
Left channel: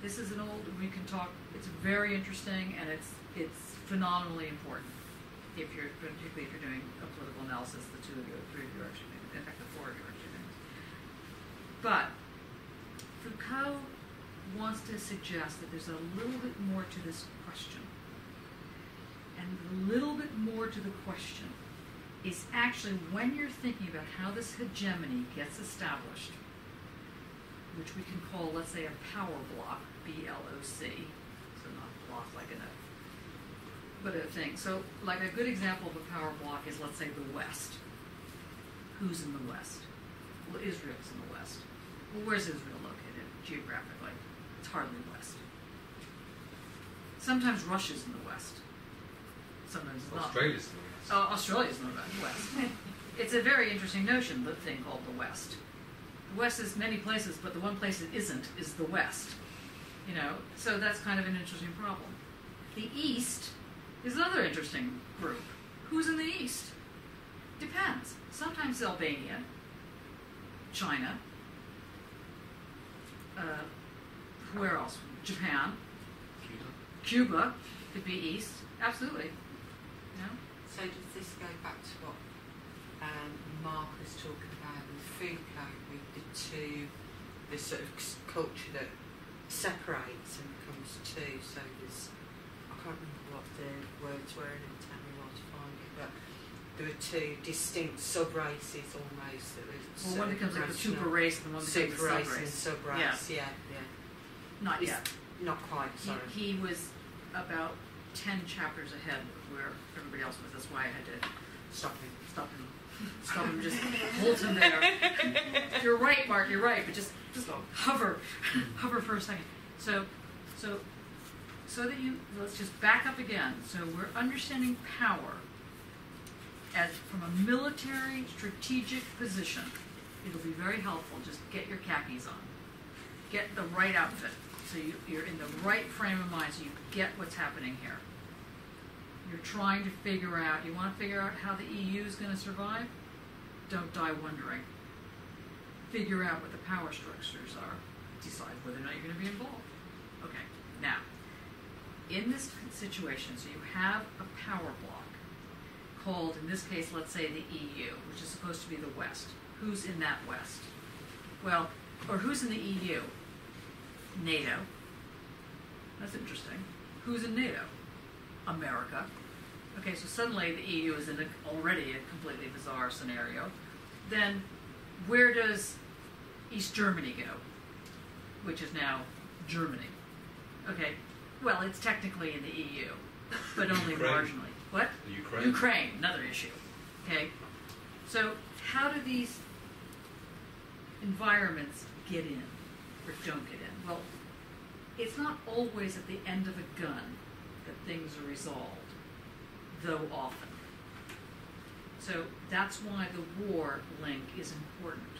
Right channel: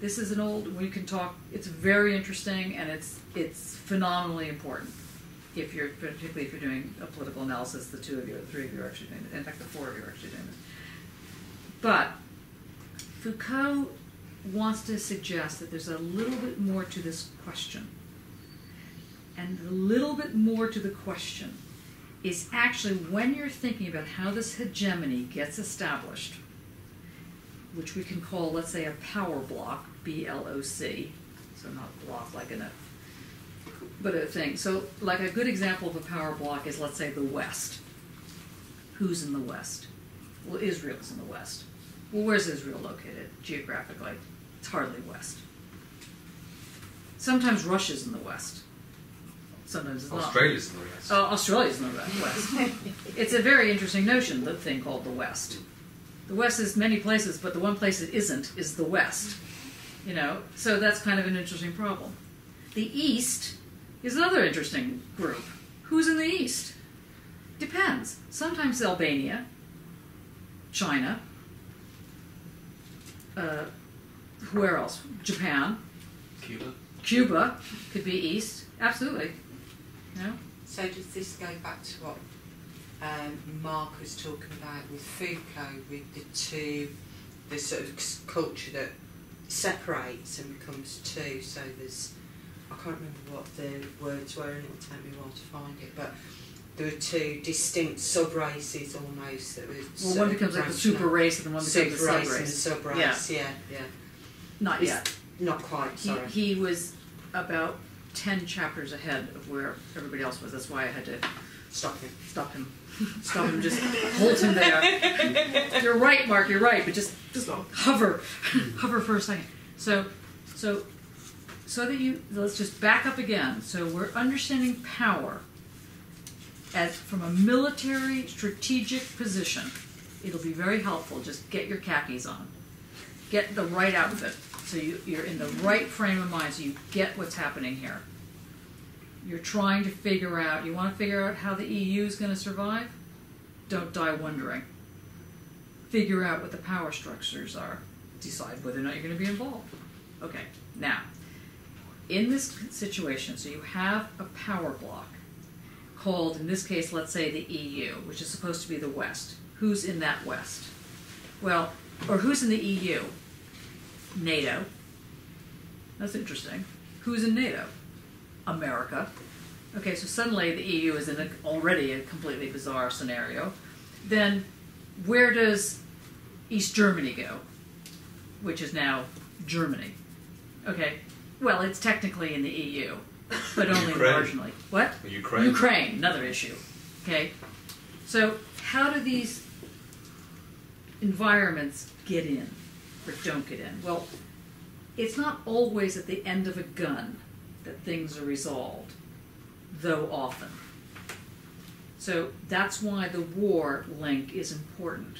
This is an old, we can talk, it's very interesting, and it's phenomenally important. If you're, particularly if you're doing a political analysis, the two of you, or the three of you are actually doing it. In fact, the four of you are actually doing this. But Foucault wants to suggest that there's a little bit more to this question. And the little bit more to the question is actually when you're thinking about how this hegemony gets established, which we can call, let's say, a power block, B-L-O-C, so not block like in a, but a thing. So like a good example of a power block is, let's say, the West. Who's in the West? Well, Israel is in the West. Well, where's Israel located geographically? It's hardly West. Sometimes Russia's in the West. Sometimes it's not. Australia's in the West. Oh, Australia's in the West. It's a very interesting notion, the thing called the West. The West is many places, but the one place it isn't is the West. You know, so that's kind of an interesting problem. The East is another interesting group. Who's in the East? Depends. Sometimes Albania, China, where else? Japan. Cuba. Cuba could be East. Absolutely. No? So does this go back to what Mark was talking about with Foucault, with the sort of culture that separates and becomes two? So there's, I can't remember what the words were, and it'll take me a while to find it, but there were two distinct sub-races almost that were well, one becomes like the super race and one becomes the sub-race. And sub-race, yeah. Not yet. Not quite, sorry. He was about 10 chapters ahead of where everybody else was. That's why I had to Stop him. Just hold him there. You're right, Mark, you're right, but just hover for a second. So that you, let's just back up again. So we're understanding power as from a military strategic position. It'll be very helpful. Just get your khakis on. Get the right outfit. So you're in the right frame of mind so you get what's happening here. You're trying to figure out, you want to figure out how the EU is going to survive? Don't die wondering. Figure out what the power structures are. Decide whether or not you're going to be involved. Okay, now, in this situation, so you have a power block called, in this case, let's say the EU, which is supposed to be the West. Who's in that West? Well, or who's in the EU? NATO. That's interesting. Who's in NATO? America. Okay, so suddenly the EU is in already a completely bizarre scenario. Then where does East Germany go? Which is now Germany. Okay, well, it's technically in the EU, but only marginally. What? Ukraine, another issue. Okay, so how do these environments get in or don't get in? Well, it's not always at the end of a gun that things are resolved, though often. So that's why the war link is important,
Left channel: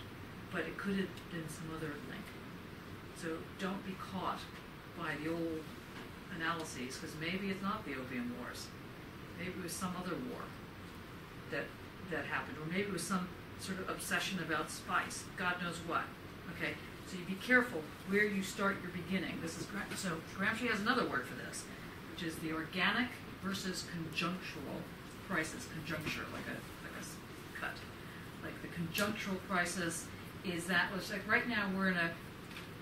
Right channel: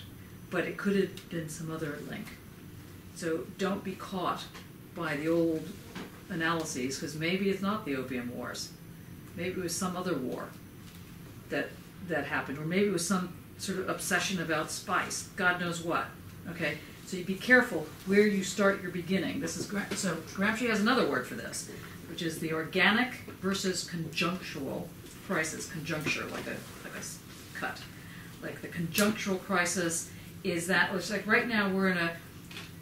but it could have been some other link. So don't be caught by the old analyses, because maybe it's not the Opium Wars. Maybe it was some other war that happened, or maybe it was some sort of obsession about spice. God knows what. Okay, so you be careful where you start your beginning. This is so Gramsci has another word for this, which is the organic versus conjunctural crisis. Conjuncture, like a cut. Like the conjunctural crisis is that, it's like right now we're in a,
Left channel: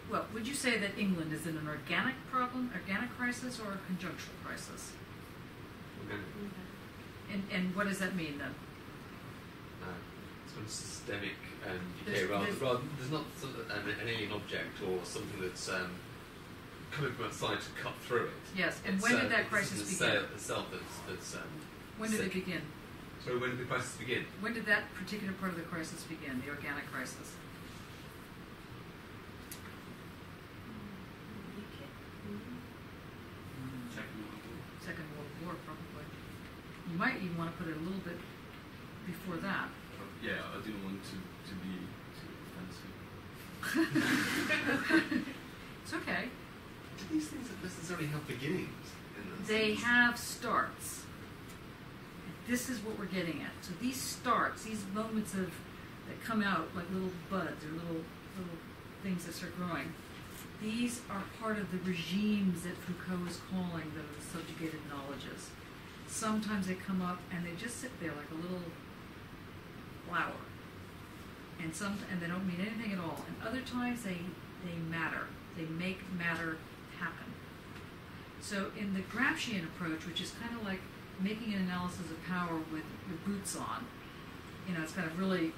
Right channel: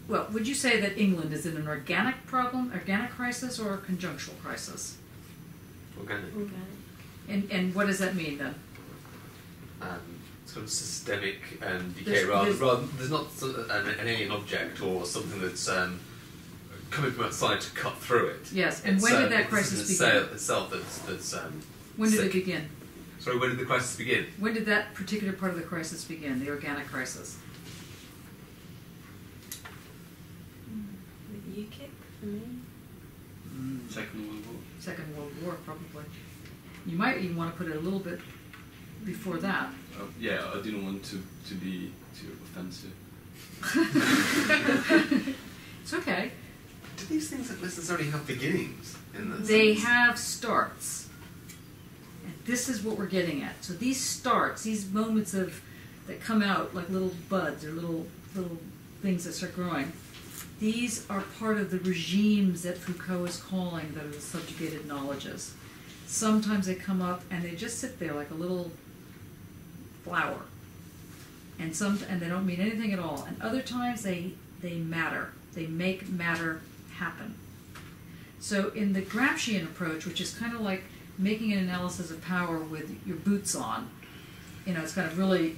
well, would you say that England is in an organic crisis, or a conjunctural crisis? Organic. And what does that mean then? Sort of systemic decay, rather. There's not an alien object or something that's coming from outside to cut through it. Yes, and when did that crisis begin? Itself that's When did sick. it begin? Sorry, when did the crisis begin? When did that particular part of the crisis begin, the organic crisis? UKIP for me. Second World War. Second World War, probably. You might even want to put it a little bit before that. Yeah, I didn't want to be too offensive. It's okay. Do these things not necessarily have beginnings? In that They sense? have starts. And this is what we're getting at. So these starts, these moments that come out like little buds or little things that start growing, these are part of the regimes that Foucault is calling that are the subjugated knowledges. Sometimes they come up and they just sit there like a little flower. And they don't mean anything at all. And other times they matter. They make matter happen. So in the Gramscian approach, which is kind of like making an analysis of power with your boots on, it's kind of really,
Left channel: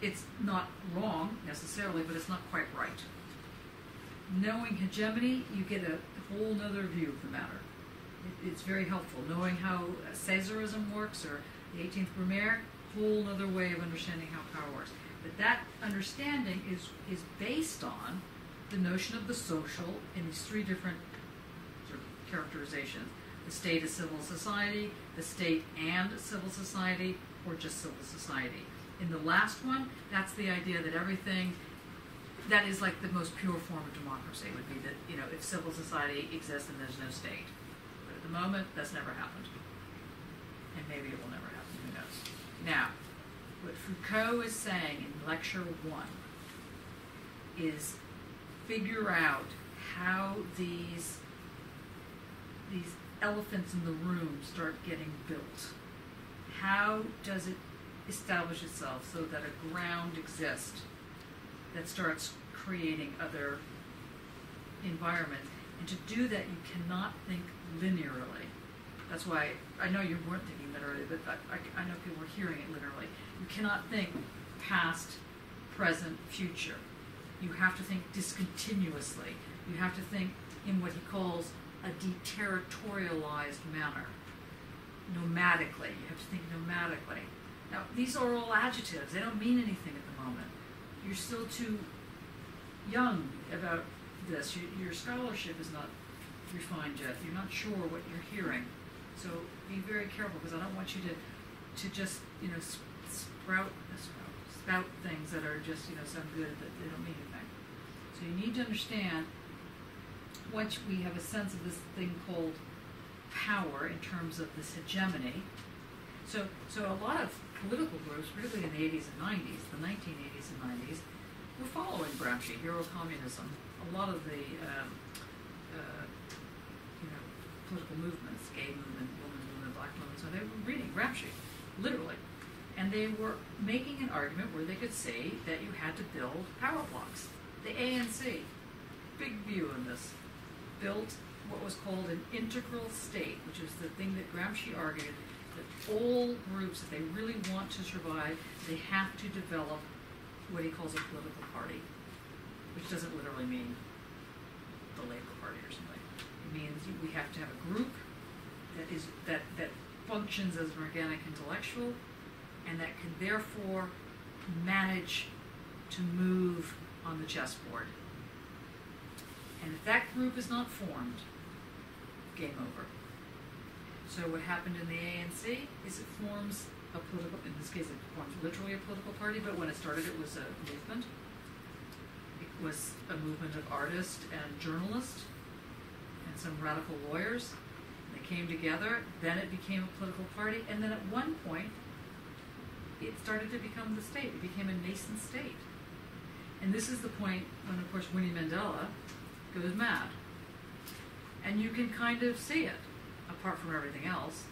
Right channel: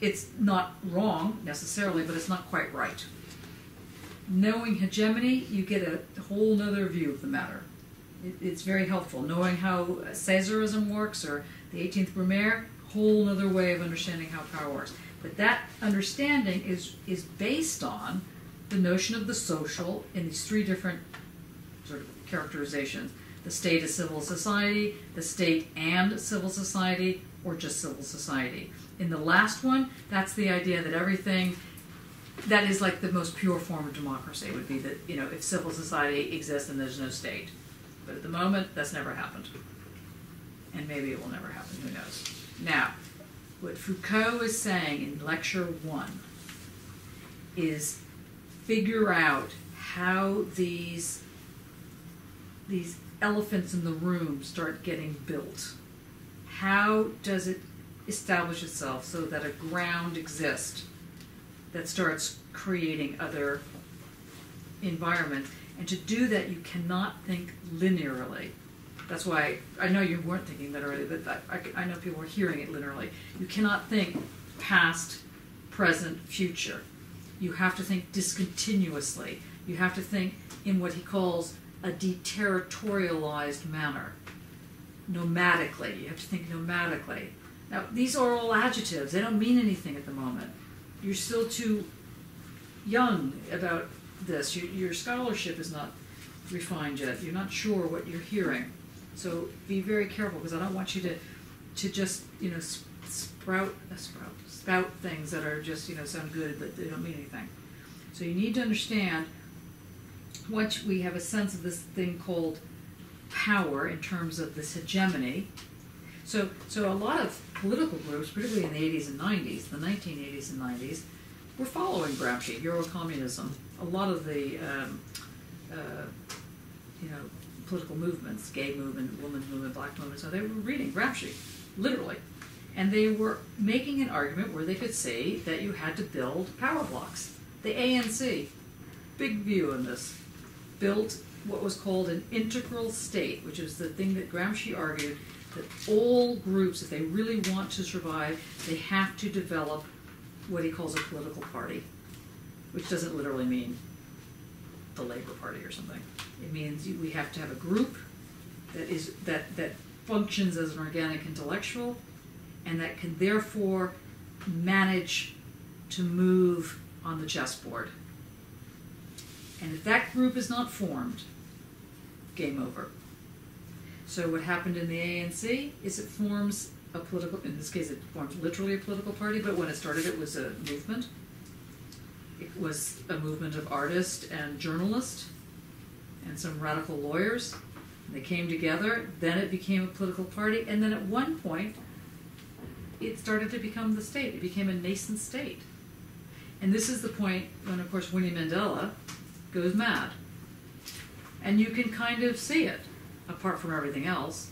it's not wrong necessarily, but it's not quite right. Knowing hegemony, you get a whole nother view of the matter. It's very helpful. Knowing how Caesarism works or the 18th Brumaire, whole other way of understanding how power works. But that understanding is based on the notion of the social in these three different sort of characterizations. The state as civil society, the state and civil society, or just civil society. In the last one, that's the idea that everything, that is like the most pure form of democracy, would be that, if civil society exists and there's no state. But at the moment, that's never happened. And maybe it will never happen, who knows. Now, what Foucault is saying in Lecture 1 is figure out how these elephants in the room start getting built. How does it establish itself so that a ground exists that starts creating other environments? And to do that, you cannot think linearly. That's why I know you weren't thinking linearly, but I know people are hearing it linearly. You cannot think past, present, future. You have to think discontinuously. You have to think in what he calls a deterritorialized manner, nomadically. You have to think nomadically. Now, these are all adjectives. They don't mean anything at the moment. You're still too young about this. Your scholarship is not refined yet. You're not sure what you're hearing. So be very careful, because I don't want you to just spout things that are just sound good but they don't mean anything. So you need to understand, once we have a sense of this thing called power in terms of this hegemony. So a lot of political groups, particularly in the 80s and 90s, the 1980s and 90s, were following Gramsci, Eurocommunism. A lot of the political movements, gay movement, women's movement, black movement, so they were reading Gramsci, literally. And they were making an argument where they could say that you had to build power blocks. The ANC, big view in this, built what was called an integral state, which is the thing that Gramsci argued that all groups, if they really want to survive, they have to develop what he calls a political party, which doesn't literally mean the Labour Party or something. It means we have to have a group that functions as an organic intellectual, and that can therefore manage to move on the chessboard. And if that group is not formed, game over. So what happened in the ANC is it forms a political, in this case it forms literally a political party, but when it started it was a movement. It was a movement of artists and journalists and some radical lawyers. They came together, then it became a political party, and then at one point it started to become the state. It became a nascent state. And this is the point when, of course, Winnie Mandela goes mad. And you can kind of see it, apart from everything else.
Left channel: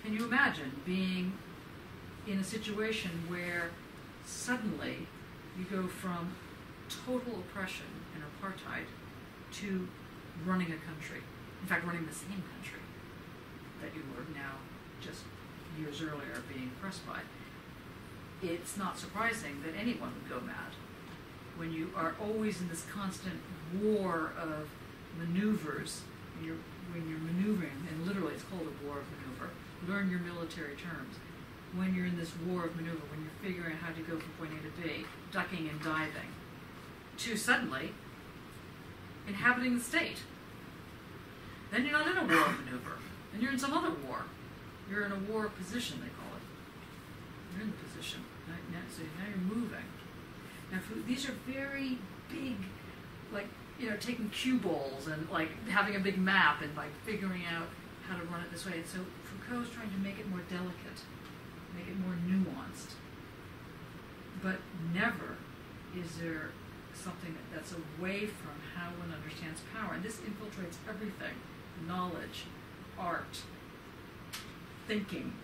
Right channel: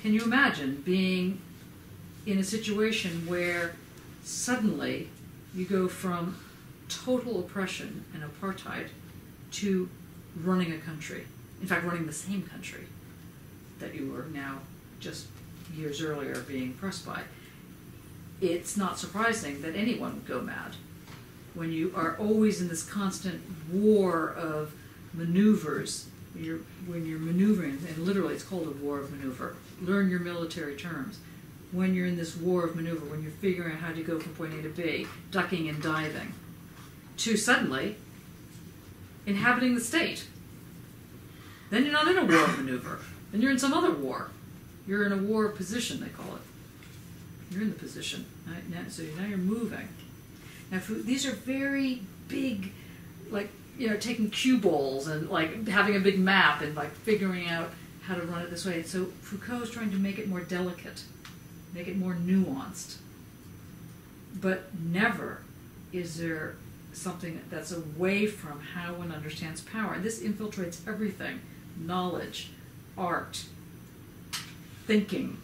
Can you imagine being in a situation where suddenly you go from total oppression and apartheid to running a country? In fact, running the same country that you were now just years earlier being oppressed by. It's not surprising that anyone would go mad when you are always in this constant war of maneuvers, when you're maneuvering, and literally it's called a war of maneuver. Learn your military terms. When you're in this war of maneuver, when you're figuring out how to go from point A to B, ducking and diving, to suddenly inhabiting the state. Then you're not in a war of maneuver. Then you're in some other war. You're in a war of position, they call it. You're in the position. Right? So now you're moving. Now, these are very big, like, taking cue balls and like having a big map and like figuring out how to run it this way. So Foucault is trying to make it more delicate, make it more nuanced. But never is there something that's away from how one understands power. And this infiltrates everything: knowledge, art, thinking,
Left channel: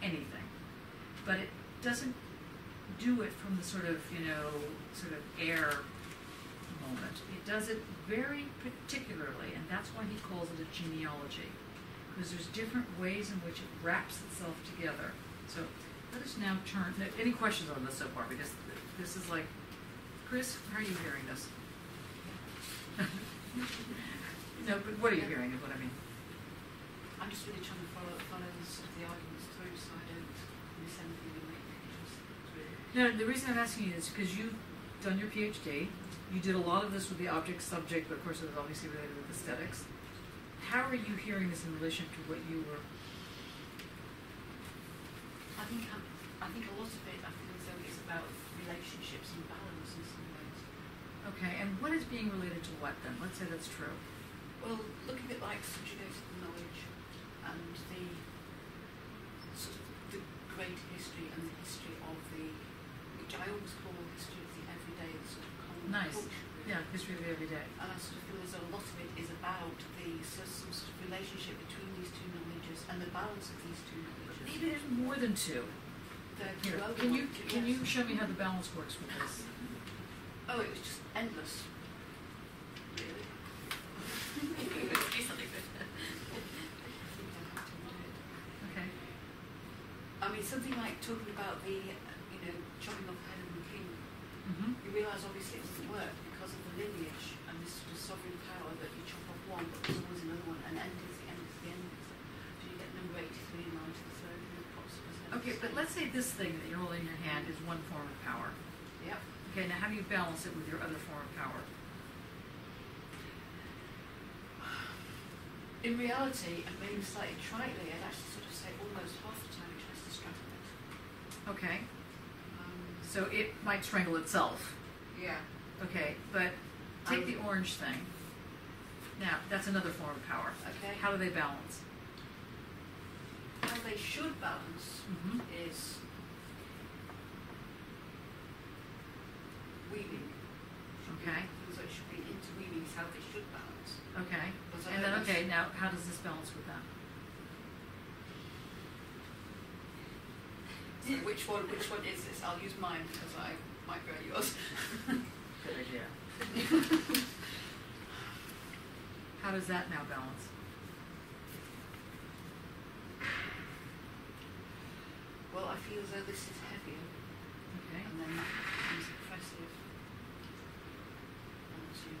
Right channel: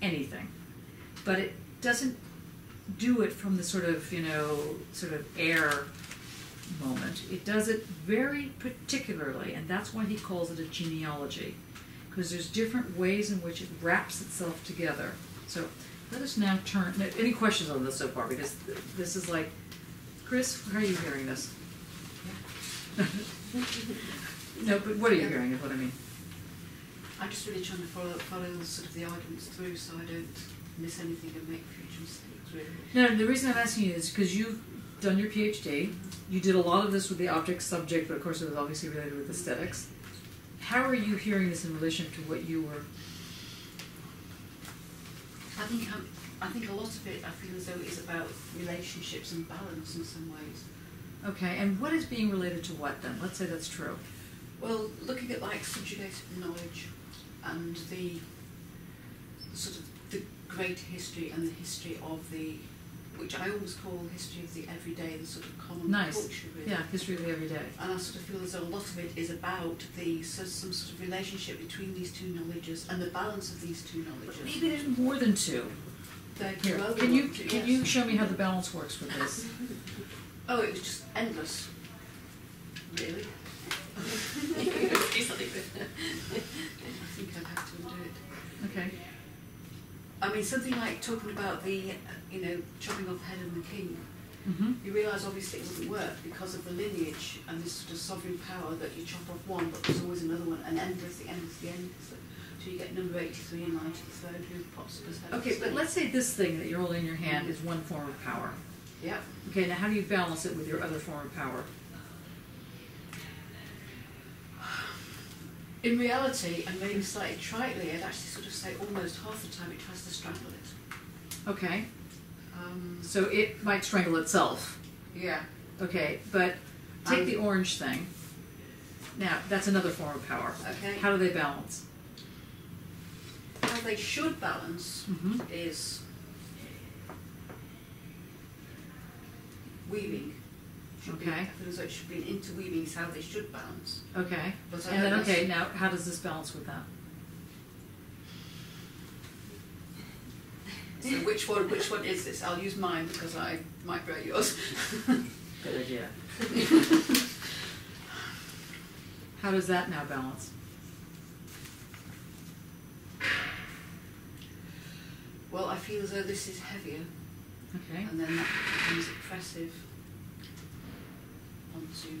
anything. But it doesn't do it from the sort of air moment. It does it very particularly, and that's why he calls it a genealogy, because there's different ways in which it wraps itself together. So let us now turn. Any questions on this so far? Because this is like, Chris, how are you hearing this? Yeah. No, but what are you hearing is what I mean. I'm just really trying to follow sort of the arguments through so I don't miss anything and make future mistakes, really. No, the reason I'm asking you is because you've done your PhD. You did a lot of this with the object-subject, but of course it was obviously related with aesthetics. How are you hearing this in relation to what you were? I think a lot of it, I feel as though it is about relationships and balance in some ways. Okay, and what is being related to what then? Let's say that's true. Well, looking at like subjugated knowledge and the sort of the great history and the history of the, which I always call history of the everyday, the sort of common culture, really. Yeah, history of the everyday. And I sort of feel as though a lot of it is about some sort of relationship between these two knowledges and the balance of these two knowledges. Maybe there's more than two. Here, can you show me how the balance works with this? Oh, it was just endless, really. Do something with it. I think I'd have to undo it. Okay. I mean, something like talking about the, chopping off the head of the king. Mm-hmm. You realise obviously it wouldn't work because of the lineage and this sort of sovereign power that you chop off one, but there's always another one, and endlessly. So you get number 83 in line to the throne who pops up as head of the Okay, but state. let's say this thing that you're holding in your hand is one form of power. Yeah. Okay, now how do you balance it with your other form of power? In reality, and maybe slightly tritely, I'd actually sort of say almost half the time it tries to strangle it. Okay. So it might strangle itself. Yeah. Okay, but take the orange thing. Now, that's another form of power. Okay. How do they balance? How they should balance is weaving. Okay. I feel as though it should be interweaving is how they should balance. Okay. But I And then, don't okay, now how does this balance with that? So which one is this? I'll use mine because I might break yours. Good idea. How does that now balance? Well, I feel as though this is heavier, Okay. and then that becomes oppressive onto.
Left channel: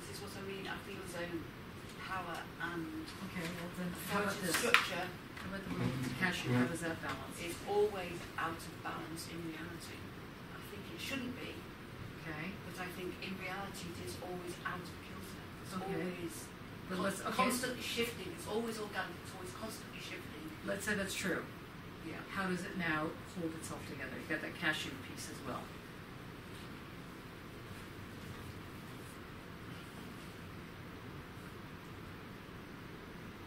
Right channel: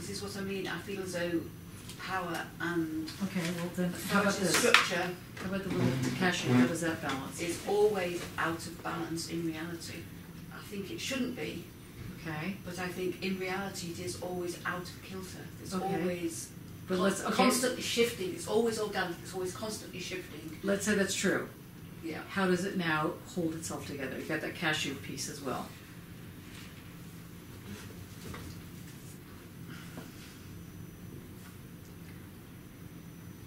This is what I mean. I feel as though power and Okay, well then, how about authoritative this? structure How about the little cashew? How does that balance? is always out of balance in reality. I think it shouldn't be, Okay. but I think in reality it is always out of kilter. It's Okay. always But let's constantly shifting. It's always organic. It's always constantly shifting. Let's say that's true. Yeah. How does it now hold itself together? You've got that cashew piece as well.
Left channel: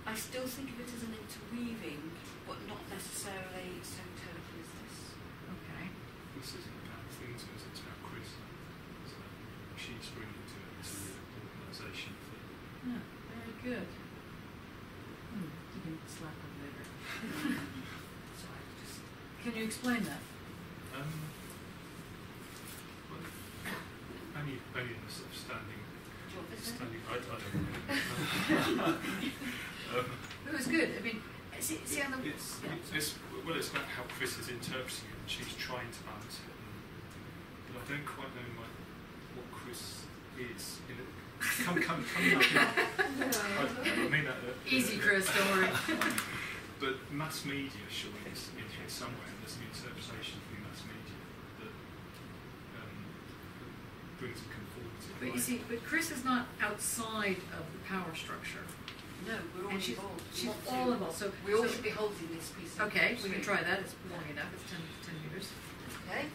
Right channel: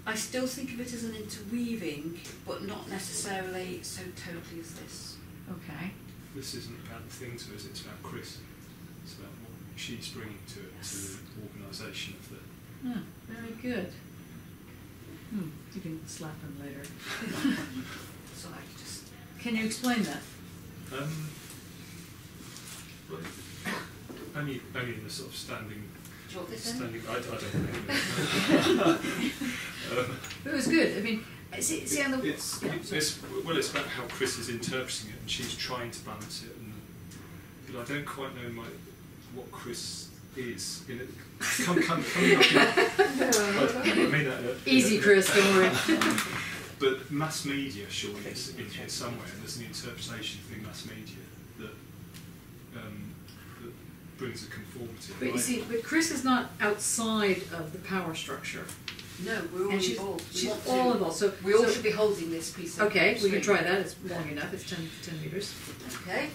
I still think of it as an interweaving, but not necessarily so totally as this. Okay. This isn't about the thing to us, it's about Chris. It's about what she's bringing to it, to the organisation of the... Yeah, very good. You can slap him later. So I just... Can you explain that? Well, only in the sort of standing... Do you want this then? I don't know. It was good. I mean, see on the... It's about how Chris is interpreting it, and she's trying to balance it, but I don't quite know what Chris is coming up in, I mean that Easy, Chris, don't worry. but mass media surely is in here somewhere, and there's an interpretation through mass media that brings a conformity. But you see, but Chris is not outside of the power structure. No, we're all And she's- involved. We she's want to- all involved. So we all so- should be holding this piece of Okay, we can string. try that. It's long enough. It's 10 meters. Okay.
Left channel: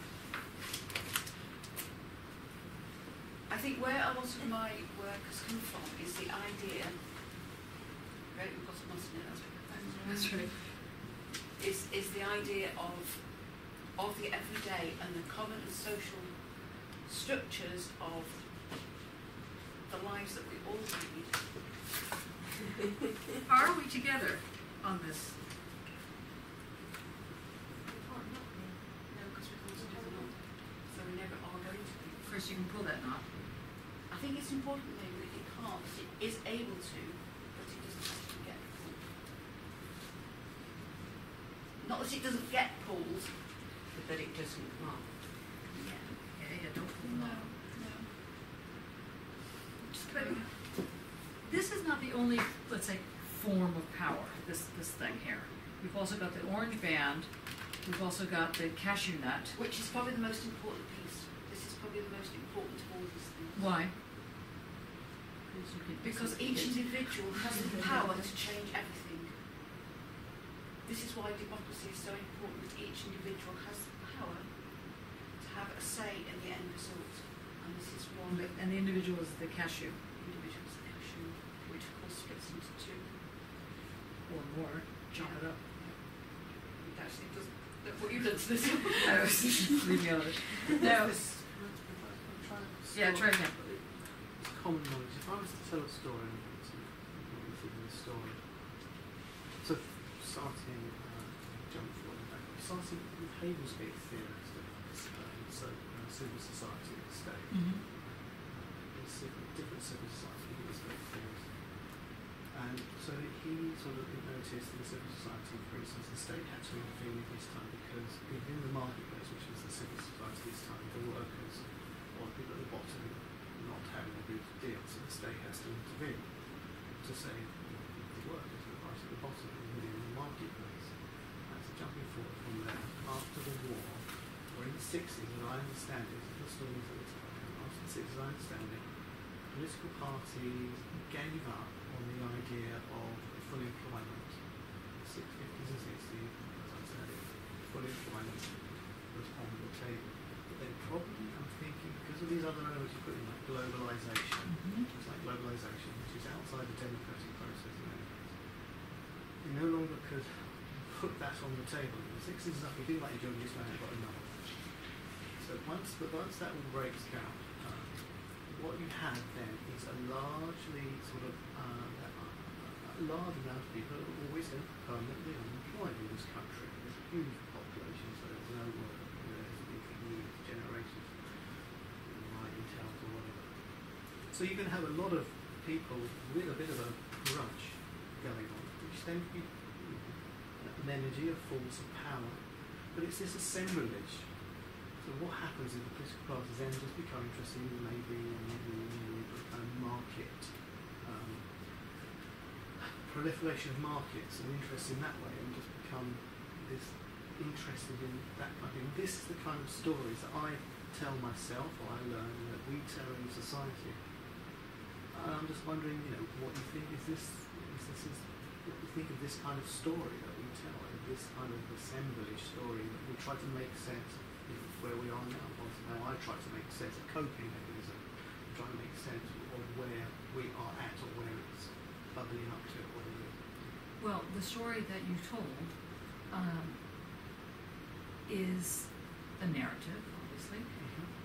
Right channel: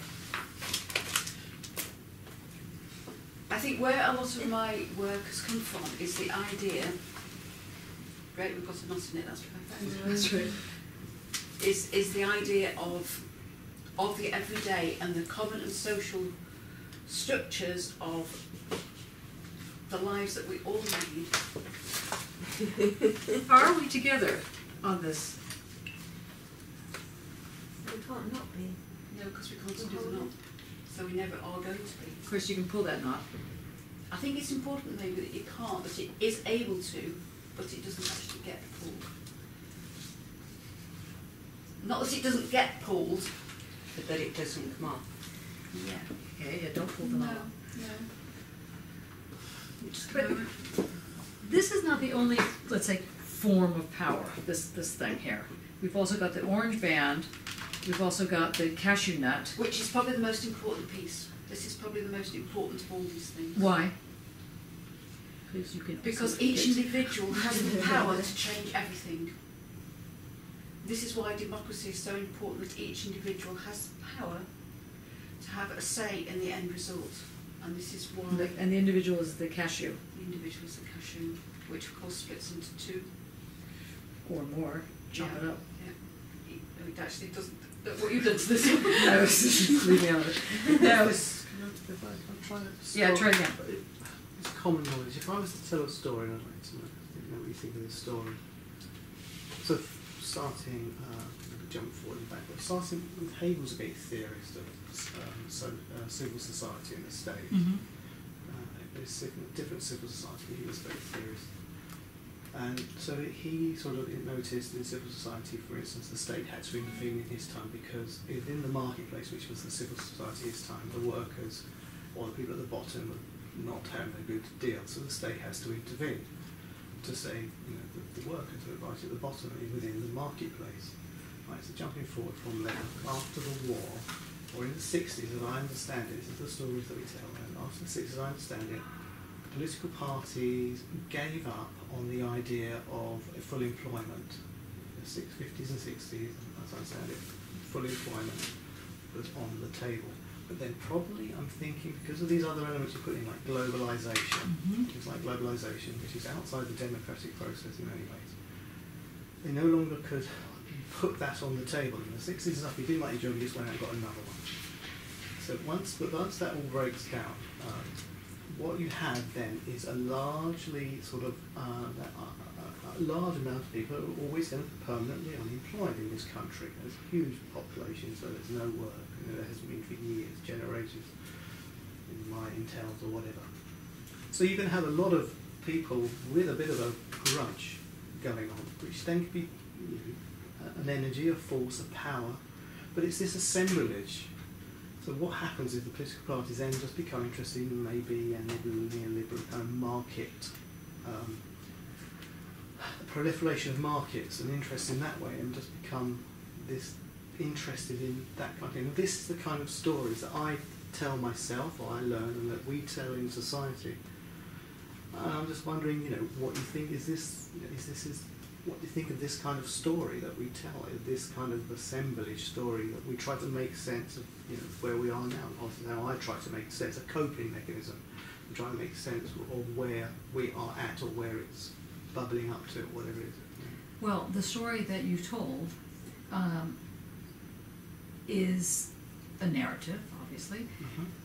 I think where a lot of my work has come from is the idea. Right, we've got a knot in it. That's perfect. That's right. Is the idea of the everyday and the common and social structures of the lives that we all lead. Are we together on this? We can't not be. No, because we can't do the knot, so we never are going to be. Chris, you can pull that knot. I think it's important maybe that you can't, that it is able to, but it doesn't actually get pulled. Not that it doesn't get pulled. But that it doesn't come off. Yeah. Yeah, don't pull the No, knot. no. Just a But- moment. This is not the only, let's say, form of power, this thing here. We've also got the orange band. We've also got the cashew nut. Which is probably the most important piece. This is probably the most important of all these things. Why? Because you can. Because each individual has the power to change everything. This is why democracy is so important, that each individual has the power to have a say in the end result. And this is why And the individual is the cashew. the individual is the cashew, which of course splits into two. Or more. Chop Yeah. it up. Yeah. It actually doesn't. What you've done to this one. I was just leaving out of it. No. If I try to Yeah, try it again. It's common knowledge. If I was to tell a story, I'd like to know what you think of the story. So, starting, jump forward and backward. Starting with Hegel's a big theorist of civil society and the state. Mm-hmm. There's different civil society. He was a big theorist. And so he sort of noticed in civil society, for instance, the state had to intervene in his time because within the marketplace, which was the civil society at his time, the workers or the people at the bottom were not having a good deal. So the state has to intervene to save the workers that are right at the bottom within the marketplace. Right, so jumping forward from there, after the war, or in the 60s, as I understand it, this is the stories that we tell, and after the 60s, as I understand it, political parties gave up on the idea of full employment. The 50s and 60s, as I understand it, full employment was on the table. But then probably, I'm thinking, because of these other elements you put in, like globalisation, things like globalisation, which is outside the democratic process in many ways, they no longer could put that on the table. In the 60s and stuff, you didn't like your job, you just went out and got another one. So once that all breaks down, what you have then is a largely sort of a large amount of people are always going to be permanently unemployed in this country. There's a huge population, so there's no work. There hasn't been for years, generations, in mining towns or whatever. So you're going to have a lot of people with a bit of a grudge going on, which then could be an energy, a force, a power, but it's this assemblage. So what happens if the political parties then just become interested in maybe a neoliberal kind of market, proliferation of markets and interest in that way, and just become this interested in that kind of thing. And this is the kind of stories that I tell myself, or I learn, and that we tell in society. And I'm just wondering, what you think is this? What do you think of this kind of story that we tell? This kind of assemblage story that we try to make sense of, where we are now. Obviously, now I try to make sense, a coping mechanism. We try to make sense of where we are at, or where it's bubbling up to, or whatever it is. Well, the story that you told is a narrative, obviously,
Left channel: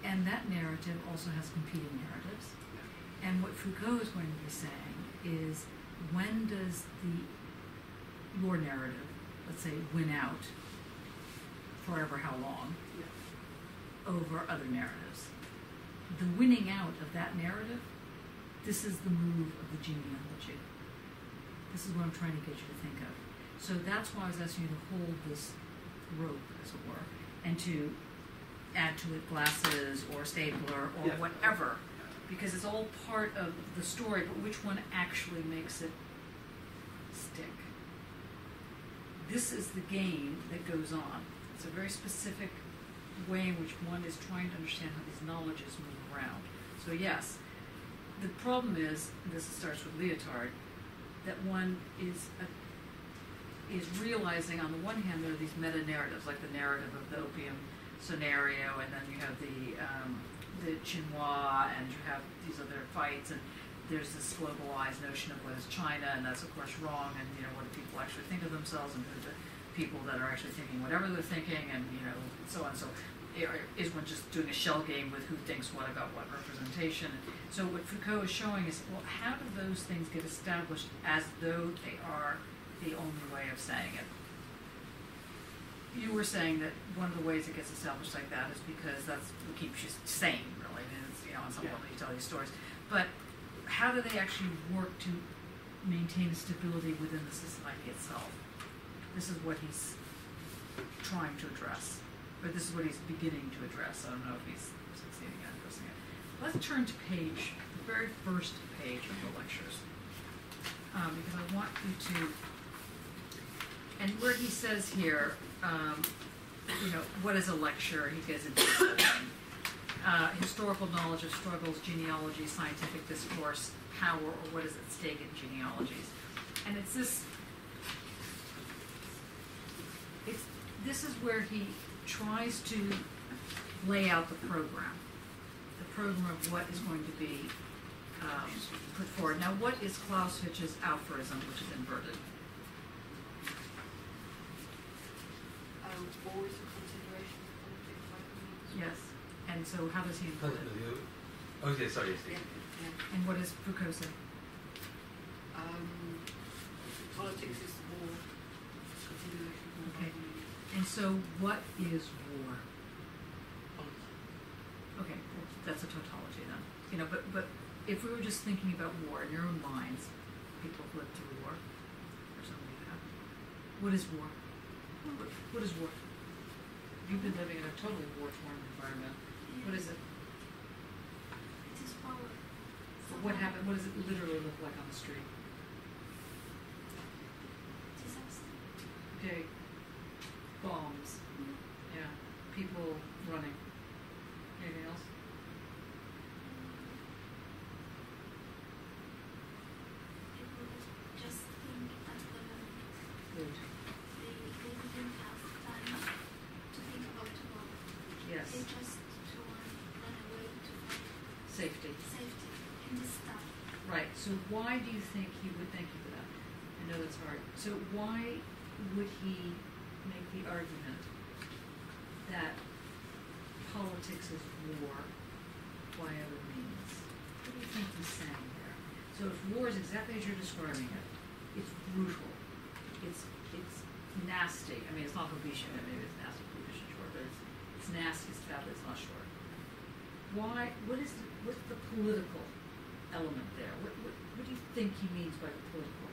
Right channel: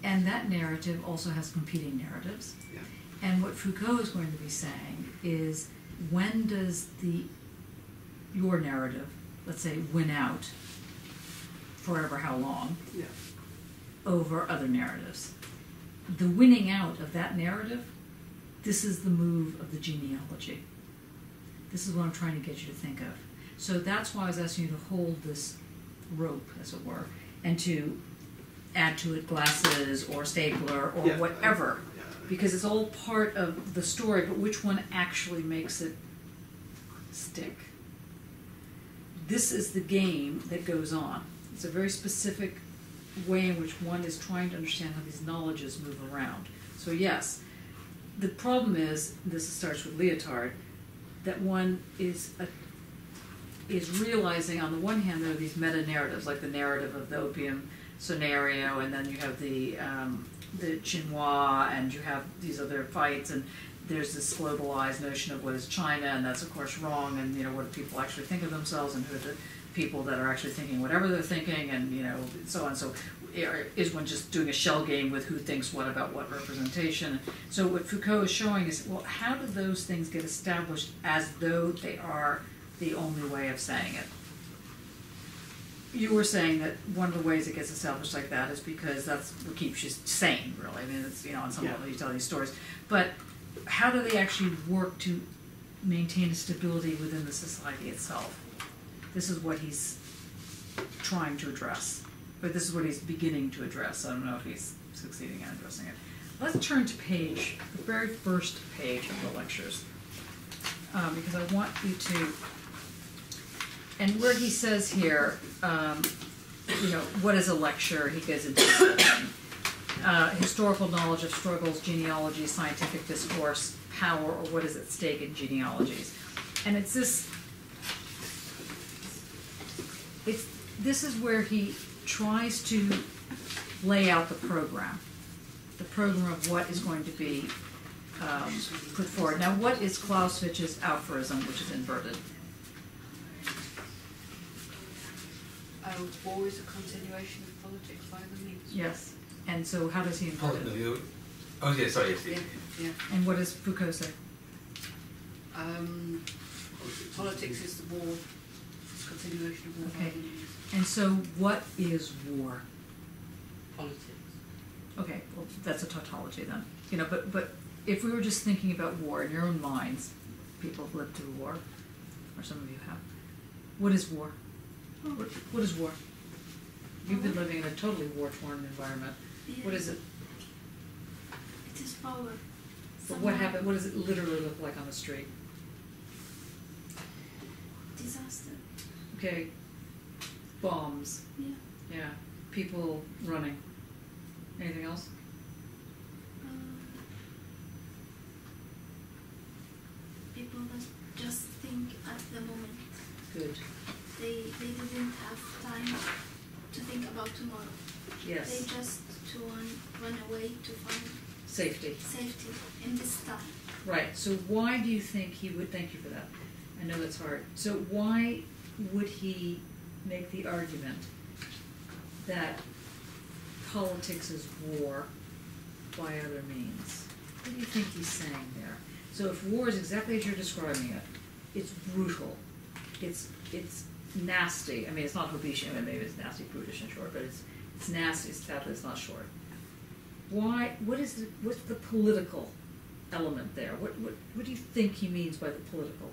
and that narrative also has competing narratives. Yeah. And what Foucault is going to be saying is, when does your narrative, let's say, win out, forever how long, Yeah. over other narratives? The winning out of that narrative, this is the move of the genealogy. This is what I'm trying to get you to think of. So that's why I was asking you to hold this rope, as it were, and to add to it glasses or stapler or Yeah, whatever. because it's all part of the story, but which one actually makes it stick? This is the game that goes on. It's a very specific way in which one is trying to understand how these knowledges move around. So yes, the problem is, this starts with Lyotard, that one is realizing on the one hand there are these meta-narratives, like the narrative of the opium scenario, and then you have the chinois, and you have these other fights, and there's this globalized notion of what is China, and that's of course wrong, and what do people actually think of themselves, and who are the people that are actually thinking whatever they're thinking, and so on. So is one just doing a shell game with who thinks what about what representation? So what Foucault is showing is, well, how do those things get established as though they are the only way of saying it? You were saying that one of the ways it gets established like that is because that's what keeps you sane, really. I mean, it's, on some level you tell these stories. But how do they actually work to maintain a stability within the society itself? This is what he's trying to address. But this is what he's beginning to address. I don't know if he's succeeding at addressing it. Let's turn to the very first page of the lectures. Because I want you to, and where he says here, what is a lecture? He goes into this whole thing. Historical knowledge of struggles, genealogy, scientific discourse, power, or what is at stake in genealogies. And this is where he tries to lay out the program of what is going to be put forward. Now, what is Clausewitz's aphorism, which is inverted? War is a continuation of politics by other means. Yes. And so how does he invert it? Oh, yeah, sorry, yes. Yeah. And what does Foucault say? Politics is the war. It's a continuation of war by other means. And so what is war? Politics. Okay, well, that's a tautology then. But if we were just thinking about war in your own minds, people have lived through war, or some of you have. What is war? What is war? You've been living in a totally war-torn environment. Yeah. What is it? It is power. But what happened? What does it literally look like on the street? Disaster. Okay. Bombs. Yeah. Yeah. People running. Anything else? People that just think at the moment. Good. They didn't have time to think about tomorrow. Yes. They just run away to find Safety. safety in this time. Right. So why do you think he would? Thank you for that. I know that's hard. So why would he make the argument that politics is war by other means? What do you think he's saying there? So if war is exactly as you're describing it, it's brutal, it's nasty. I mean, it's not Hobbesian. I mean, maybe it's nasty, brutish, and short, but it's nasty. Sadly, it's not short. Why? What's the political element there? What do you think he means by the political?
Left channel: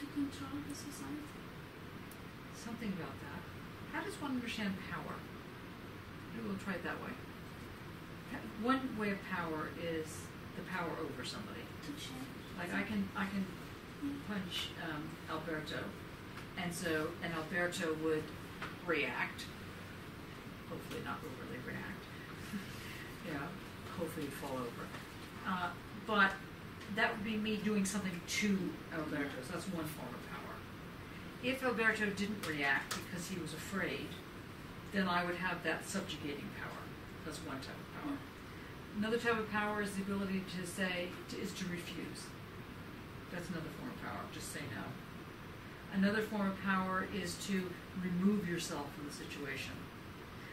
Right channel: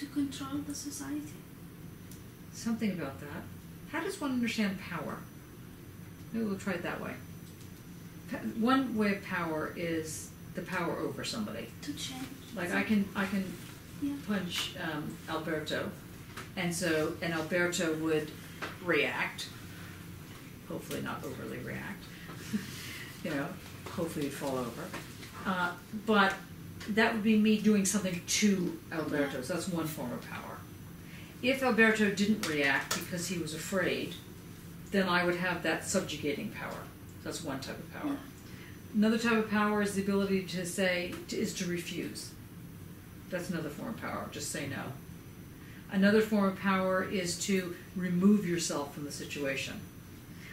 To control the society. Something about that. How does one understand power? Maybe we'll try it that way. One way of power is the power over somebody. To change. Like I can Yeah. punch Alberto, and Alberto would react. Hopefully not overly react. Hopefully he'd fall over. But that would be me doing something to Alberto. So that's one form of power. If Alberto didn't react because he was afraid, then I would have that subjugating power. That's one type of power. Another type of power is the ability to to refuse. That's another form of power. Just say no. Another form of power is to remove yourself from the situation.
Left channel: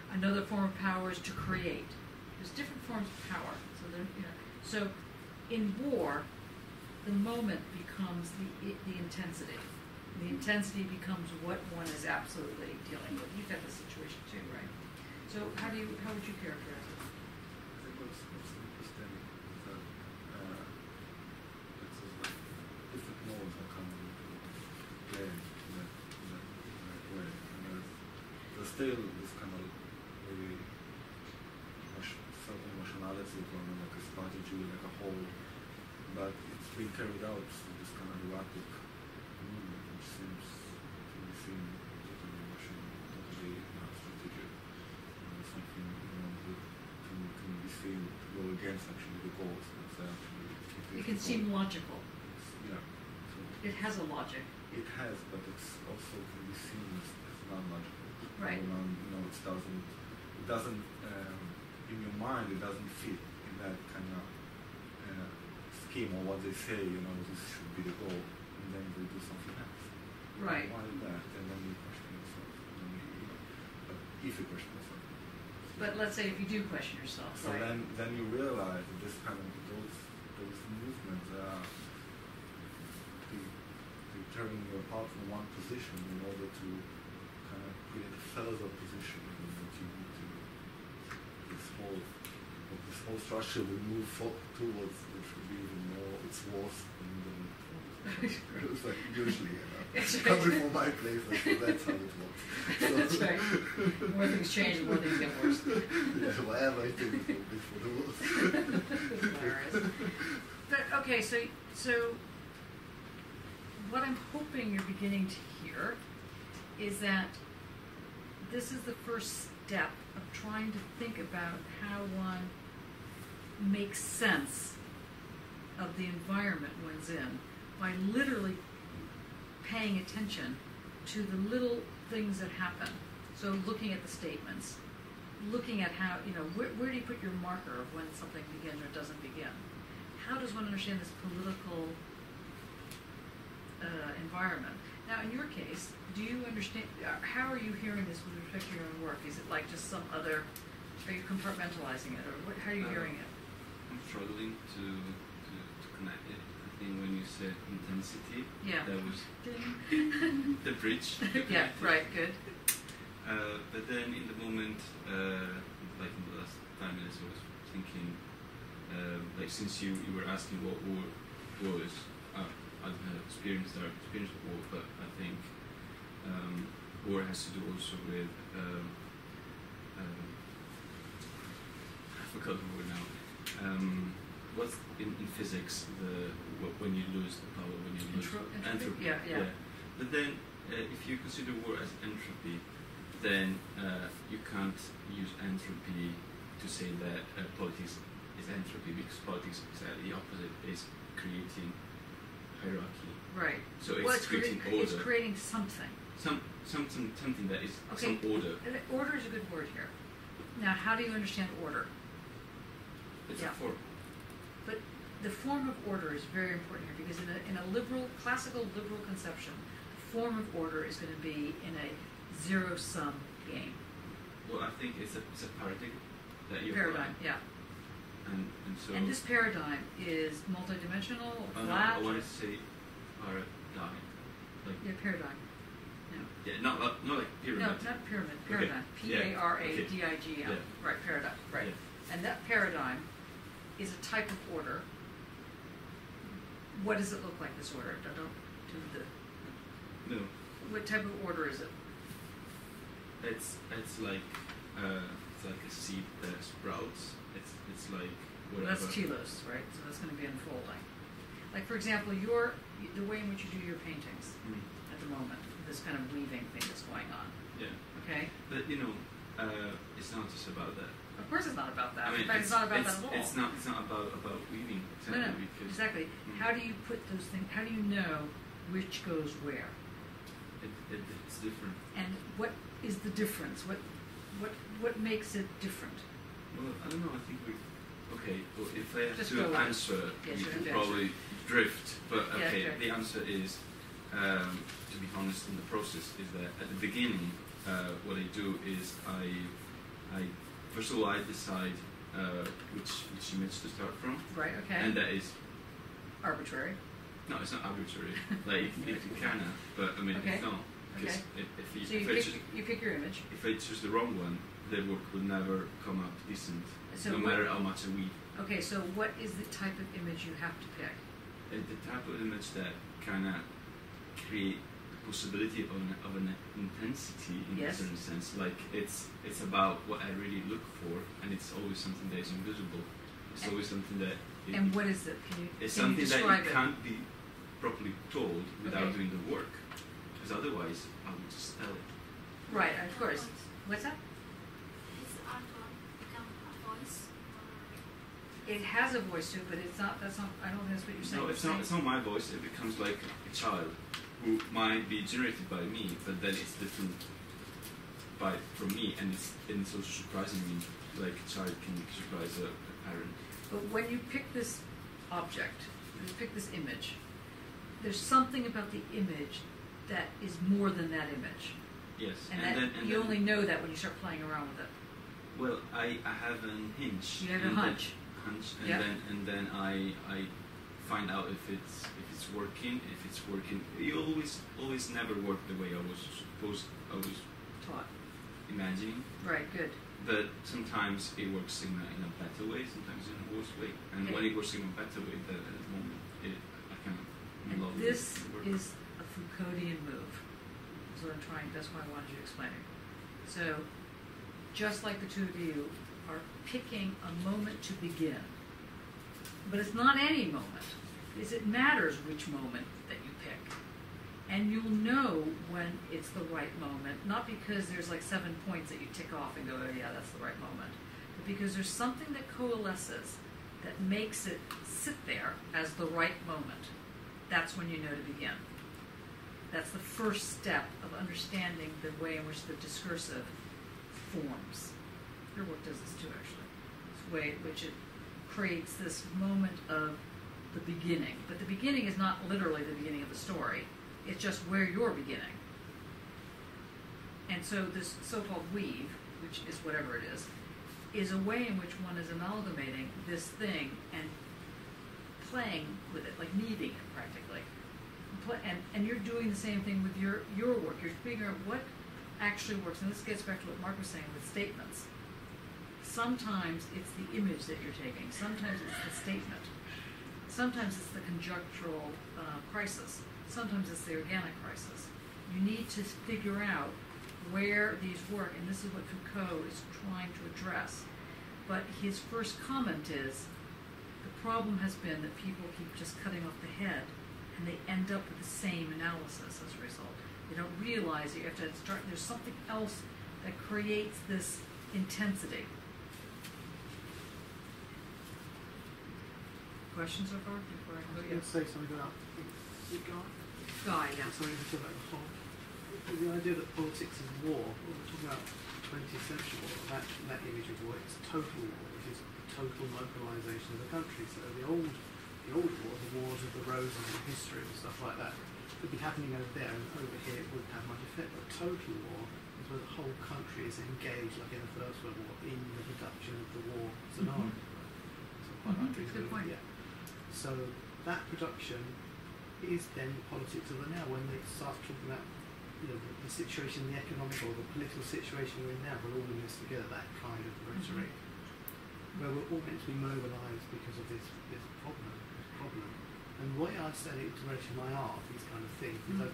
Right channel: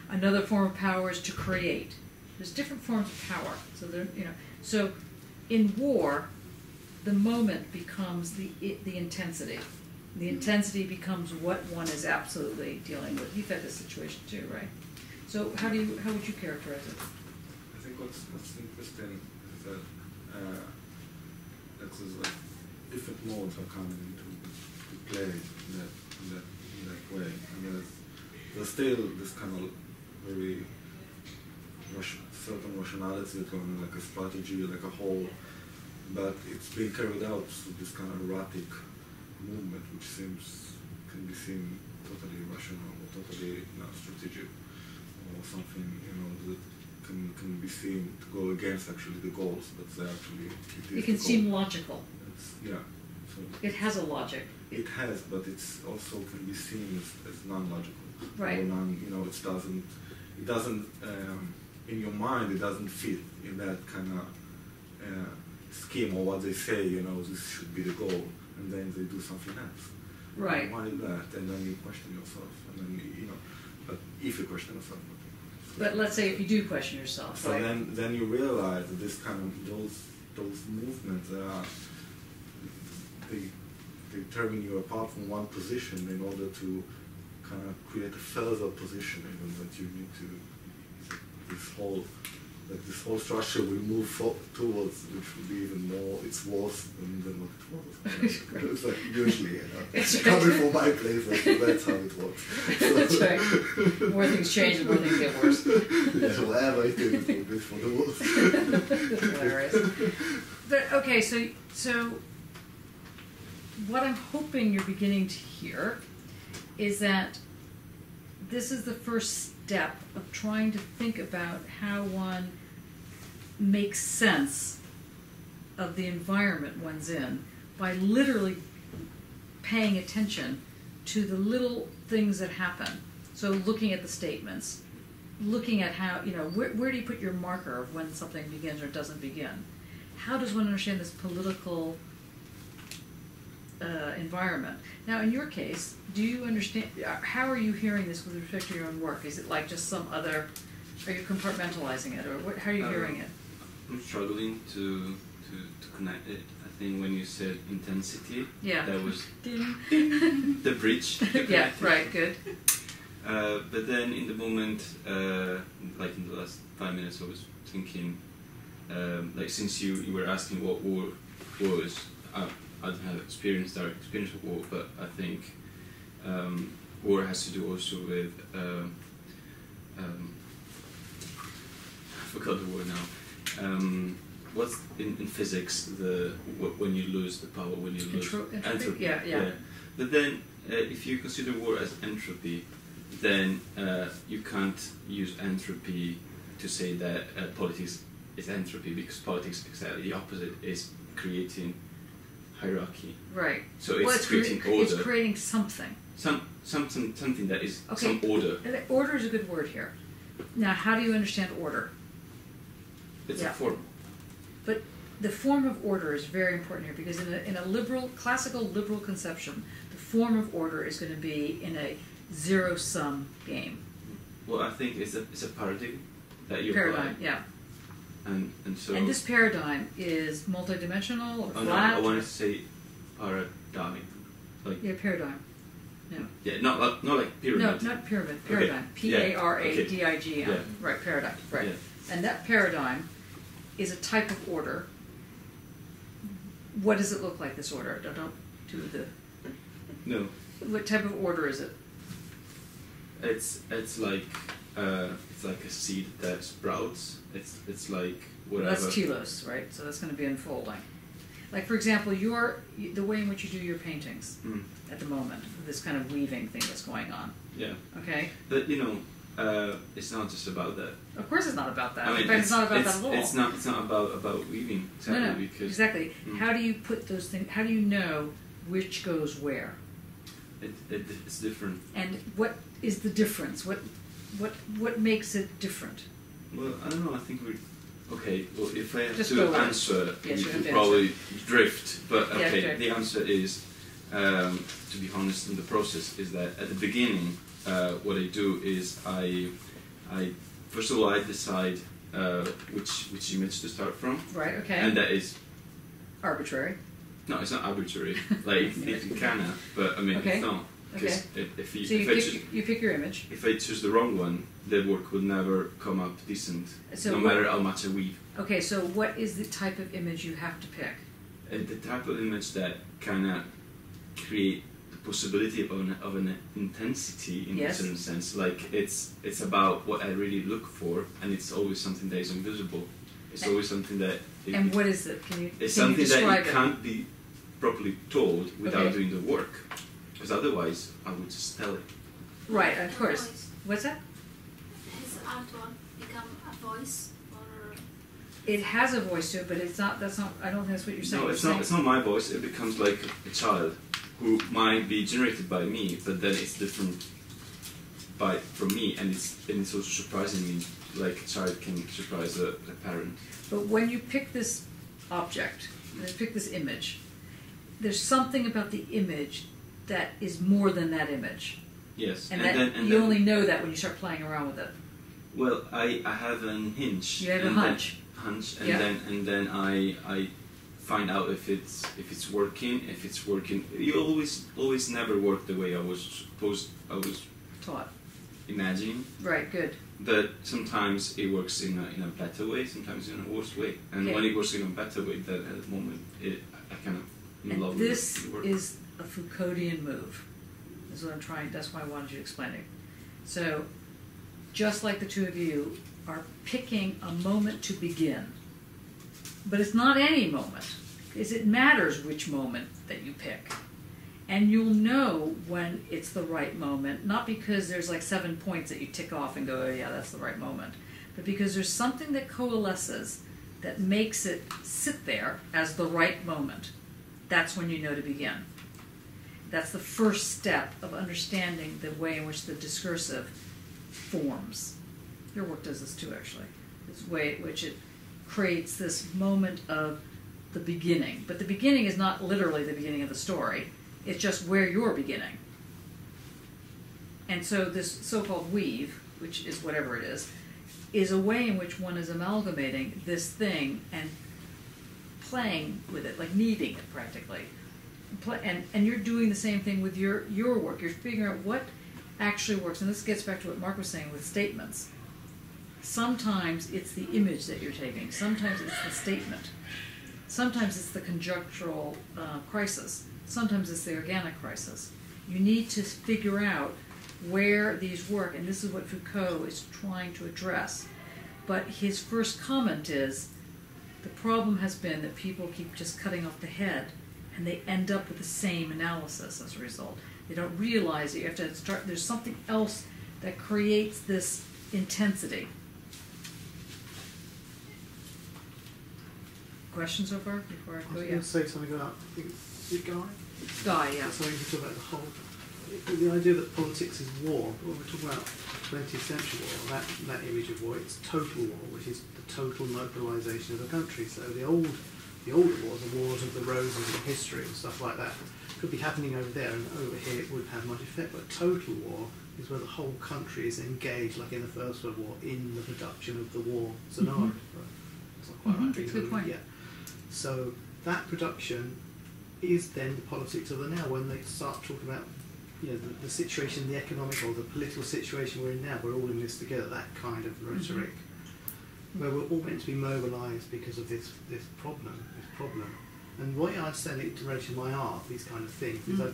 Another form of power is to create. There's different forms of power. So in war, the moment becomes the intensity. The intensity becomes what one is absolutely dealing with. You've had this situation too, right? So how would you characterize it? I think what's interesting is that different modes are coming into play in that way, and there's still this kind of very certain rationality to it, like a strategy, like a whole, but it's being carried out through this kind of erratic movement, which can be seen totally rational or totally strategic, or something that can be seen to go against actually the goals. That's actually It can seem logical. Yeah. So it has a logic. It has, but it's also can be seen as non-logical. Right. It doesn't. In your mind, it doesn't fit in that kind of scheme or what they say. This should be the goal, and then they do something else. Right. Why that? And then you question yourself, and then But if you question yourself. But let's say if you do question yourself. So right? then you realize that this kind of those movements they turning you apart from one position in order to kind of create a further position, that you need to this whole structure will move towards, which will be even more. It's worse than what it was. It's like usually, coming from my place, that's how it works. That's right. More things change, the more things get worse. Yeah, whatever it is, it will be for the worse. That's hilarious. But okay, so what I'm hoping you're beginning to hear is that this is the first step of trying to think about how one makes sense of the environment one's in by literally paying attention to the little things that happen. So looking at the statements, looking at how, where do you put your marker of when something begins or doesn't begin? How does one understand this political environment? Now, in your case, do you understand, how are you hearing this with respect to your own work? Is it like just some other, are you compartmentalizing it, or how are you hearing it? I'm struggling to connect it. I think when you said intensity, that was the bridge. Yeah, right, good. But then in the moment, like in the last 5 minutes, I was thinking, since you were asking what war was, I don't have direct experience with war, but I think war has to do also with I forgot the word now. What's in physics when you lose the power, when you lose entropy? Yeah. But then if you consider war as entropy, then you can't use entropy to say that politics is entropy, because politics is exactly the opposite, is creating hierarchy. Right. So it's creating order. It's creating something. Something that is some order. Order is a good word here. Now, how do you understand order? It's a form. But the form of order is very important here, because in a classical liberal conception, the form of order is going to be in a zero-sum game. Well, I think it's a paradigm that you paradigm, apply. Yeah. And so. And this paradigm is multidimensional or flat? No, I wanted to say paradigm. Paradigm. No. Yeah, not like pyramid. No, not pyramid. Paradigm. Okay. Paradigm. Yeah. Right, paradigm. Right. Yeah. And that paradigm is a type of order. What does it look like, this order? Don't do the... No. What type of order is it? It's like a seed that sprouts. It's like whatever. Well, that's telos, right? So that's going to be unfolding. Like, for example, the way in which you do your paintings at the moment, this kind of weaving thing that's going on. Yeah. Okay. But it's not just about that. Of course, it's not about that. I mean, in fact, it's not about that at all. It's not about weaving exactly. No, because exactly. How do you put those things? How do you know which goes where? It's different. And what is the difference? What makes it different? Well, I don't know. I think okay. Well, if I have Just to answer, yes, you have could to probably drift. But Yeah, okay, the answer is, to be honest, in the process, is that at the beginning, what I do is I first of all I decide which image to start from. Right. Okay. And that is arbitrary. No, it's not arbitrary. Like it can have, but I mean Okay. it's not. Because you pick your image. If I choose the wrong one, the work will never come up decent, no matter how much I weave. Okay, so what is the type of image you have to pick? The type of image that kind of create the possibility of an intensity in Yes. a certain sense. Like it's about what I really look for, and it's always something that is invisible. It's always something that And what is it? Can you it's can you something that describe you it? can't be properly told without Okay. doing the work, because otherwise I would just tell it. Right, of course. Voice. What's that? His artwork become a voice, or It has a voice to it, but it's not. That's not. I don't think that's what you're saying. No, it's not. It's not my voice. It becomes like a child who might be generated by me, but then it's different from me, and it's also surprising me, like a child can surprise a parent. But when you pick this object, when you pick this image, there's something about the image that is more than that image, Yes, and, and that then you only know that when you start playing around with it. Well, I have an hinge. You have a and hunch. And Yeah. then I find out if it's working. If it's working, you always never work the way I was Taught. imagining. Right. Good. But sometimes it works in a better way, sometimes in a worse way. And Okay. when it works in a better way, then at the moment I kind of in love And with this the work. is a Foucauldian move. Is what I'm trying. That's why I wanted you to explain it. So, just like the two of you are picking a moment to begin, but it's not any moment. It matters which moment that you pick, and you'll know when it's the right moment. Not because there's like 7 points that you tick off and go, oh yeah, that's the right moment, but because there's something that coalesces that makes it sit there as the right moment. That's when you know to begin. That's the first step of understanding the way in which the discursive forms. Your work does this too, actually. This way in which it creates this moment of the beginning. But the beginning is not literally the beginning of the story. It's just where you're beginning. And so this so-called weave, which is whatever it is a way in which one is amalgamating this thing and playing with it, like kneading it practically. And you're doing the same thing with your work. You're figuring out what actually works. And this gets back to what Mark was saying with statements. Sometimes it's the image that you're taking. Sometimes it's the statement. Sometimes it's the conjunctural crisis. Sometimes it's the organic crisis. You need to figure out where these work, and this is what Foucault is trying to address. But his first comment is, the problem has been that people keep just cutting off the head, and they end up with the same analysis as a result. They don't realize that you have to start, there's something else that creates this intensity. Questions so far before I I go? was Yeah. going to say something about, I think, the guy. Guy, yeah. So you talk about the whole, the idea that politics is war. Well, we're talking about 20th century war. That image of war, it's total war, which is the total mobilization of the country. So the older wars, the wars of the roses in history and stuff like that, could be happening over there, and over here it wouldn't have much effect. But total war is where the whole country is engaged, like in the First World War, in the production of the war scenario. It's not quite right. That's a good point. Yeah. So that production is then the politics of the now. When they start talking about, you know, the situation, the economic or the political situation we're in now, we're all in this together. That kind of rhetoric, where we're all meant to be mobilised because of this problem. And what I understand in relation to my art, these kind of things, is I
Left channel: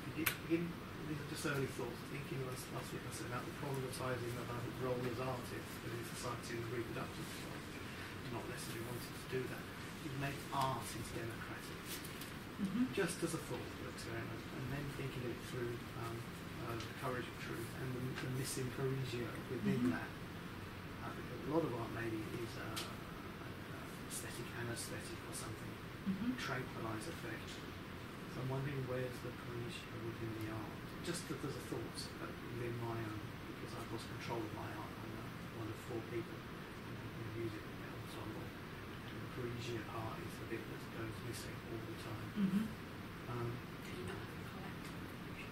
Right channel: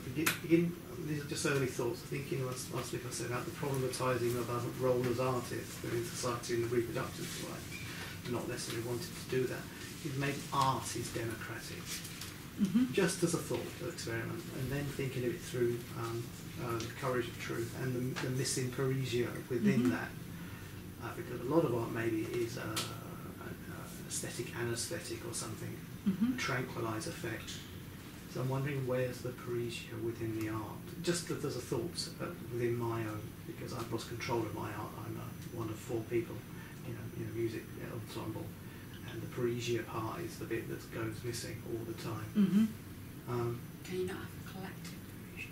begin. These are just early thoughts. Thinking last week I said about the problematising of our role as artists within society in the reproductive side, not necessarily wanting to do that. Is maybe art is democratic, just as a thought experiment, and then thinking of it through the courage of truth and the missing Parisia within that, because a lot of art maybe is aesthetic, anesthetic, or something, tranquilise effect. So I'm wondering where's the Parisia within the art, just as a thought within my own, because I've lost control of my art. I'm one of 4 people in a music ensemble. And the Parisia part is the bit that goes missing all the time. Can you not have a collective Parisia?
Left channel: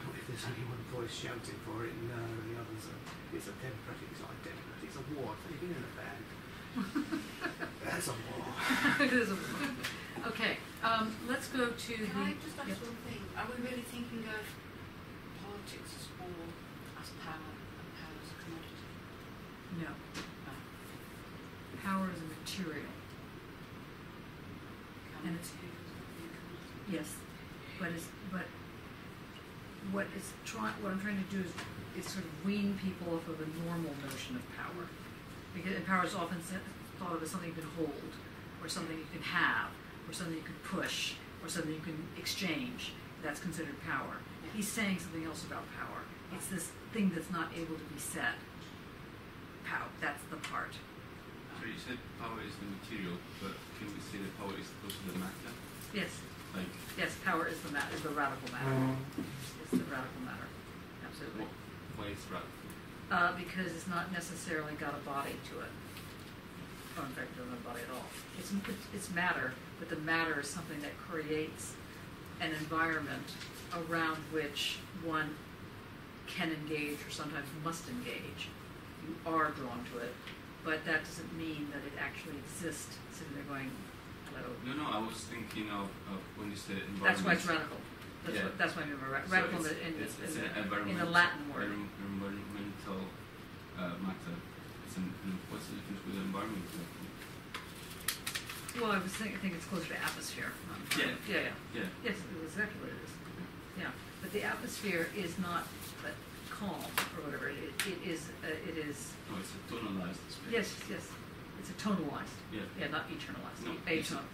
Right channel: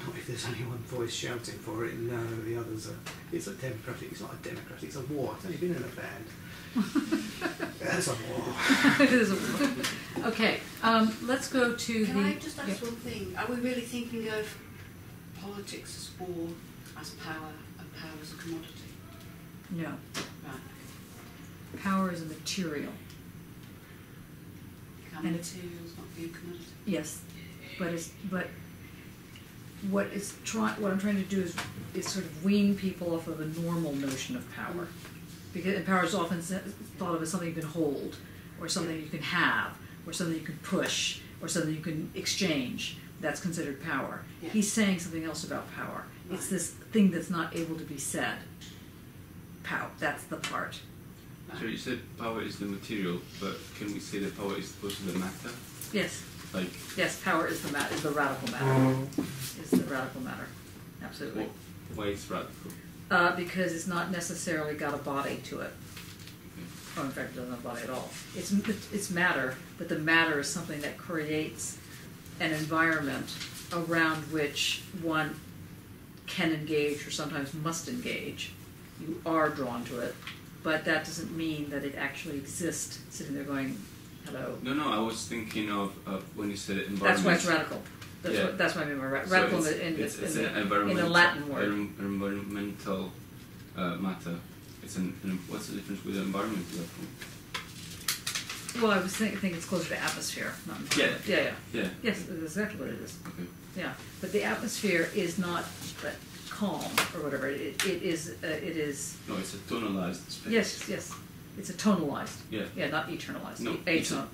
Not if there's only one voice shouting for it. No, the others are. It's a democratic. It's not a democratic. It's a war. It's only been in a band. It's a war. It is a war. Okay, let's go to Can the. I just ask one thing? Are we really thinking of politics as war, as power, and power as a commodity? No. Right. Power is a material. Can And materials not be a commodity? Yes, but what I'm trying to do is sort of wean people off of a normal notion of power, and power is often thought of as something you can hold, or something you can have, or something you can push, or something you can exchange. That's considered power. Yeah. He's saying something else about power. Right. It's this thing that's not able to be said. Power. That's the part. So you said power is the material, but can we say that power is also the matter? Yes. Like, Yes. Power is the radical matter. It's the radical matter. Absolutely. why it's radical? Because it's not necessarily got a body to it. Or in fact, it doesn't have a body at all. It's matter, but the matter is something that creates an environment around which one can engage or sometimes must engage. You are drawn to it, but that doesn't mean that it actually exists sitting there going, hello. No, I was thinking of when you said environment. That's why it's radical. Yeah. That's what I mean by So radical it's an in a Latin word. Environmental matter. What's the difference with the environment? Well, I was thinking it's closer to atmosphere, not environment. Yeah. Yes, that's exactly what it is. Okay. Yeah, but the atmosphere is not calm or whatever. It is. No, it's a tonalized space. Yes. It's a tonalized. Yeah. Yeah, not eternalized. No, it's a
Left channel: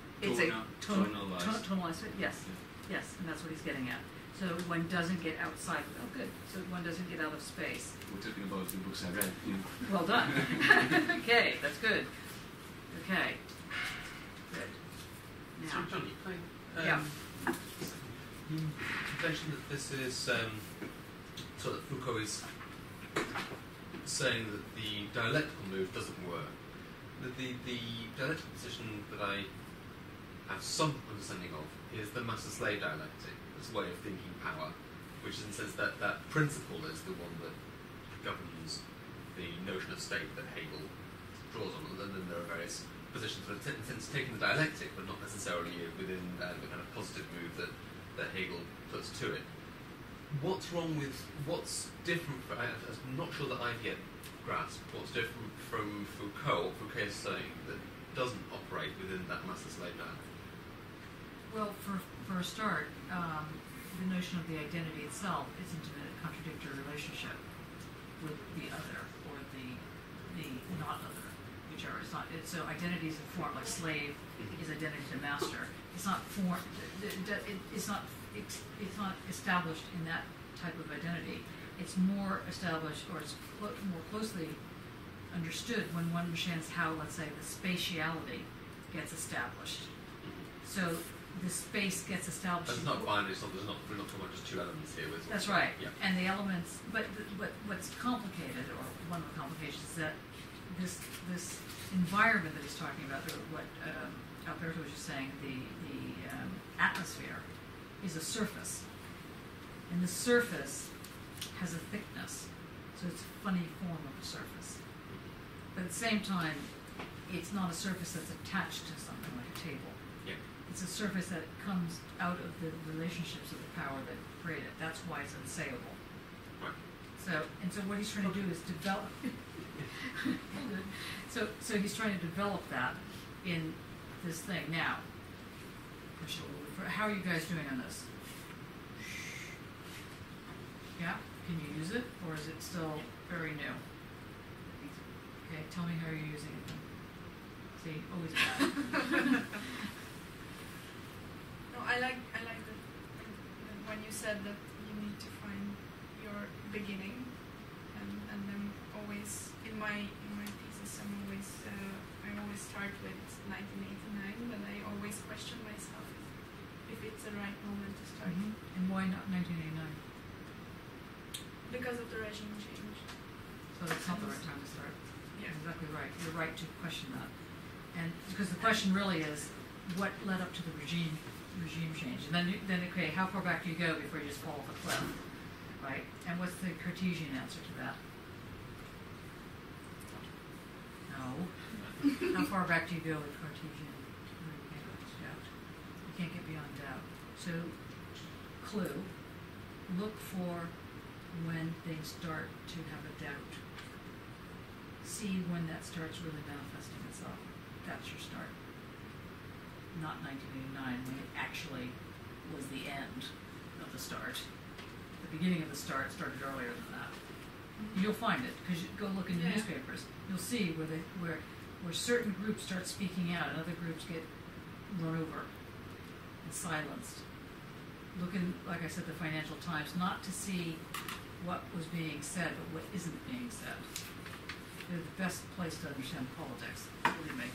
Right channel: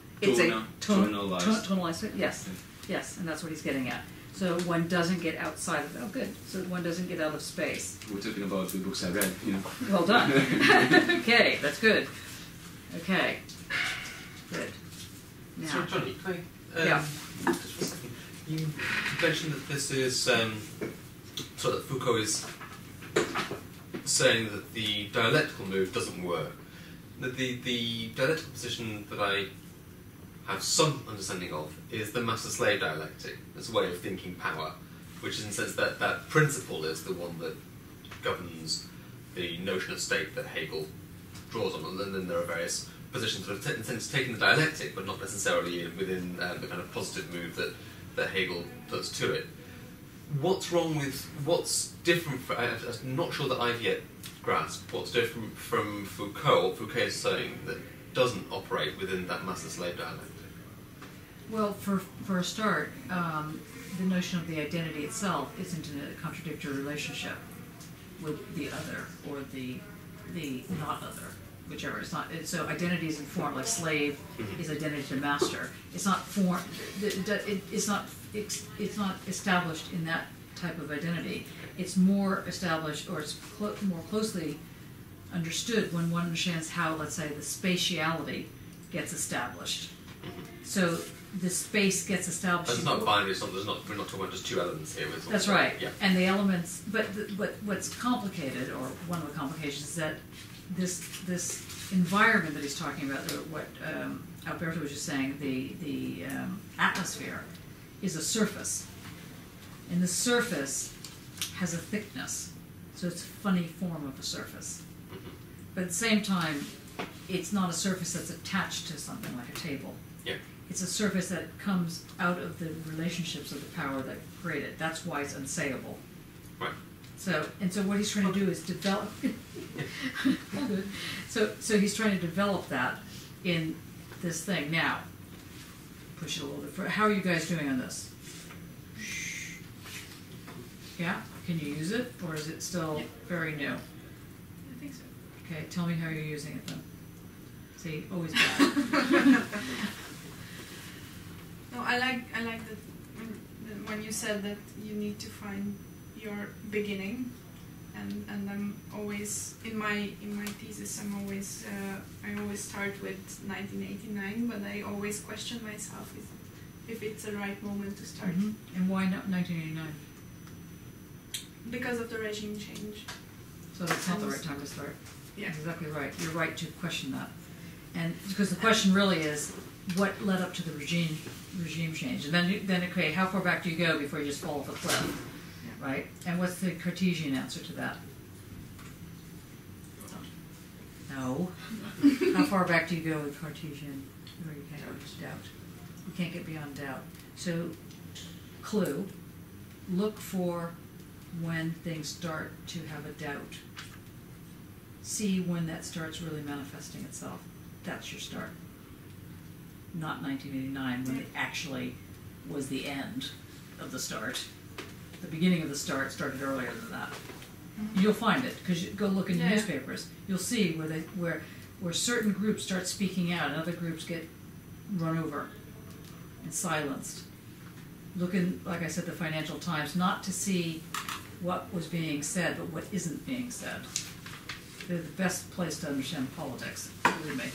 tonalized. tonalized. Yes. Okay. Yes, and that's what he's getting at. So one doesn't get outside of. Oh, good. So one doesn't get out of space. We're talking about the books I read. You know. Well done. Okay, that's good. Okay. Good. Now. So Johnny, Yeah. Just for a second. You mentioned that this is so that Foucault is saying that the dialectical move doesn't work. That the dialectical position that I have some understanding of is the master-slave dialectic. It's a way of thinking power, which is in the sense that that principle is the one that governs the notion of state that Hegel draws on, and then there are various positions that are in a sense taking the dialectic, but not necessarily within the kind of positive move that Hegel does to it. What's different? I'm not sure that I've yet grasped what's different from Foucault. What Foucault is saying that doesn't operate within that master-slave dialectic. Well, for a start, the notion of the identity itself isn't in a contradictory relationship with the other or the not other, whichever. It's not. So identity is informed, like slave is identity to master. It's not form. It's not established in that type of identity. It's more established, or it's more closely understood when one understands how, let's say, the spatiality gets established. So the space gets established. It's not binary. We're not talking about just two elements here. That's right. Yeah. And the elements, but what's complicated, or one of the complications, is that this environment that he's talking about, or what Alberto was just saying, the atmosphere, is a surface, and the surface has a thickness, so it's a funny form of a surface. But at the same time, it's not a surface that's attached to something like a table. Yeah. It's a surface that comes out of the relationships of the power that create it. That's why it's unsayable. Right. So what he's trying to do is develop. All good. So he's trying to develop that in this thing. Now, push it a little bit further. How are you guys doing on this? Yeah? Can you use it, or is it still very new? I think so. Okay, tell me how you're using it then. See, always bad. No, I like that when you said that you need to find your beginning, and I'm always in my thesis I always start with 1989, but I always question myself if it's the right moment to start. And why not 1989? Because of the regime change. So that's not the right time to start. Yeah. Exactly right. You're right to question that. And because the question really is, what led up to the regime change? And then okay, how far back do you go before you just fall off a cliff? Yeah. Right? And what's the Cartesian answer to that? No. How far back do you go with Cartesian? Where you can't go to doubt. You can't get beyond doubt. So, clue, look for when things start to have a doubt. See when that starts really manifesting itself. That's your start. Not 1989, when it actually was the end of the start. The beginning of the start started earlier than that. Mhm. You'll find it because you go look in Yeah. newspapers. You'll see where certain groups start speaking out and other groups get run over and silenced. Look in, like I said, the Financial Times, not to see what was being said, but what isn't being said. They're the best place to understand politics, believe me.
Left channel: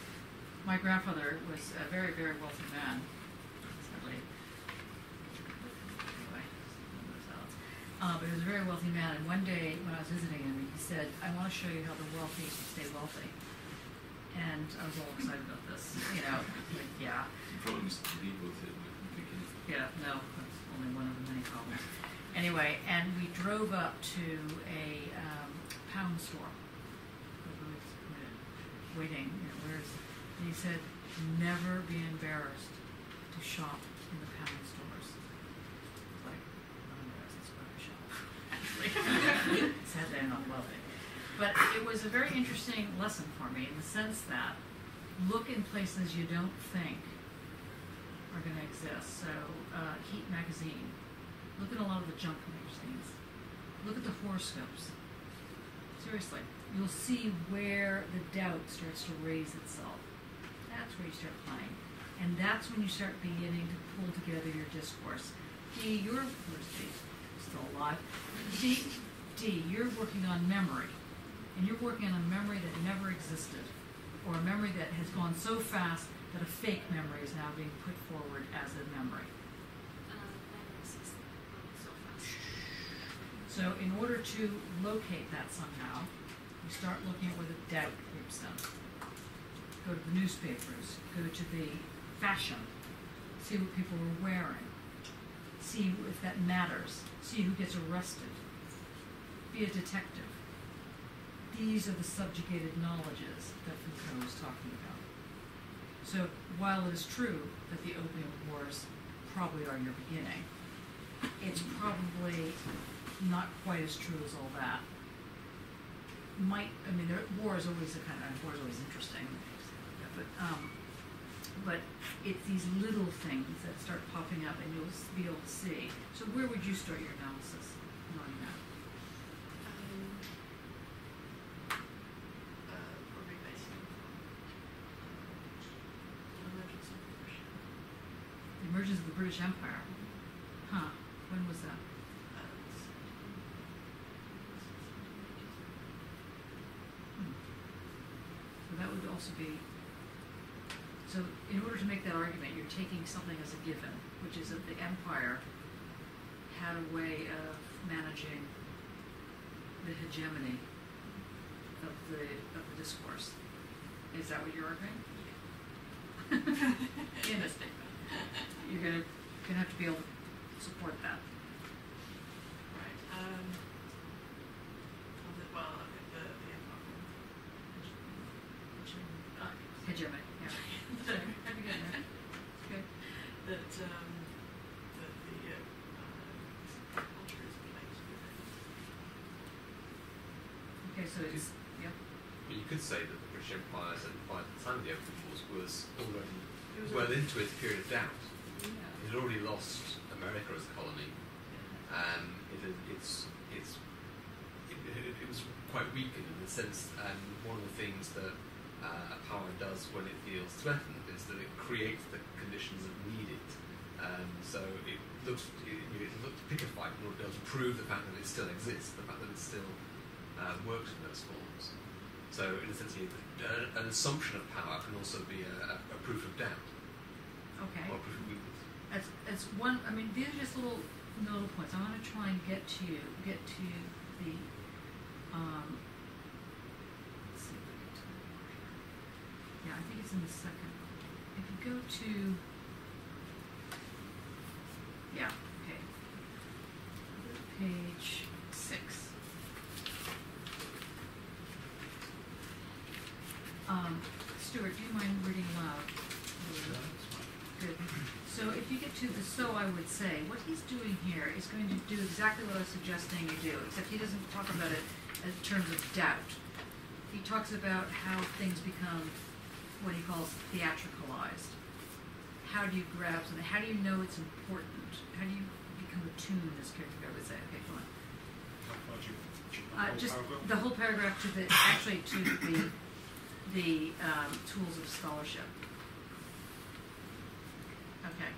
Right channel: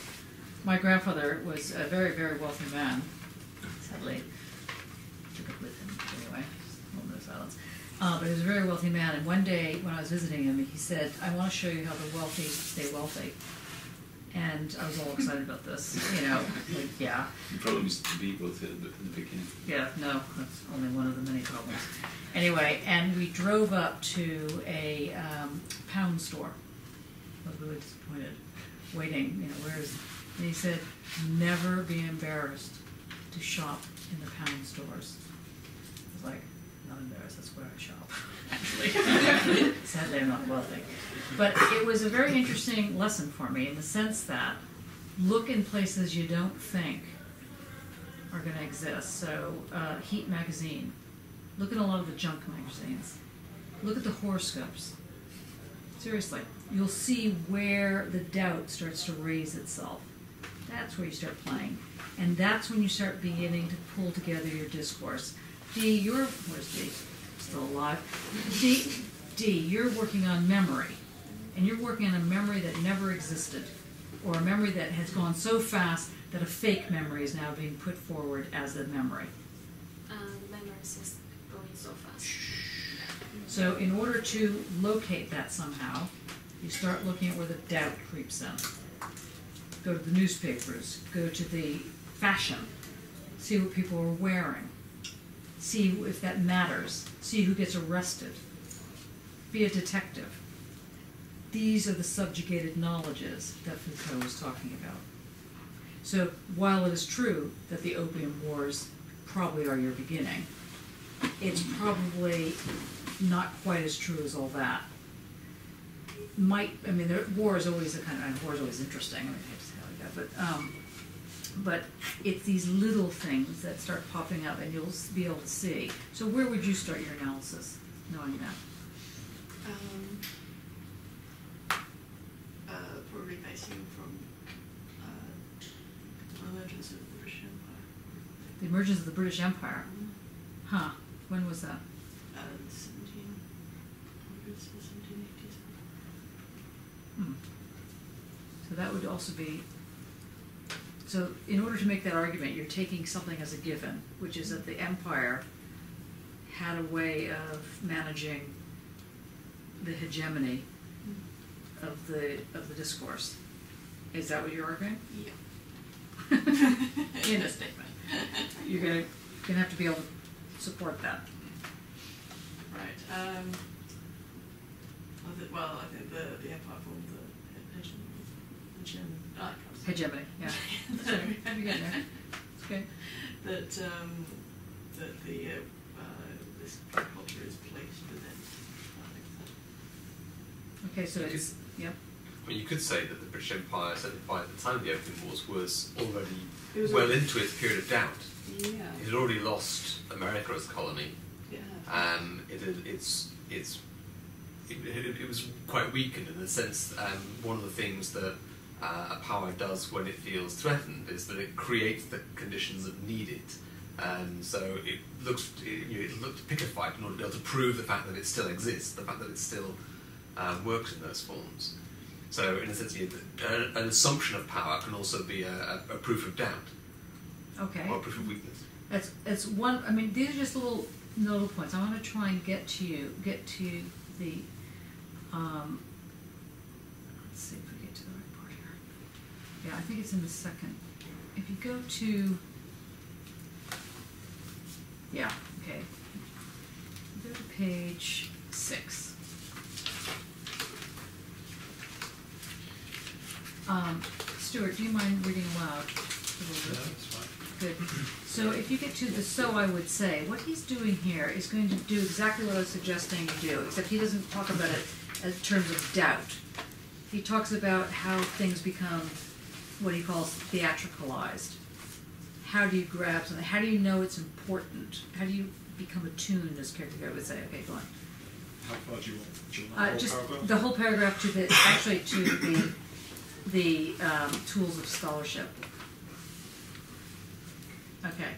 My grandfather was a very, very wealthy man, sadly. Took up with him anyway, moment of silence. But he was a very wealthy man, and one day when I was visiting him, he said, "I want to show you how the wealthy stay wealthy." And I was all excited about this, you know, like, yeah. You probably used to be both in the beginning. Yeah, no, that's only one of the many problems. Anyway, and we drove up to a pound store. I was really disappointed, waiting, you know, where is it? And he said, never be embarrassed to shop in the pound stores. I was like, I'm not embarrassed, that's where I shop, actually. Sadly, I'm not wealthy. But it was a very interesting lesson for me in the sense that look in places you don't think are going to exist. So, Heat magazine. Look at a lot of the junk magazines. Look at the horoscopes. Seriously, you'll see where the doubt starts to raise itself. That's where you start playing. And that's when you start beginning to pull together your discourse. Where's D? Still alive. D, you're working on memory. And you're working on a memory that never existed. Or a memory that has gone so fast that a fake memory is now being put forward as a memory. Memories is going so fast. So in order to locate that somehow, you start looking at where the doubt creeps in. Go to the newspapers, go to the fashion, see what people are wearing, see if that matters, see who gets arrested, be a detective. These are the subjugated knowledges that Foucault was talking about. So while it is true that the Opium Wars probably are your beginning, it's probably not quite as true as all that. War is always war is always interesting. I mean, I hate to say it like that, but it's these little things that start popping up, and you'll be able to see. So where would you start your analysis, knowing that? Probably basing from the emergence of the British Empire. The emergence of the British Empire? Huh. When was that? 1700s, 1780s. So that would also be... So in order to make that argument, you're taking something as a given, which is that the empire had a way of managing the hegemony of the discourse. Is that what you're arguing? Yeah. In a statement. You're gonna have to be able to support that. Right. I think the empire formed the Hegemony, yeah. Sorry, you're getting there. It's good. that this culture is placed within. Okay, so it's I mean, you could say that the British Empire, certainly by the time of the Opium Wars, was already It was well into its period of doubt. Yeah. It had already lost America as a colony. Yeah. It was quite weakened in the sense. One of the things that power does when it feels threatened is that it creates the conditions that need it. So it looks pickified in order to be able to prove the fact that it still exists, the fact that it still works in those forms. So in a sense, an assumption of power can also be a proof of doubt. okay. Or a proof of weakness. That's one. I mean, these are just little nodal points. I want to try and get to the. Let's see if we get to the right part here. Yeah, I think it's in the second. If you go to. Yeah. Okay. Go to page 6. Stuart, do you mind reading aloud a little bit? That's fine. Good. So if you get to the "so I would say," what he's doing here is going to do exactly what I was suggesting you do, except he doesn't talk about it in terms of doubt. He talks about how things become what he calls theatricalized, how do you grab something? How do you know it's important? How do you become attuned, as Kierkegaard would say? Okay, go on. How far do you want? Do you want the whole Just paragraph? the whole paragraph to the tools of scholarship. Okay.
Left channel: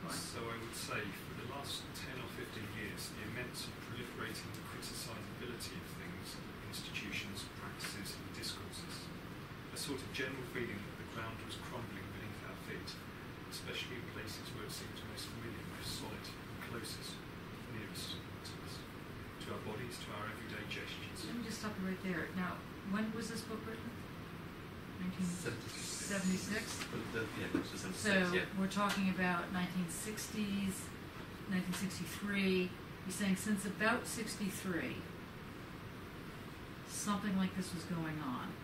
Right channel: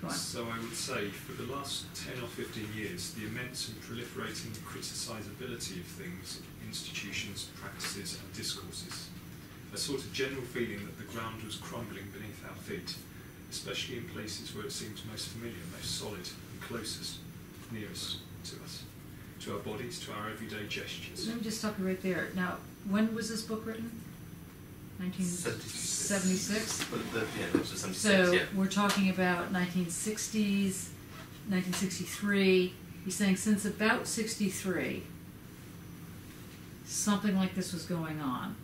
Go on. So I would say, for the last 10 or 15 years, the immense and proliferating criticisability of things, institutions, practices and discourses, a sort of general feeling that the ground was crumbling beneath our feet, especially in places where it seemed most familiar, most solid and closest, nearest to us, to our bodies, to our everyday gestures. Let me just stop you right there. Now, when was this book written? 1976? Yeah, it was 76, So yeah. we're talking about 1960s, 1963. He's saying since about 63, something like this was going on.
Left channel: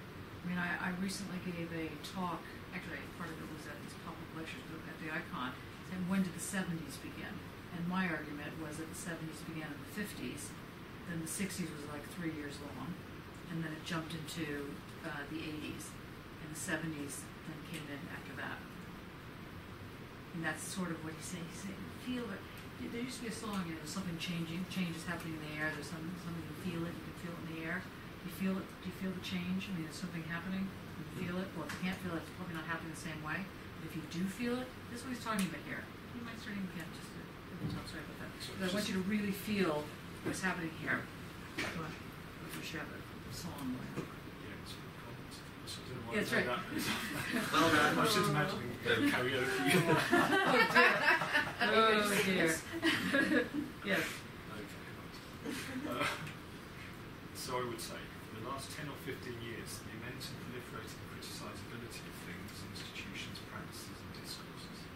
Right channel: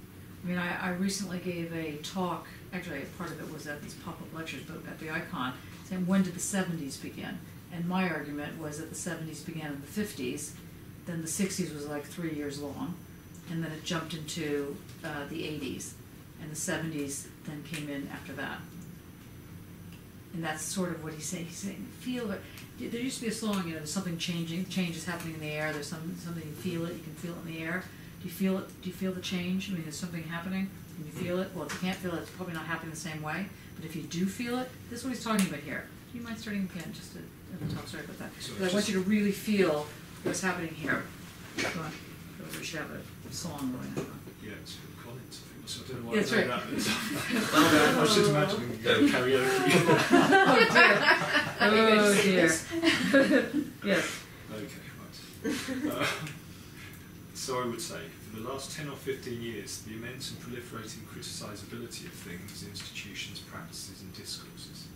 I mean, I recently gave a talk, actually part of it was at these pop-up lectures, but at the Icon, saying when did the 70s begin? And my argument was that the 70s began in the 50s, then the 60s was like 3 years long, and then it jumped into the 80s, and the 70s then came in after that. And that's sort of what he's saying. He's saying, feel it. There used to be a song, you know, there's something changing, change is happening in the air, there's something you feel it, you can feel it in the air. Do you feel it? Do you feel the change? I mean, is something happening? When you feel it? Well, if you can't feel it, it's probably not happening the same way. But if you do feel it, this is what he's talking about here. Do you mind starting again, just at the top? Sorry about that. But I want you to really feel what's happening here. Go on. We should have a song going on. Yeah, it's Phil Collins. So I don't know why Yeah, that's I know right. that is. I was just imagining karaoke. Oh dear. Yes. Okay, right. So I would say, for the last 10 or 15 years, the immense and proliferating criticisability of things, institutions, practices and discourses,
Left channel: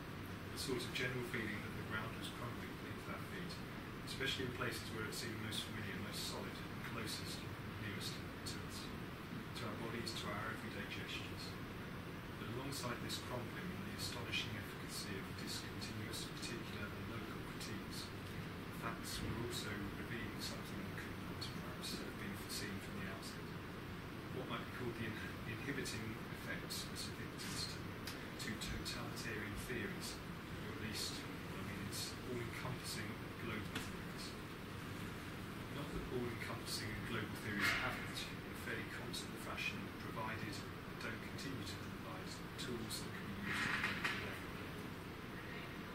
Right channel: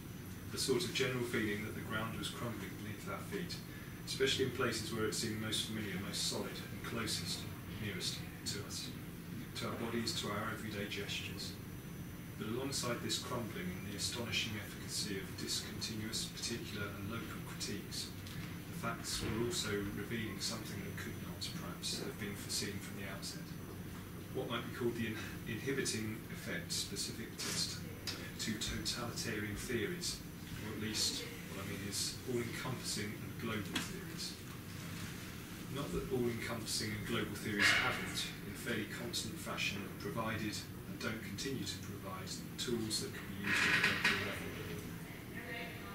a sort of general feeling that the ground was crumbling beneath our feet, especially in places where it seemed most familiar, most solid and closest, nearest to us, to our bodies, to our everyday gestures. But alongside this crumbling and the astonishing efficacy of discontinuous, particular and local critiques, the facts were also revealing something that could not, perhaps, have been foreseen from the outset. What might be called the inhibiting effect specific to totalitarian theories, or at least, what I mean is, all-encompassing and global theories. Not that all-encompassing and global theories haven't, in fairly constant fashion, provided and don't continue to provide tools that can be used at the local level.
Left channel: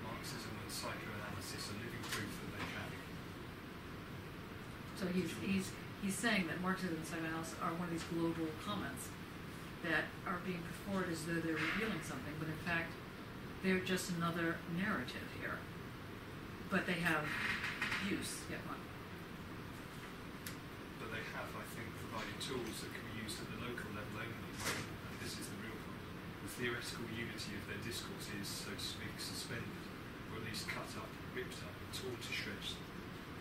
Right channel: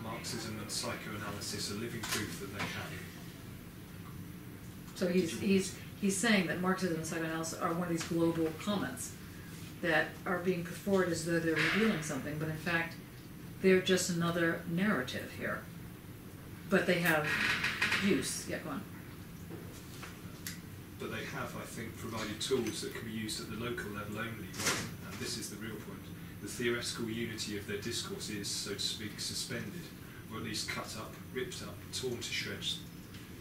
Marxism and psychoanalysis are living proof that they can. So he's saying that Marxism and psychoanalysis are one of these global comments that are being put forward as though they're revealing something, but in fact, they're just another narrative here. But they have use. Yeah, go on. But they have, I think, provided tools that can be used at the local level only when, and this is the real point, the theoretical unity of their discourse is, so to speak, suspended, or at least cut up, ripped up, torn to shreds,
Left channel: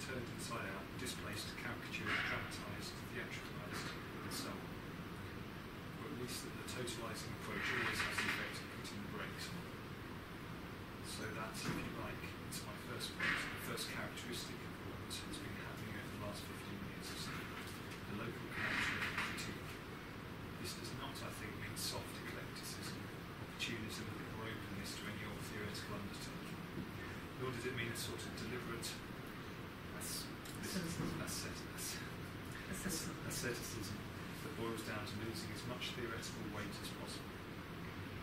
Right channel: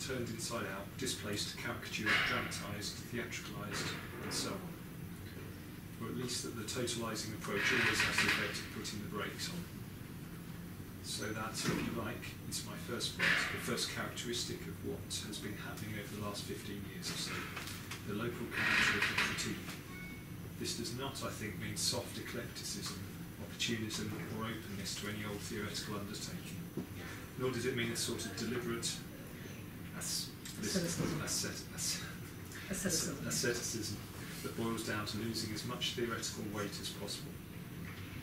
turned inside out, displaced, caricatured, dramatised, theatricalised, and so on. Or at least that the totalising approach always has the effect of putting the brakes on. So that, if you like, it's my first point, the first characteristic of what has been happening over the last 15 years or so, the local character of the critique. This does not, I think, mean soft eclecticism, opportunism, or openness to any old theoretical undertaking, nor does it mean a sort of deliberate asceticism that boils down to losing as much theoretical weight as possible.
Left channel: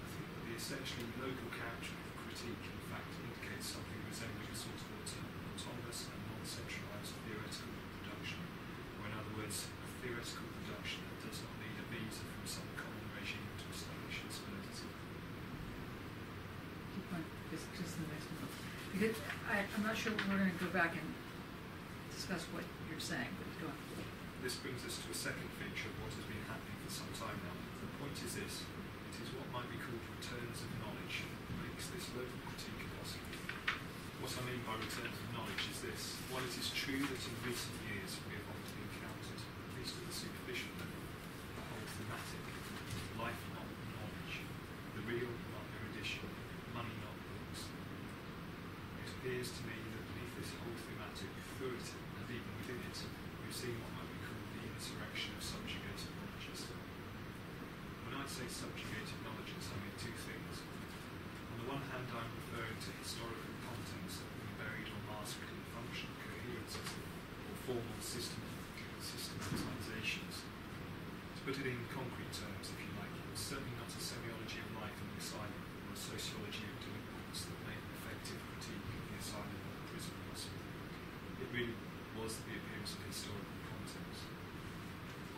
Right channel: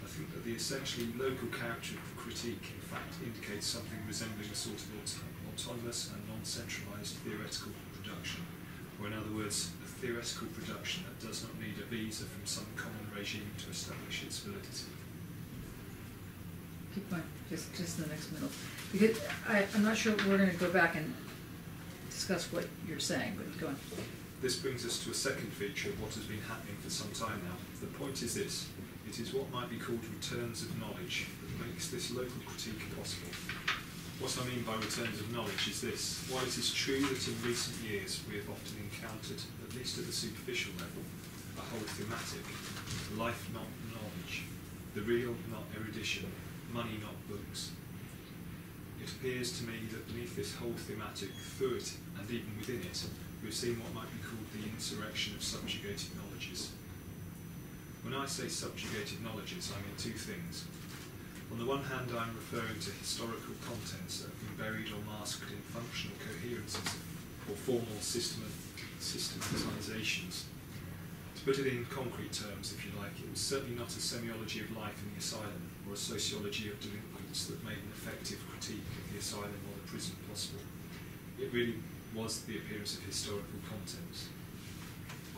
I think that the essentially local character of critique, in fact, indicates something resembling a sort of autonomous and non-centralised theoretical production, or in other words, a theoretical production that does not need a visa from some common regime to establish its validity. Keep going, just in the next middle. Because I'm not sure we're going to go back and discuss what you're saying, but go on. This brings us to a second feature of what has been happening for some time now. The point is this: it is what might be called returns of knowledge that makes this local critique possible. What I mean by returns of knowledge is this: while it is true that in recent years we have often encountered, at least at the superficial level, a whole thematic, life not knowledge, the real not erudition, money not books, it appears to me that beneath this whole thematic, through it and even within it, we've seen what might be called the insurrection of subjugated knowledges. When I say subjugated knowledges, I mean two things. On On the one hand, I'm referring to historical contents that have been buried or masked in functional coherences or formal systematizations. To put it in concrete terms, if you like, it was certainly not a semiology of life in the asylum or a sociology of delinquents that made an effective critique of the asylum or the prison possible. It really was the appearance of historical contents.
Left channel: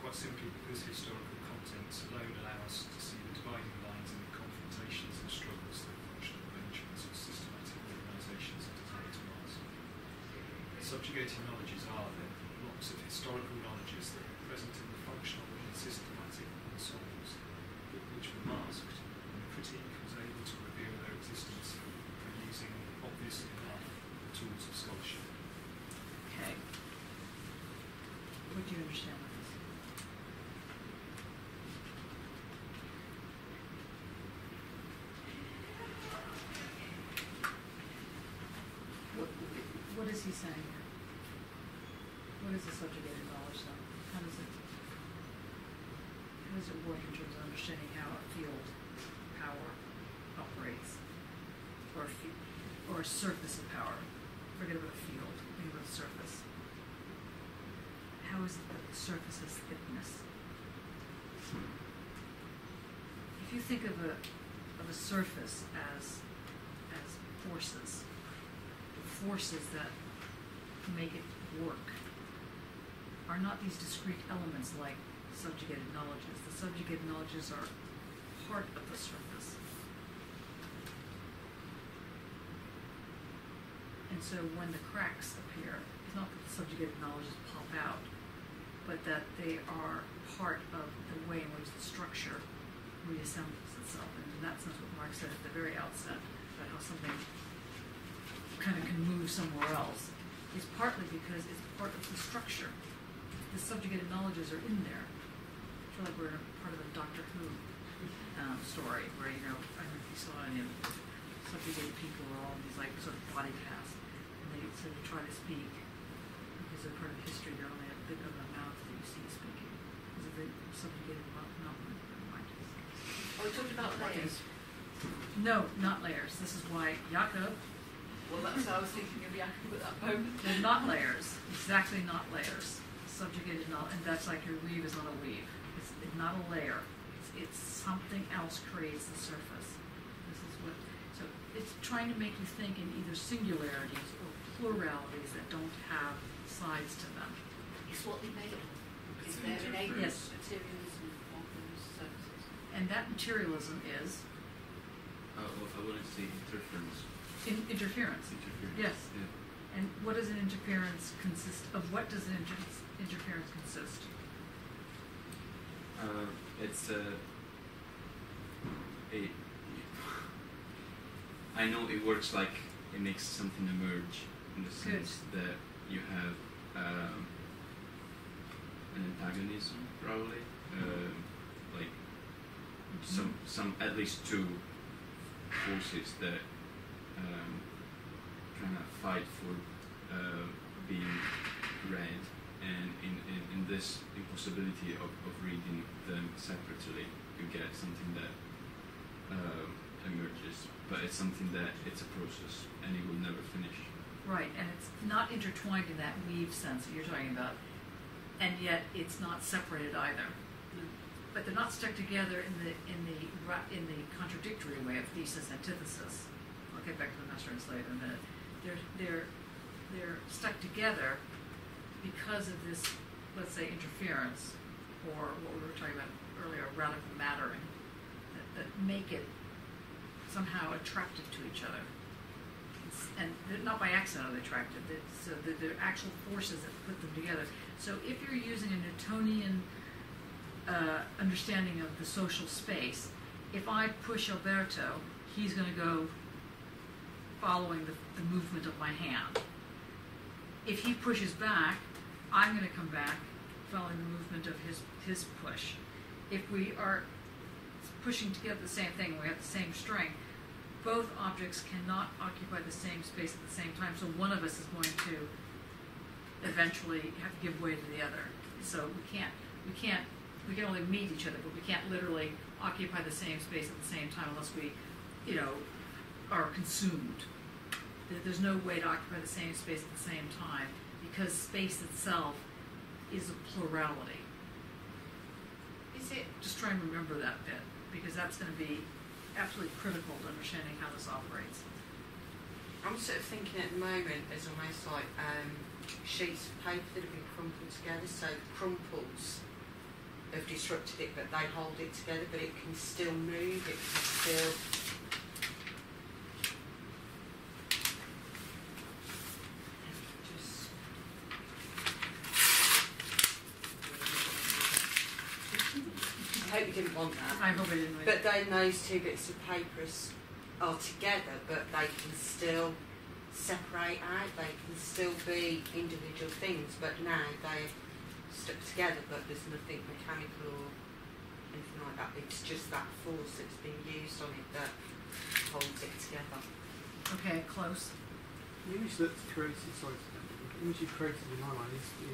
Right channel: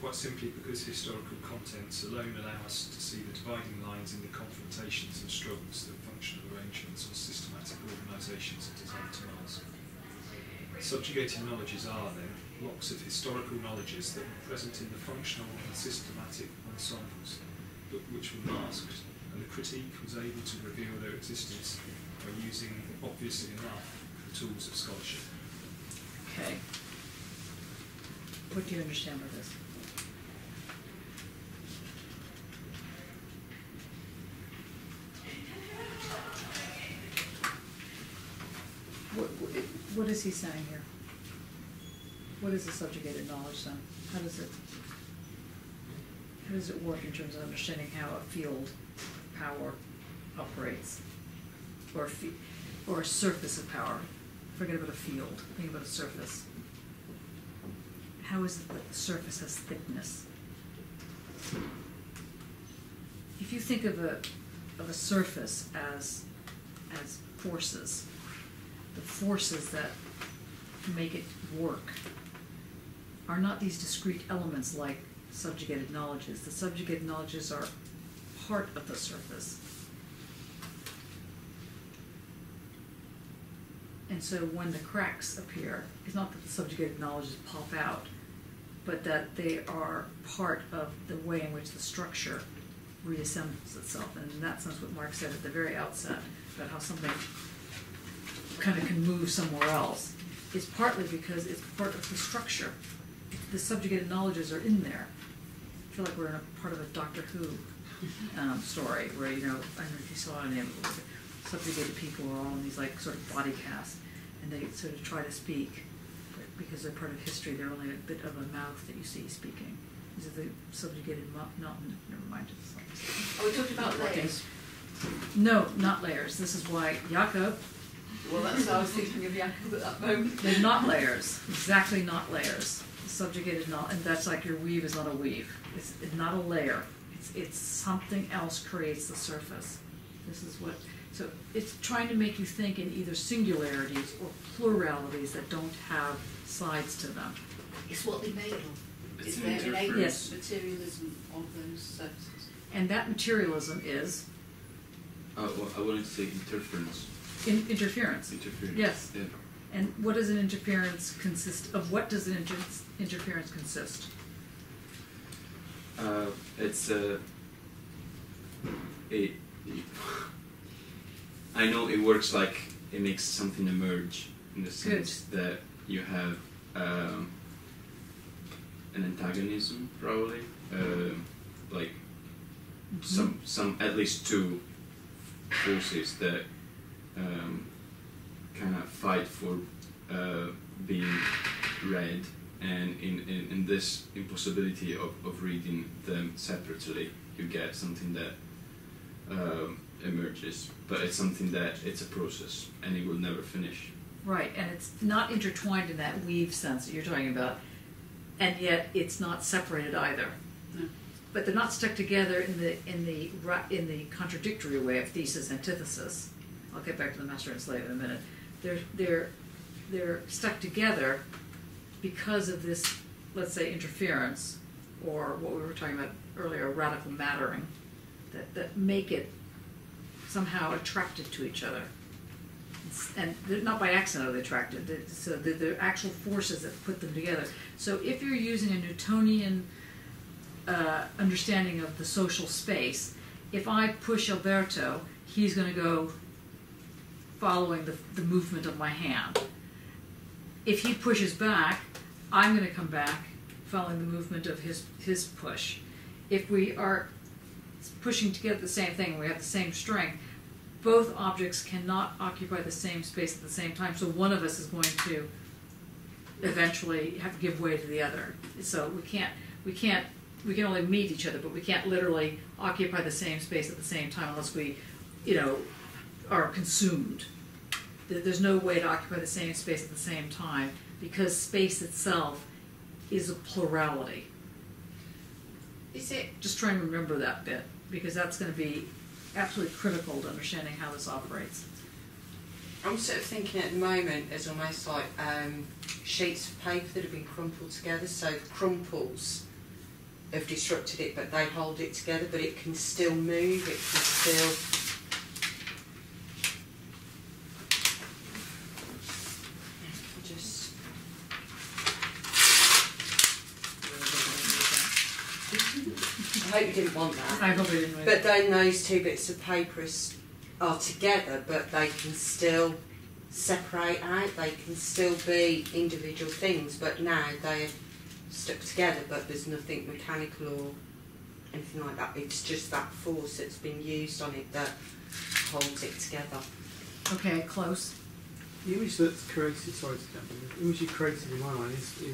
Quite simply because historical contents alone allow us to see the dividing lines in the confrontations and struggles that functional arrangements or systematic organisations are designed to mask. Subjugated knowledges are, then, blocks of historical knowledges that were present in the functional and systematic ensembles, but which were masked, and the critique was able to reveal their existence by using, obviously enough, the tools of scholarship. Okay. What do you understand by this? What is he saying here? What is the subjugated knowledge then? How does it work in terms of understanding how a field power operates, or a surface of power? Forget about a field. Think about a surface. How is it that the surface has thickness? If you think of a surface as forces, the forces that make it work are not these discrete elements like subjugated knowledges. The subjugated knowledges are part of the surface. And so when the cracks appear, it's not that the subjugated knowledges pop out, but that they are part of the way in which the structure reassembles itself. And in that sense, what Mark said at the very outset about how something kind of can move somewhere else is partly because it's part of the structure. The subjugated knowledges are in there. I feel like we're in a part of a Doctor Who story where, you know, I don't know if you saw any of it, subjugated people are all in these like sort of body casts, and they sort of try to speak, but because they're part of history, they're only a bit of a mouth that you see speaking. These are the subjugated never mind. Are we talking about layers? No, not layers. This is why Jakob. Well, that's what I was thinking of Jakob at that moment. They're not layers. Exactly not layers. Subjugated knowledge, and that's like your weave is not a weave. It's not a layer. It's something else creates the surface. This is what. So it's trying to make you think in either singularities or pluralities that don't have sides to them. It's what they made of. It's Is there an innate yes. materialism of those surfaces? And that materialism is Well, I wanted to say interference. interference. Interference. Yes. Yeah. And what does an interference consist of? What does an interference consist? It's I know it works like it makes something emerge in the sense that you have an antagonism, probably, like some at least two forces that kind of fight for being read, and in this impossibility of reading them separately, you get something that emerges, but it's something that it's a process and it will never finish. Right, and it's not intertwined in that weave sense that you're talking about, and yet it's not separated either. No. But they're not stuck together in the contradictory way of thesis antithesis. I'll get back to the master and slave in a minute. They're stuck together because of this, let's say, interference, or what we were talking about earlier, radical mattering, that make it somehow attracted to each other. And they're not by accident are they attracted. So they're actual forces that put them together. So if you're using a Newtonian understanding of the social space, if I push Alberto, he's going to go following the movement of my hand. If he pushes back, I'm going to come back following the movement of his push. If we are pushing together the same thing and we have the same strength, both objects cannot occupy the same space at the same time, so one of us is going to eventually have to give way to the other. So we can only meet each other, but we can't literally occupy the same space at the same time unless we, are consumed. There's no way to occupy the same space at the same time, because space itself is a plurality. Is it? Just try and remember that bit, because that's going to be absolutely critical to understanding how this operates. I'm sort of thinking at the moment as almost like sheets of paper that have been crumpled together. So the crumples have disrupted it, but they hold it together. But it can still move. It can still. Just. I hope you didn't want that. I probably didn't. But then those two bits of paper are together, but they can still separate out. They can still be individual things, but now they're stuck together. But there's nothing mechanical or anything like that. It's just that force that's been used on it that holds it together. Okay, close. The image that's created, sorry to jump in, the image you created in my mind is the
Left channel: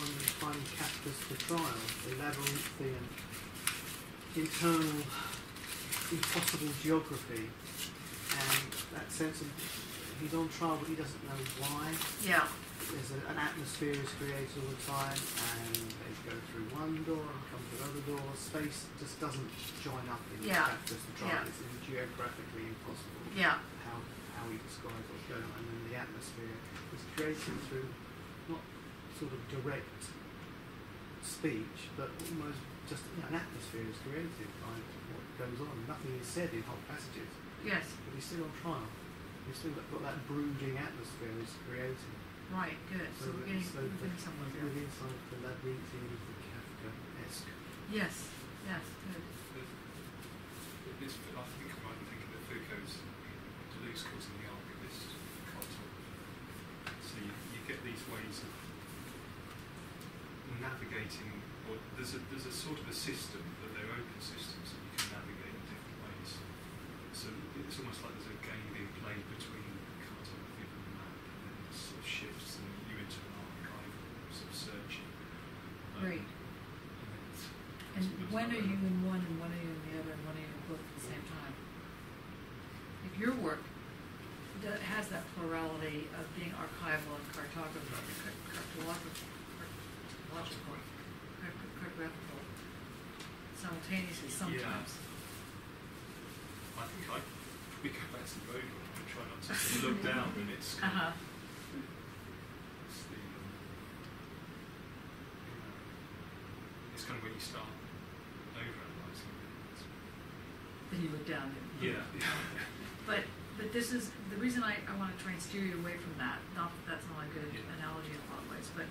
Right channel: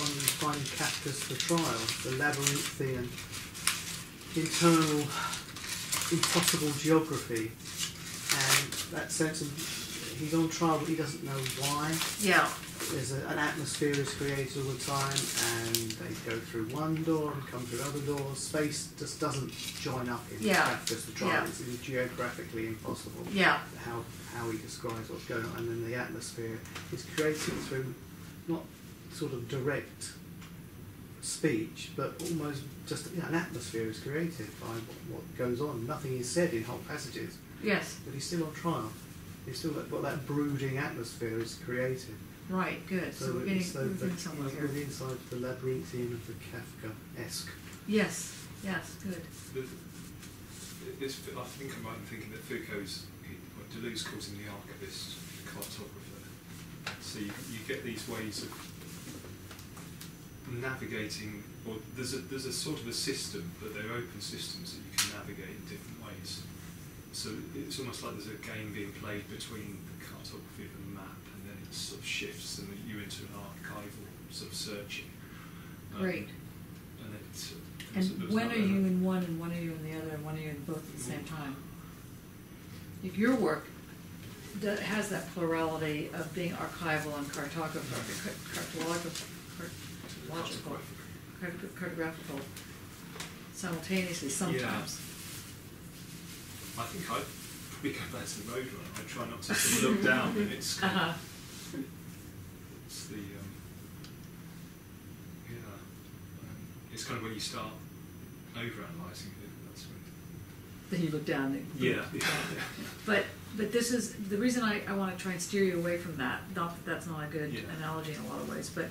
one you find in Kafka's The Trial, the labyrinthian, internal, impossible geography, and that sense of he's on trial but he doesn't know why. Yeah. There's an atmosphere is created all the time, and they go through one door and come through another door. Space just doesn't join up in Kafka's The Trial. Yeah. It's geographically impossible. Yeah. How he describes what's going on, and then the atmosphere is created through not sort of direct speech, but almost just an atmosphere is created by what goes on. Nothing is said in whole passages. Yes. But he's still on trial. He's still got that brooding atmosphere is created. Right. Good. So we're getting somewhere here. We're inside the labyrinthian of the Kafka-esque. Yes. Yes. Good. I think I'm right in thinking that Foucault's, Deleuze calls him the archivist cartographer. So you get these ways of navigating, or there's a sort of a system, but they're open systems that you can navigate in different ways. So it's almost like there's a game being played between the cartography of the map, and then it sort of shifts, and you into an archival sort of searching. Great. And when are you in one, and when are you in the other, and when are you in both at the same time? If your work has that plurality of being archival and cartographical, simultaneously sometimes. Yeah. I think I'd probably go back to the road runner. I try not to sort of look down when it's kind of, it's the it's kind of when you start over-analysing it. Then you look down. Yeah. But this is the reason I want to try and steer you away from that. Not that that's not a good analogy in a lot of ways, but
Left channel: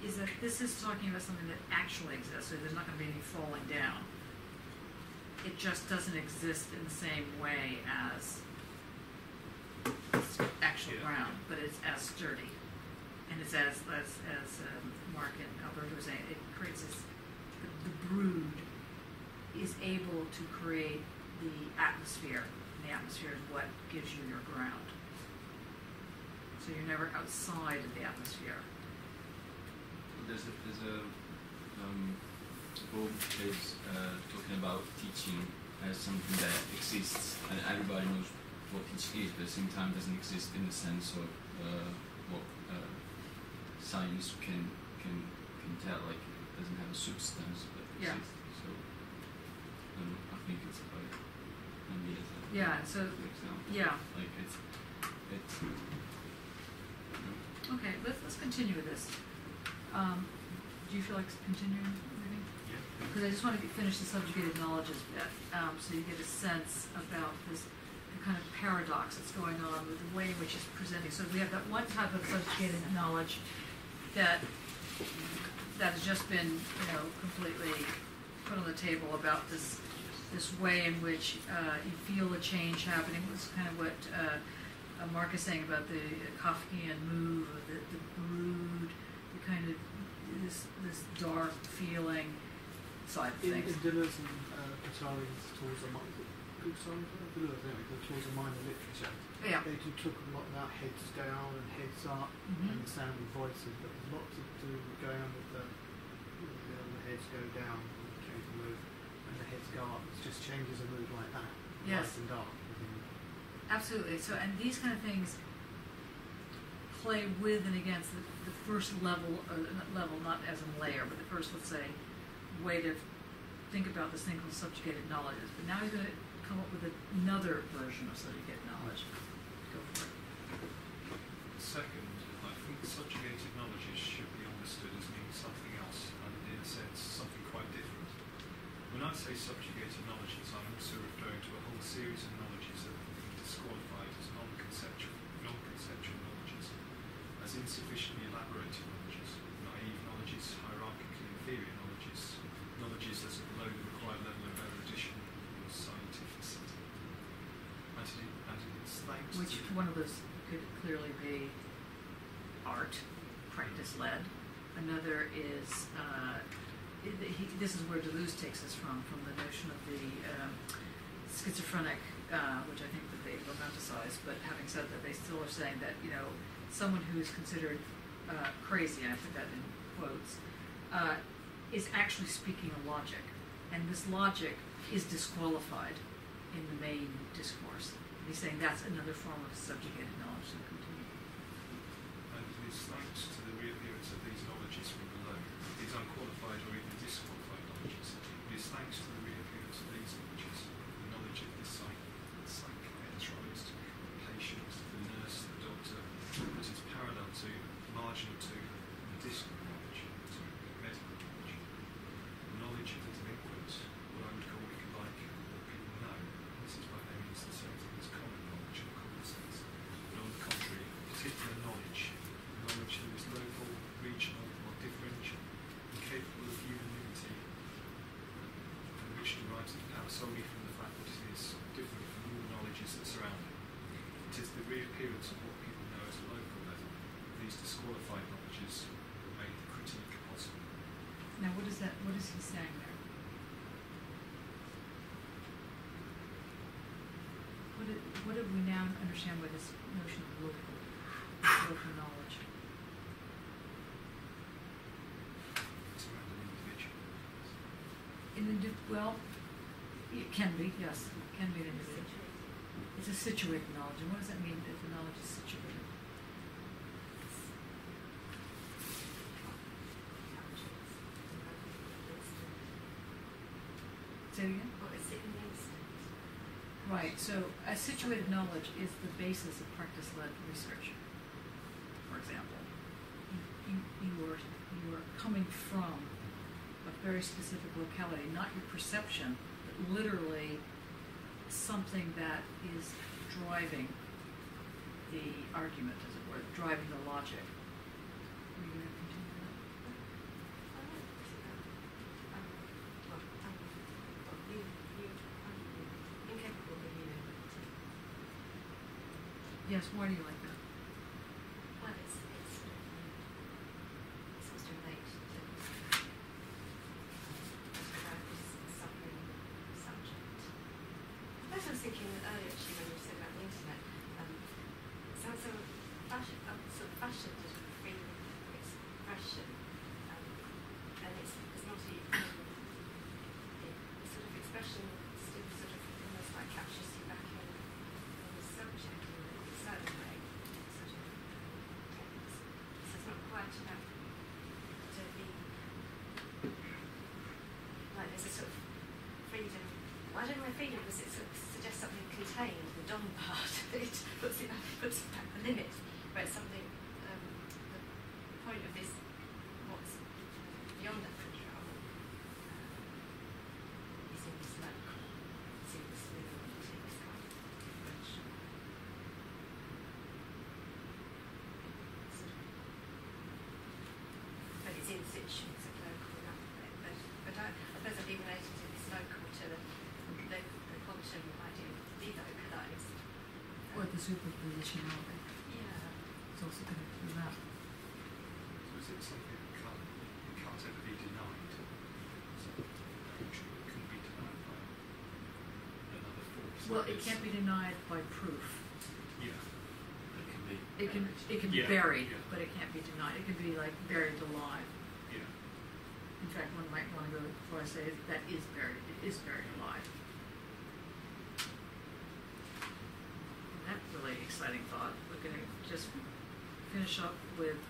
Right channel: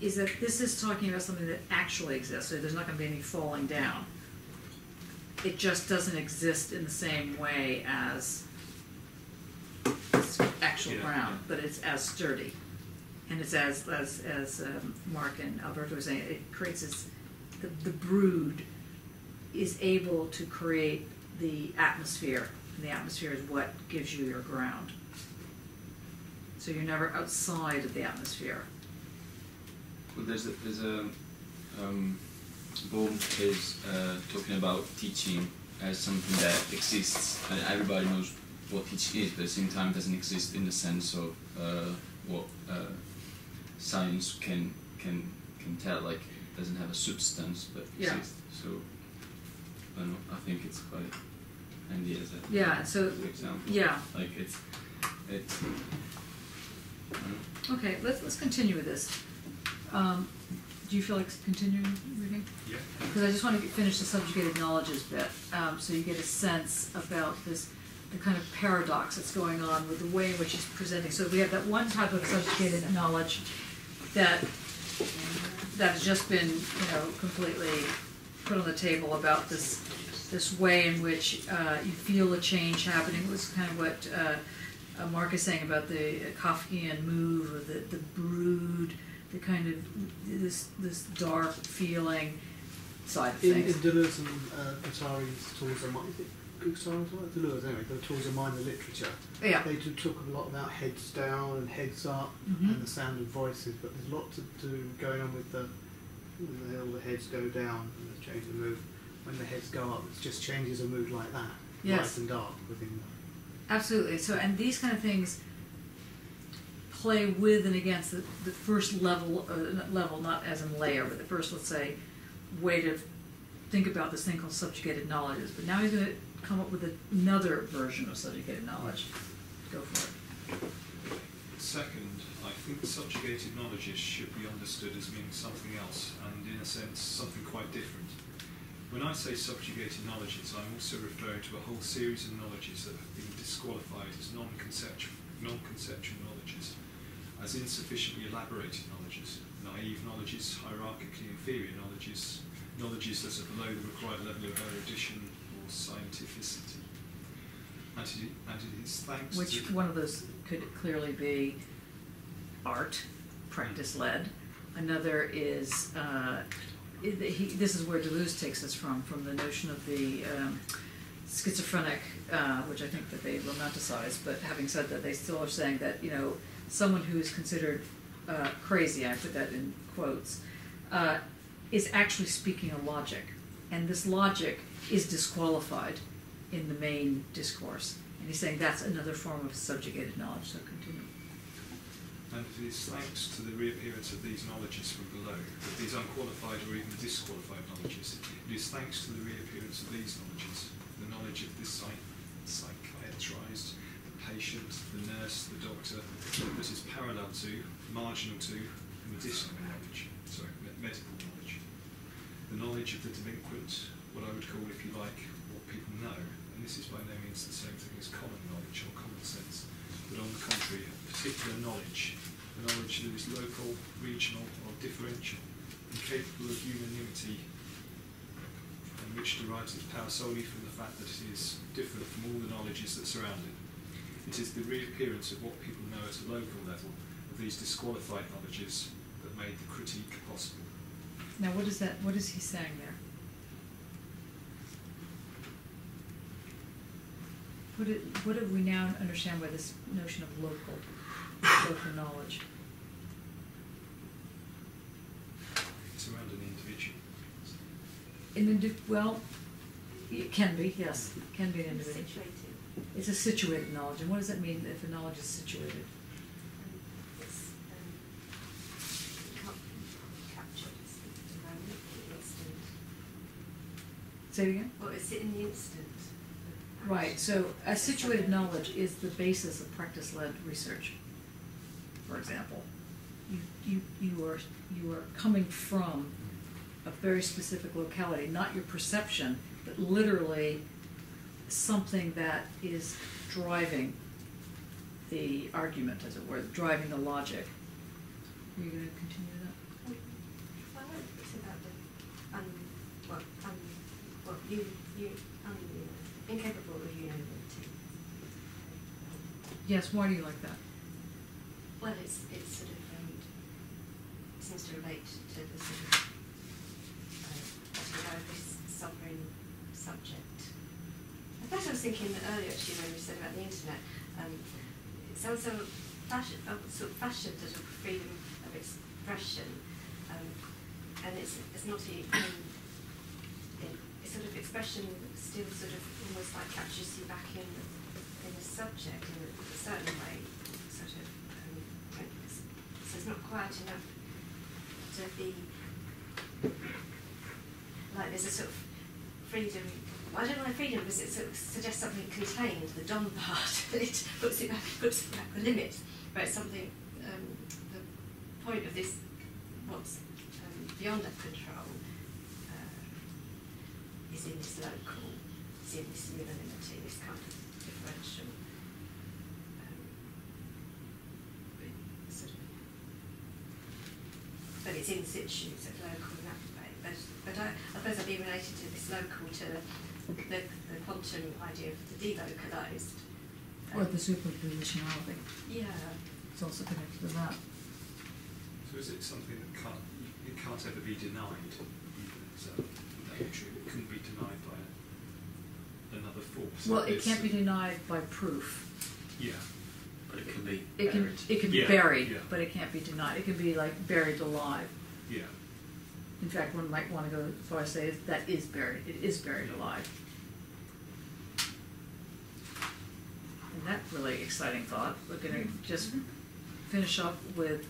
is that this is talking about something that actually exists. So there's not going to be any falling down. It just doesn't exist in the same way as actual ground, but it's as sturdy, and it's as Mark and Alberto were saying, it creates this. The brood is able to create the atmosphere. And the atmosphere is what gives you your ground. So you're never outside of the atmosphere. Well, there's a Bohm is talking about teaching as something that exists, and everybody knows what teaching is, but at the same time it doesn't exist in the sense of what science can tell. Like it doesn't have a substance, but exists. So I don't know. I think it's quite. So example. Like it's okay. Let's continue with this. Do you feel like continuing reading? Yeah. Because I just want to finish the subjugated knowledges bit, so you get a sense about the kind of paradox that's going on with the way in which he's presenting. So we have that one type of subjugated knowledge that has just been completely put on the table about this way in which you feel a change happening. It was kind of what Mark is saying about the Kafkian move, or the brood, the kind of this dark feeling side of things. In Deleuze and Guattari's Tools of Mind, Deleuze anyway, the Tools of Mind and Literature, they do talk a lot about heads down and heads up and the sound of voices, but there's a lot to do going on with all the heads go down and the change of mood. When the heads go up, it just changes a mood like that, light and dark within Absolutely. So, and these kind of things play with and against the first level, not as in layer, but the first, let's say, way to think about this thing called subjugated knowledges. But now he's going to come up with another version of subjugated knowledge. Go for it. Second, I think subjugated knowledges should be understood as meaning something else, and in a sense, something quite different. When I say subjugated knowledges, I'm also referring to a whole series of knowledges that have been disqualified as non-conceptual knowledges, as insufficiently elaborated knowledges, naive knowledges, hierarchically inferior knowledges, knowledges that are below the required level of erudition or scientificity. And it is thanks Which to... one of those could clearly be art, practice-led. Another is, this is where Deleuze takes us from the notion of the schizophrenic, which I think that they romanticize, but having said that, they still are saying that, someone who is considered crazy, I put that in quotes, is actually speaking a logic. And this logic is disqualified in the main discourse. And he's saying that's another form of subjugated knowledge, so continue. And it is thanks to the reappearance of these knowledges from below, of these unqualified or even disqualified knowledges, it is thanks to the reappearance of these knowledges, the knowledge of the psychiatrist, the patient, the nurse, the doctor, that is parallel to, marginal to, medicinal knowledge, medical knowledge. The knowledge of the delinquent, what I would call, if you like, what people know, and this is by no means the same thing as common knowledge or common sense, but on the contrary, particular knowledge, knowledge that is local, regional, or differential, and capable of unanimity, and which derives its power solely from the fact that it is different from all the knowledges that surround it. It is the reappearance of what people know at a local level, of these disqualified knowledges, that made the critique possible. Now, what is he saying there? What do we now understand by this notion of local knowledge? It's around an individual. Well, it can be, yes. It can be an individual. It's a situated knowledge. And what does that mean if the knowledge is situated? Say it again? Or is it in the instant? Right, so a situated knowledge is the basis of practice-led research, for example. You are coming from a very specific locality, not your perception, but literally something that is driving the argument, as it were, driving the logic. Are you going to continue that? It's about the incapable of unanimity. Yes, why do you like that? Well, it's sort of seems to relate to the sort of this sovereign subject. I thought I was thinking earlier actually when you said about the internet. It sounds so fashioned as a freedom of expression, and it's not even. Sort of expression still sort of almost like captures you back in the subject in a certain way, sort of. So it's not quite enough to be like there's a sort of freedom. I don't know freedom because it sort of suggests something contained, the dom part. It puts it back the limit, where it's something. The point of this, what's beyond that control. Is in this local, is in this unanimity, this kind of differential. But it's in situ, so local in that way. But I suppose I'd be related to this local to the quantum idea of the delocalized. Or the superpositionality. Yeah. It's also connected to that. So is it something that can't ever be denied? So that true? It couldn't be denied by another force. Well, it can't be denied by proof. Yeah. But it can be It can be Yeah, buried, yeah. but it can't be denied. It can be like buried alive. Yeah. In fact, one might want to go as far as say that is buried. It is buried alive. that really exciting thought, we're going to just finish up with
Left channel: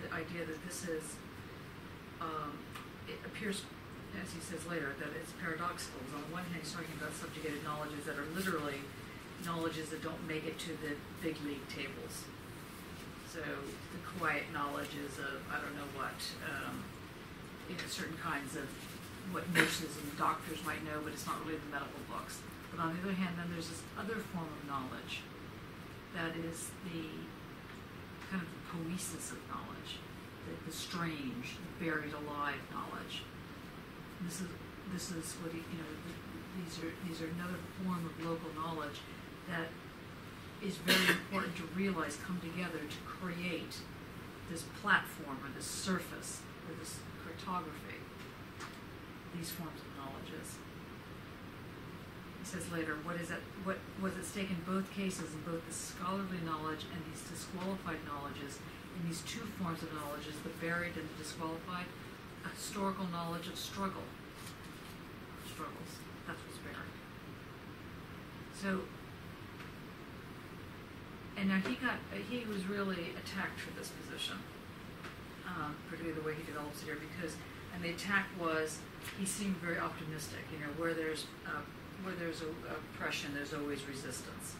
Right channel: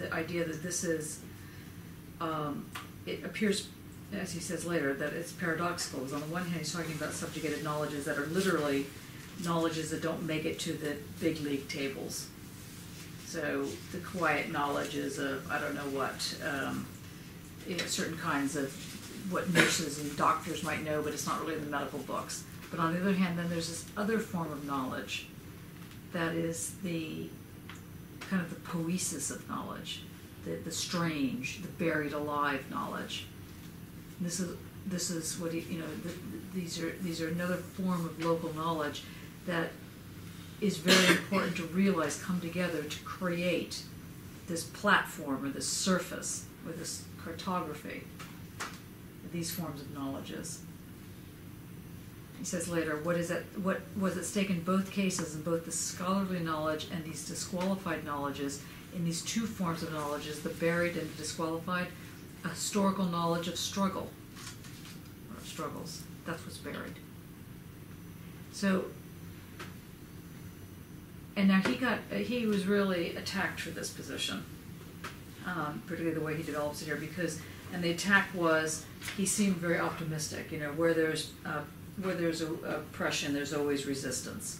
the idea that this is, it appears, as he says later, that it's paradoxical. Because on the one hand, he's talking about subjugated knowledges that are literally knowledges that don't make it to the big league tables. So the quiet knowledges of, I don't know what, certain kinds of what nurses and doctors might know, but it's not really in the medical books. But on the other hand, then there's this other form of knowledge that is the kind of the poesis of knowledge, the strange, the buried alive knowledge. This is what these are another form of local knowledge that is very important to realize come together to create this platform or this surface or this cartography of these forms of knowledges. He says later, what was at stake in both cases, in both the scholarly knowledge and these disqualified knowledges, in these two forms of knowledges, the buried and the disqualified, a historical knowledge of struggle, or struggles. That's what's buried. So, and now he was really attacked for this position, particularly the way he develops it here, and the attack was, he seemed very optimistic, where there's oppression, there's always resistance.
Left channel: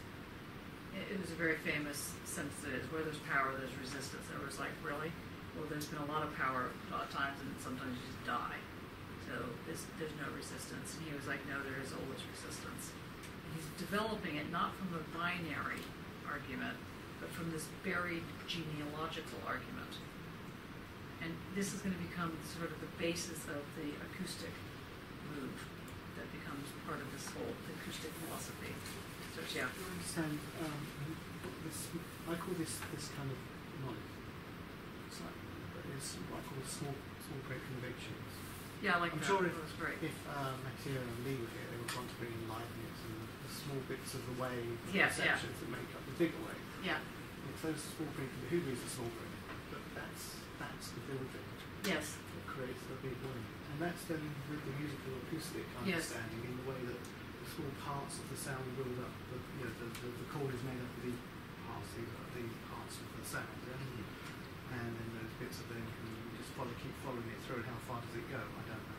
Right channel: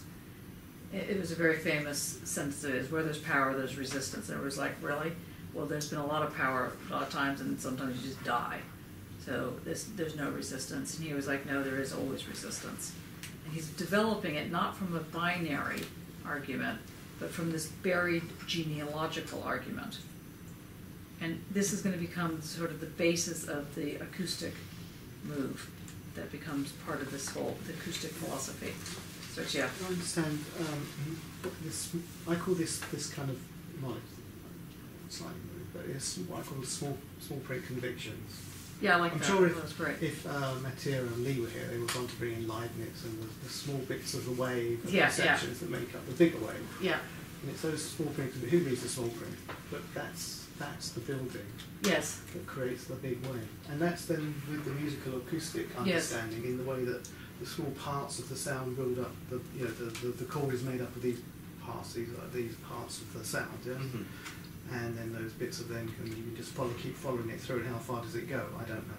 It was a very famous sentence it is, where there's power, there's resistance. And it was like, really? Well, there's been a lot of power a lot of times, and sometimes you just die. So there's no resistance. And he was like, no, there is always resistance. And he's developing it not from a binary argument, but from this buried genealogical argument. And this is going to become sort of the basis of the acoustic move that becomes part of this whole acoustic philosophy. So, yeah. I understand. I call this kind of knowledge, slightly, but it's what I call small print convictions. Yeah, I like I'm that. sure That's great. if Mathieu and Lee were here, they would want to bring in Leibniz and the small bits of the wave, the Yeah, sections that make up the bigger wave. Yeah. And it's those small print. Who reads the small print? But that's the building. Yes. That creates the big wave, and that's then with the musical acoustic understanding, in the way that the small parts of the sound build up. The chord is made up of these parts of the sound, yeah? Mm-hmm. And then those bits of them you just keep following it through, and how far does it go? I don't know.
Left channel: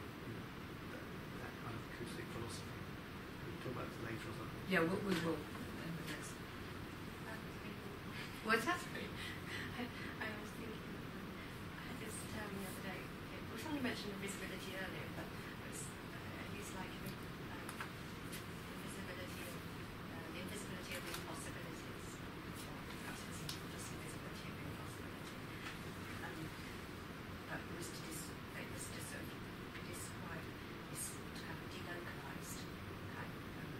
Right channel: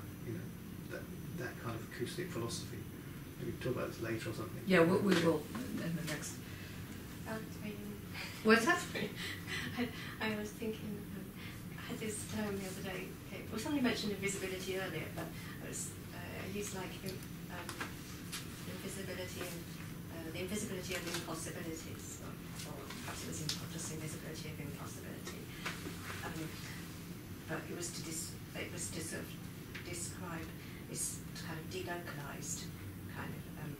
That kind of acoustic philosophy. Maybe we can talk about this later or something. Yeah, we will in the next. What's that? I was thinking, I had this term the other day. Okay, well, somebody mentioned invisibility earlier, but I used like invisibility and the invisibility of impossibilities, or perhaps it was just invisibility of impossibility. But it was to sort of describe this kind of delocalized kind of.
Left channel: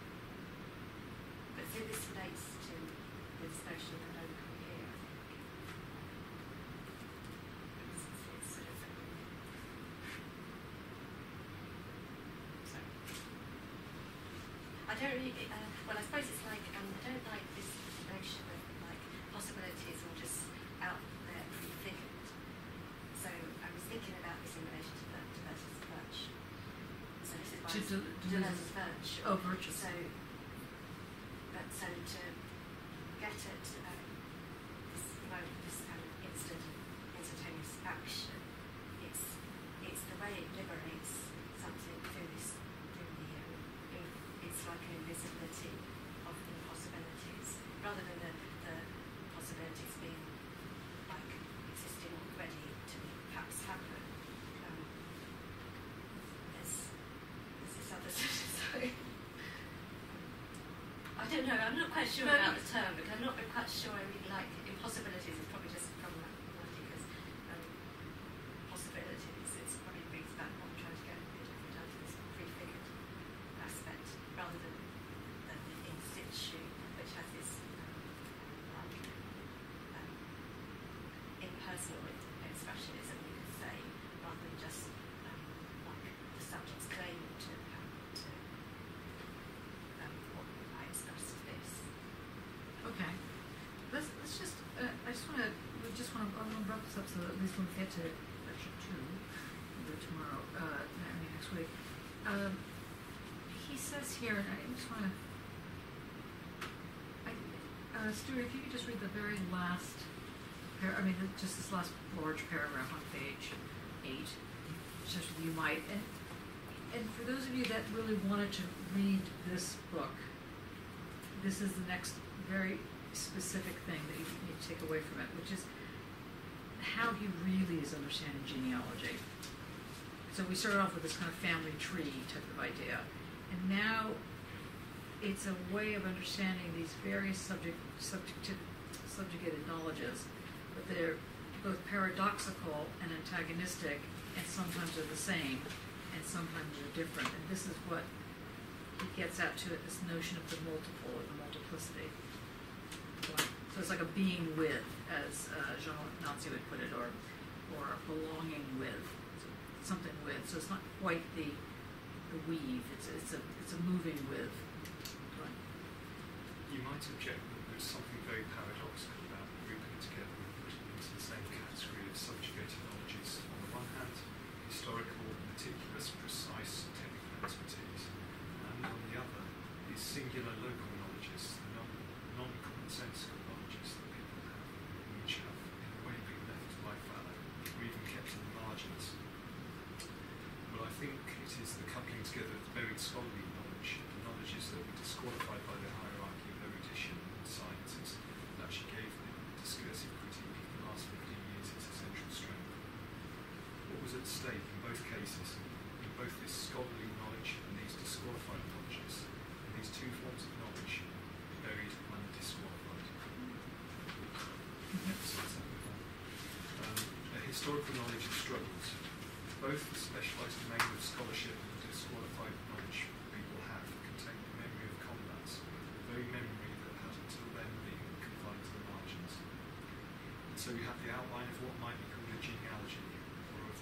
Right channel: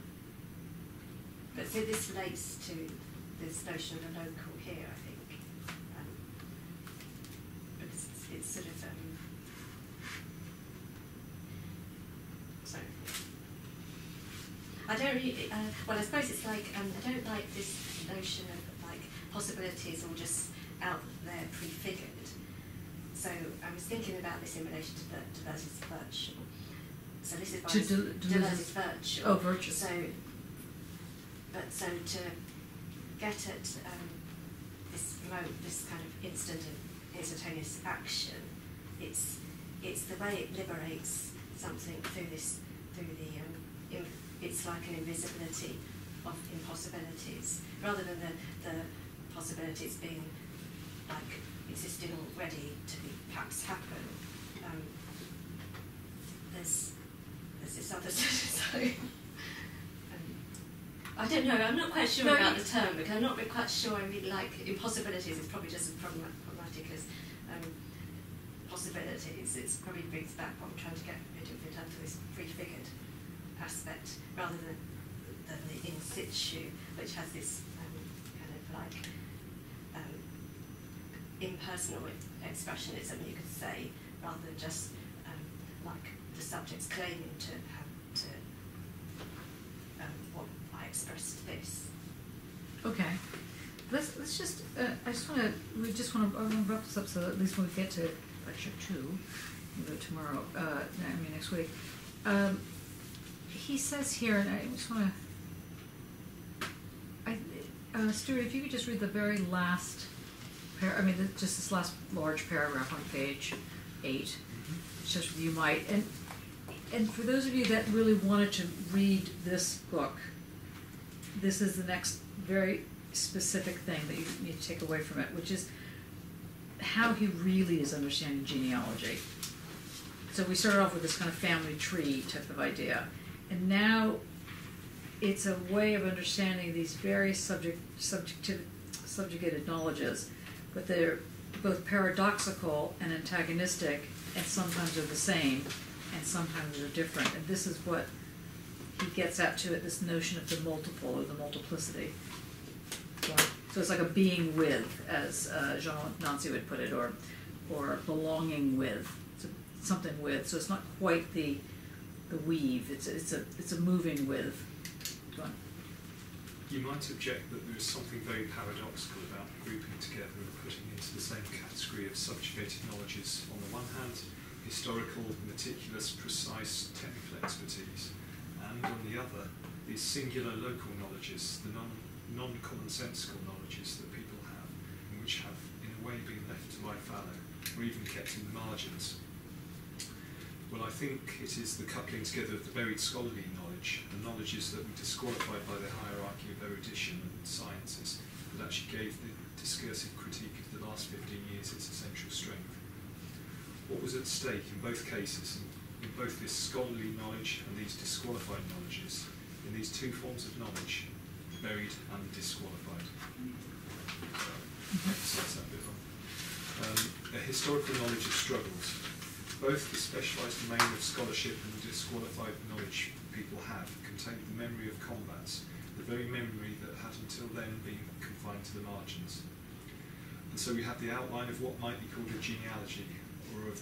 But so this relates to this notion of the local here, I think. Because it's sort of sorry. I don't really. Well, I suppose it's like I don't like this notion of like possibilities all just out there prefigured. So I was thinking about this in relation to Deleuze's virtue. So this is why Deleuze's virtue. Oh, virtue. So to get at this kind of instantaneous action, it's the way it liberates something through the it's like an invisibility of impossibilities, rather than the possibilities being like existing already to perhaps happen. There's this other so. I don't know, I'm not quite sure about the term, because I'm not quite sure I really like impossibilities. It's probably just as problematic as possibilities. It probably brings back what I'm trying to get rid of in terms of this prefigured aspect, rather than the in situ, which has this kind of like impersonal expressionism, you could say, rather than just like the subjects claiming to have what I expressed this. Okay. Let's just. I want to wrap this up so that at least when we get to lecture 2, maybe tomorrow. Next week. He says here, and I just want to. Stuart, if you could just read the very last, just this last large paragraph on page 8, just you might, and for those of you that really wanted to read this book, this is the next very specific thing that you need to take away from it, which is how he really is understanding genealogy. So we started off with this kind of family tree type of idea, and now it's a way of understanding these various subjugated knowledges, but they're both paradoxical and antagonistic, and sometimes they're the same, and sometimes they're different. And this is what he gets at to it, this notion of the multiple or the multiplicity. So it's like a being with, as Jean Nancy would put it, or belonging with, so something with. So it's not quite the weave. It's a moving with. Go on. You might object that there is something very paradoxical about grouping together and putting into the same category of subjugated knowledges, on the one hand, historical, meticulous, precise technical expertise, and on the other, these singular local knowledges, the non-commonsensical knowledges that people have, and which have, in a way, been left to lie fallow, or even kept in the margins. Well, I think it is the coupling together of the buried scholarly knowledge, the knowledges that were disqualified by the hierarchy of erudition and sciences, that actually gave the discursive critique of the last 15 years its essential strength. What was at stake in both cases, in both this scholarly knowledge and these disqualified knowledges, in these two forms of knowledge, the buried and the disqualified. Emphasise that bit. A historical knowledge of struggles. Both the specialised domain of scholarship and the disqualified knowledge people have contain the memory of combats, the very memory that had until then been confined to the margins. And so we have the outline of what might be called a genealogy, or of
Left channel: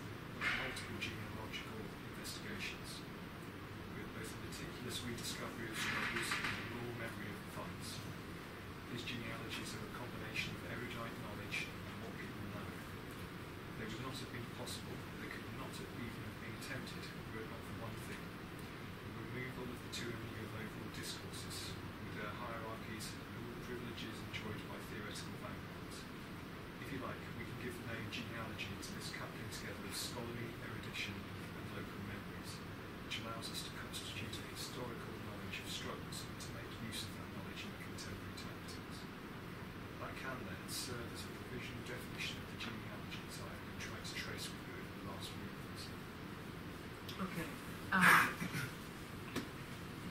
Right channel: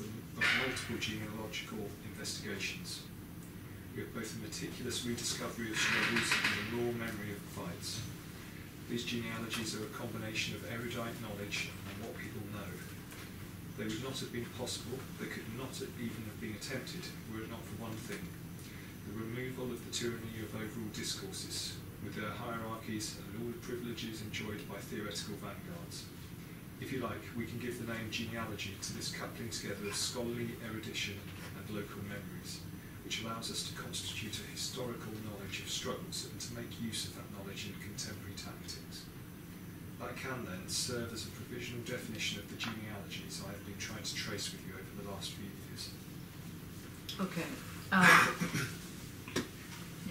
multiple genealogical investigations, with both a meticulous rediscovery of struggles and the raw memory of fights. These genealogies are a combination of erudite knowledge and what people know. They would not have been possible, they could not even have been attempted, were it not for one thing: the removal of the tyranny of overall discourses, with their hierarchies and all the privileges enjoyed by theoretical vanguards. If you like, we can give the name genealogy to this coupling together of scholarly erudition and local memories, which allows us to constitute a historical knowledge of struggles and to make use of that knowledge in contemporary tactics. That can then serve as a provisional definition of the genealogies I have been trying to trace with you over the last few years. Okay.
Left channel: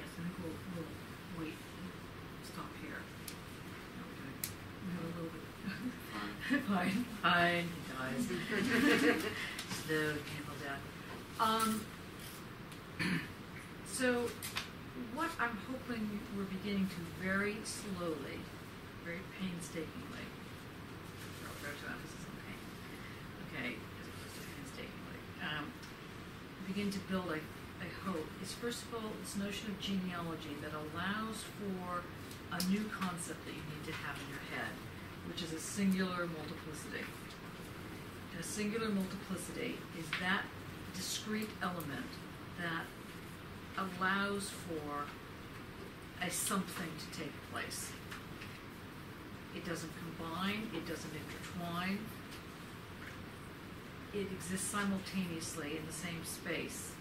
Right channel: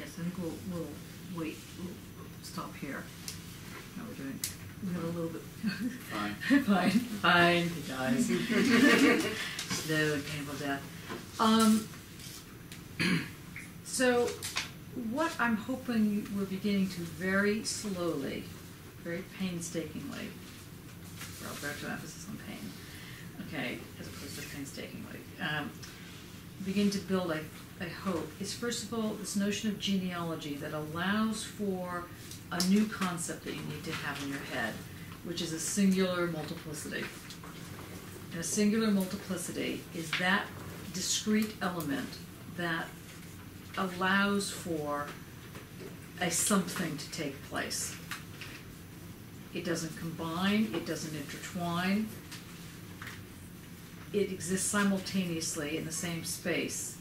Yes, I think we'll wait. We'll stop here. How are we doing? We have a little bit. Fine. Fine, guys. Slow and painful death. So, what I'm hoping we're beginning to very slowly, very painstakingly, Roberto emphasis on pain, okay, as opposed to painstakingly, begin to build, I hope, is first of all this notion of genealogy that allows for a new concept that you need to have in your head, which is a singular multiplicity. And a singular multiplicity is that discrete element that allows for a something to take place. It doesn't combine, it doesn't intertwine, it exists simultaneously in the same space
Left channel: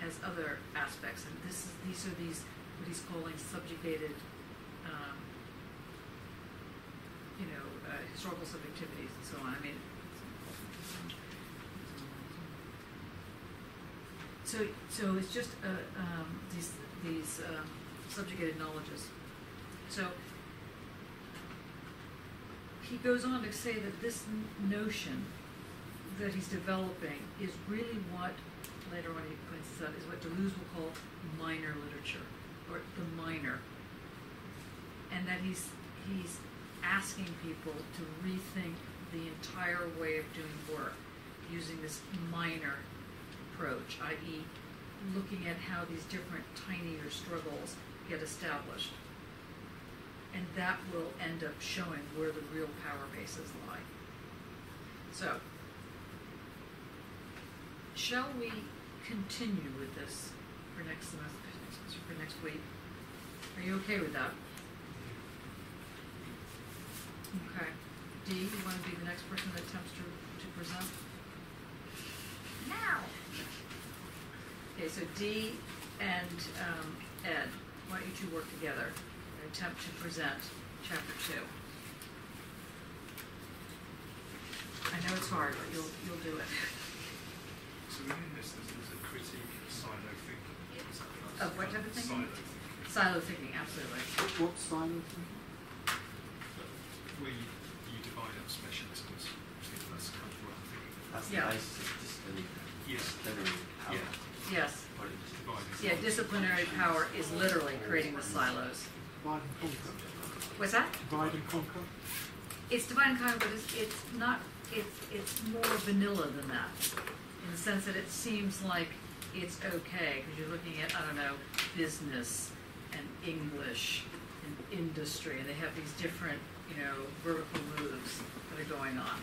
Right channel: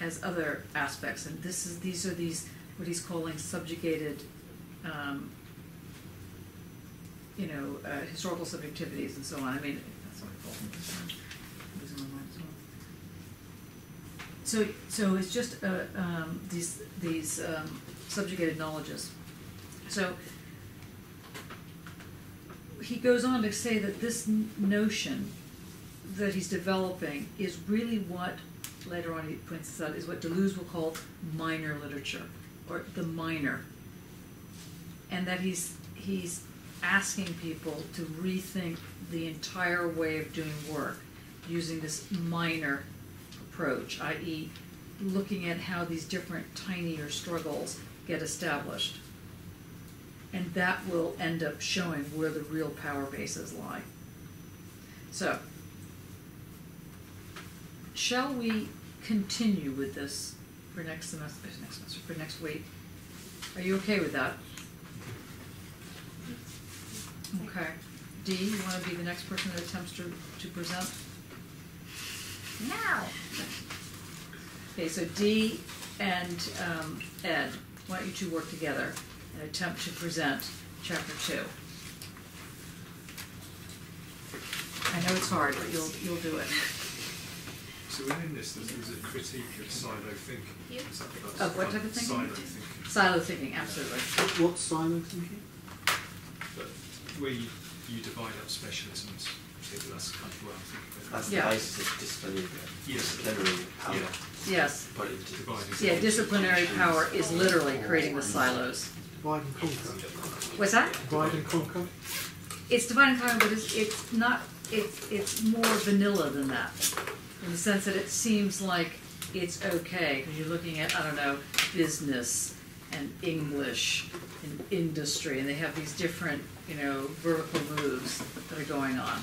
as other aspects. And these are what he's calling subjugated historical subjectivities and so on. I mean, that's what I call them. So it's just these subjugated knowledges. So he goes on to say that this notion that he's developing is really what, later on he points this out, is what Deleuze will call minor literature, or the minor. And that he's asking people to rethink the entire way of doing work using this minor approach, i.e. looking at how these different tinier struggles get established. And that will end up showing where the real power bases lie. So, shall we continue with this for next week? Are you okay with that? Okay. D, you want to be the next person that attempts to present? Now. Okay, so D and Ed, why don't you two work together and attempt to present chapter 2? I know it's hard, but you'll do it. So within this, there's a critique of silo thinking. Is that Of what type of thinking? Silo thinking. Silo thinking, absolutely. What's silo thinking? But where you divide up specialisms, I think that's kind of where I'm thinking of. That's Yeah. the basis of disciplinary power. Yeah. Yes. Put it into Dividing Yeah, disciplinary power is literally creating the silos. Divide and conquer. What's that? Divide and conquer. It's divide and conquer, but it's not. It's more vanilla than that, in the sense that it seems like it's okay because you're looking at, I don't know, business and English and industry, and they have these different, vertical moves that are going on.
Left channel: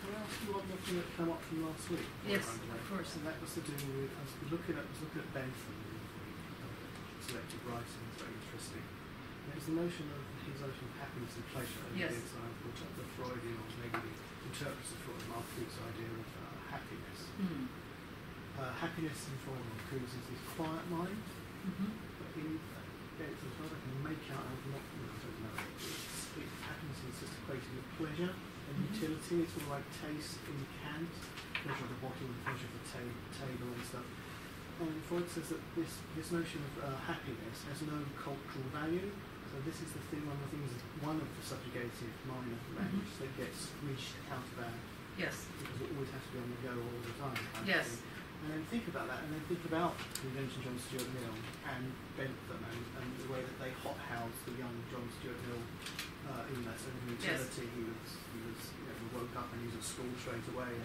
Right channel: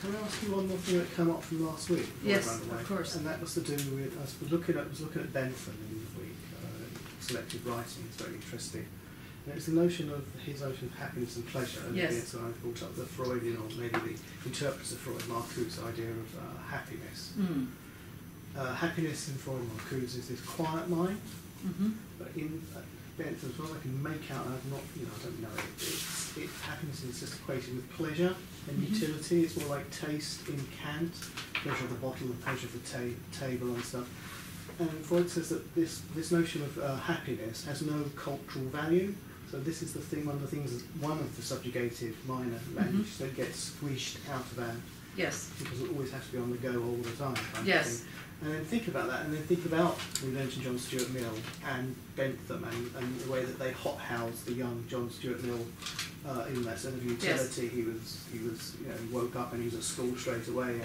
Can I ask you one more thing that came up from last week? Yes, by the way? of course. And that was to do with, I was looking at Bentham in the week, selective writing. It's very interesting. And it's the notion of his notion of happiness and pleasure. And Yes. so I brought up the Freudian, or maybe the interpreters of Freud, Marcuse's idea of happiness. Mm. Happiness in Freud and Marcuse is this quiet mind, Mm-hmm. but in Bentham, as well, I can make out, I don't know it. Happiness is just equated with pleasure and Mhm. utility. It's more like taste in Kant, pleasure of the bottle and pleasure of the table and stuff. And Freud says that this notion of happiness has no cultural value. So this is one of the subjugated minor languages that gets squished out of that Yes. because it always has to be on the go all the time. Kind Yes. Of thing. And then think about that, and then think about we mentioned John Stuart Mill and Bentham and the way that they hothoused the young John Stuart Mill in that sort of utility. He woke up and he was at school straight away, and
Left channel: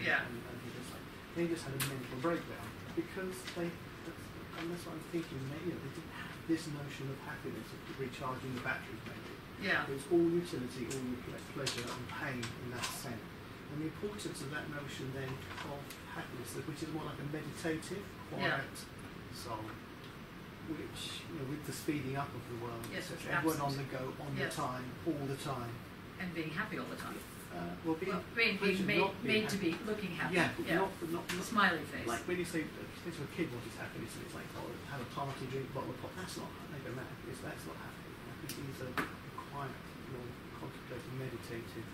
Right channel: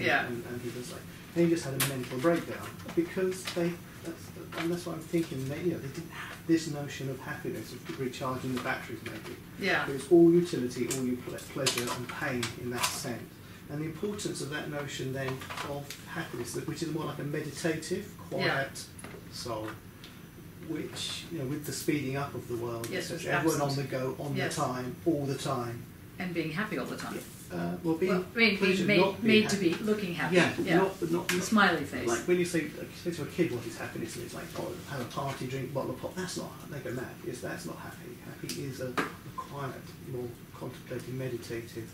he was like, he just had a mental breakdown because that's what I'm thinking. They didn't have this notion of happiness, of recharging the batteries, maybe. Yeah. It was all utility, all pleasure and pain in that sense. And the importance of that notion then of happiness, which is more like a meditative, quiet soul, which, with the speeding up of the world, Yes, etc., everyone on the go, the time, all the time. And being happy all the time. Being made to be looking happy. Yeah, not smiley face. Like when you say to a kid what is happiness, and it's like, have a party, drink a bottle of pop. That's not. They go mad. That's not happy. Happy is a quiet, more contemplative, meditative,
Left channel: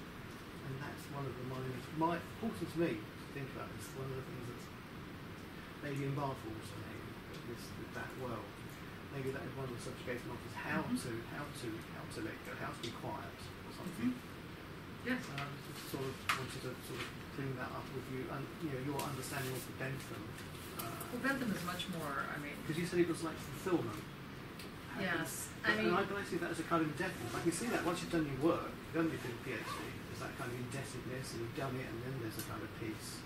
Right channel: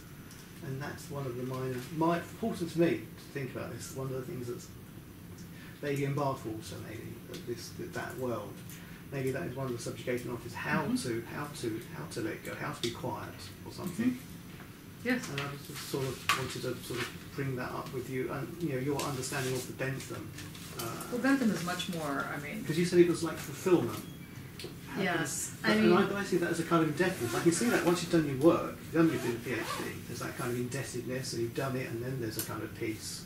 and that's one of the important to me to think about this. One of the things that's maybe in Bath also that world. Maybe that is one of the subjugation of is how to let go, how to be quiet or something. Mm-hmm. Yes. And I just sort of wanted to sort of bring that up with you, and your understanding of the Bentham. Well, Bentham is much more. Because you said it was like fulfillment. Yes. And I see that as a kind of indebtedness. I can see that once you've done your work, you've done your PhD, there's that kind of indebtedness, and you've done it, and then there's a kind of peace.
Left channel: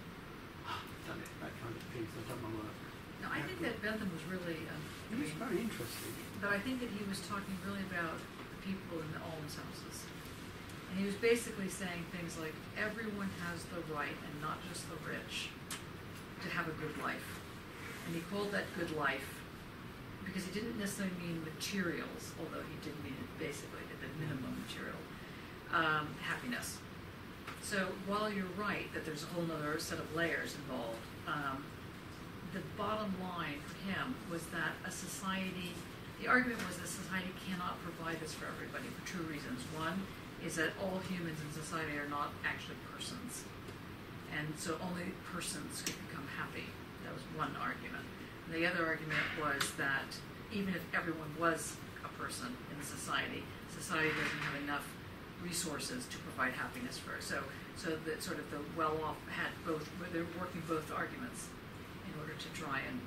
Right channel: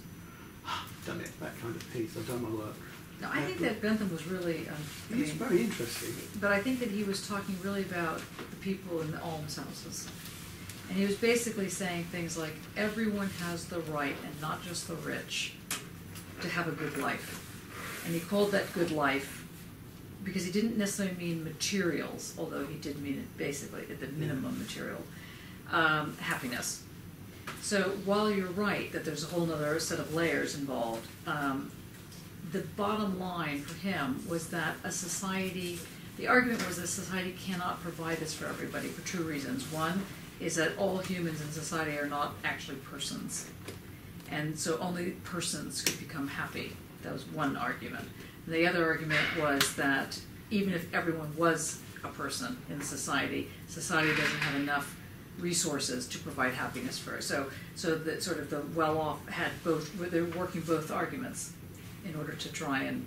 I've done it, that kind of peace. I've done my work. No, I think that Bentham was really. It's very interesting. But I think that he was talking really about the people in the almshouses. And he was basically saying things like, everyone has the right, and not just the rich, to have a good life. And he called that good life, because he didn't necessarily mean materials, although he did mean it basically at the minimum material, happiness. So while you're right that there's a whole other set of layers involved, the bottom line for him was that the argument was that society cannot provide this for everybody for two reasons. One is that all humans in society are not actually persons. And so only persons could become happy. That was one argument. And the other argument was that even if everyone was a person in society doesn't have enough resources to provide happiness for it. So that sort of the well-off had they're working both arguments in order to try and,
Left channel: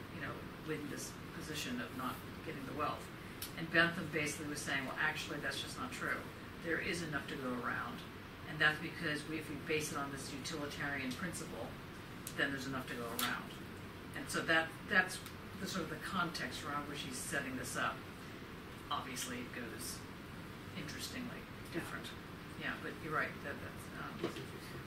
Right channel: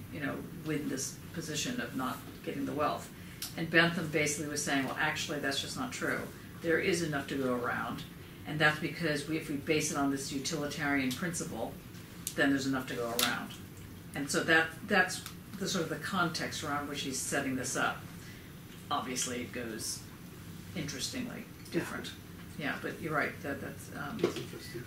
win this position of not getting the wealth. And Bentham basically was saying, well, actually, that's just not true. There is enough to go around, and that's because if we base it on this utilitarian principle, then there's enough to go around. And so that's the sort of the context around which he's setting this up. Obviously, it goes interestingly different. Yeah, but you're right. That's interesting.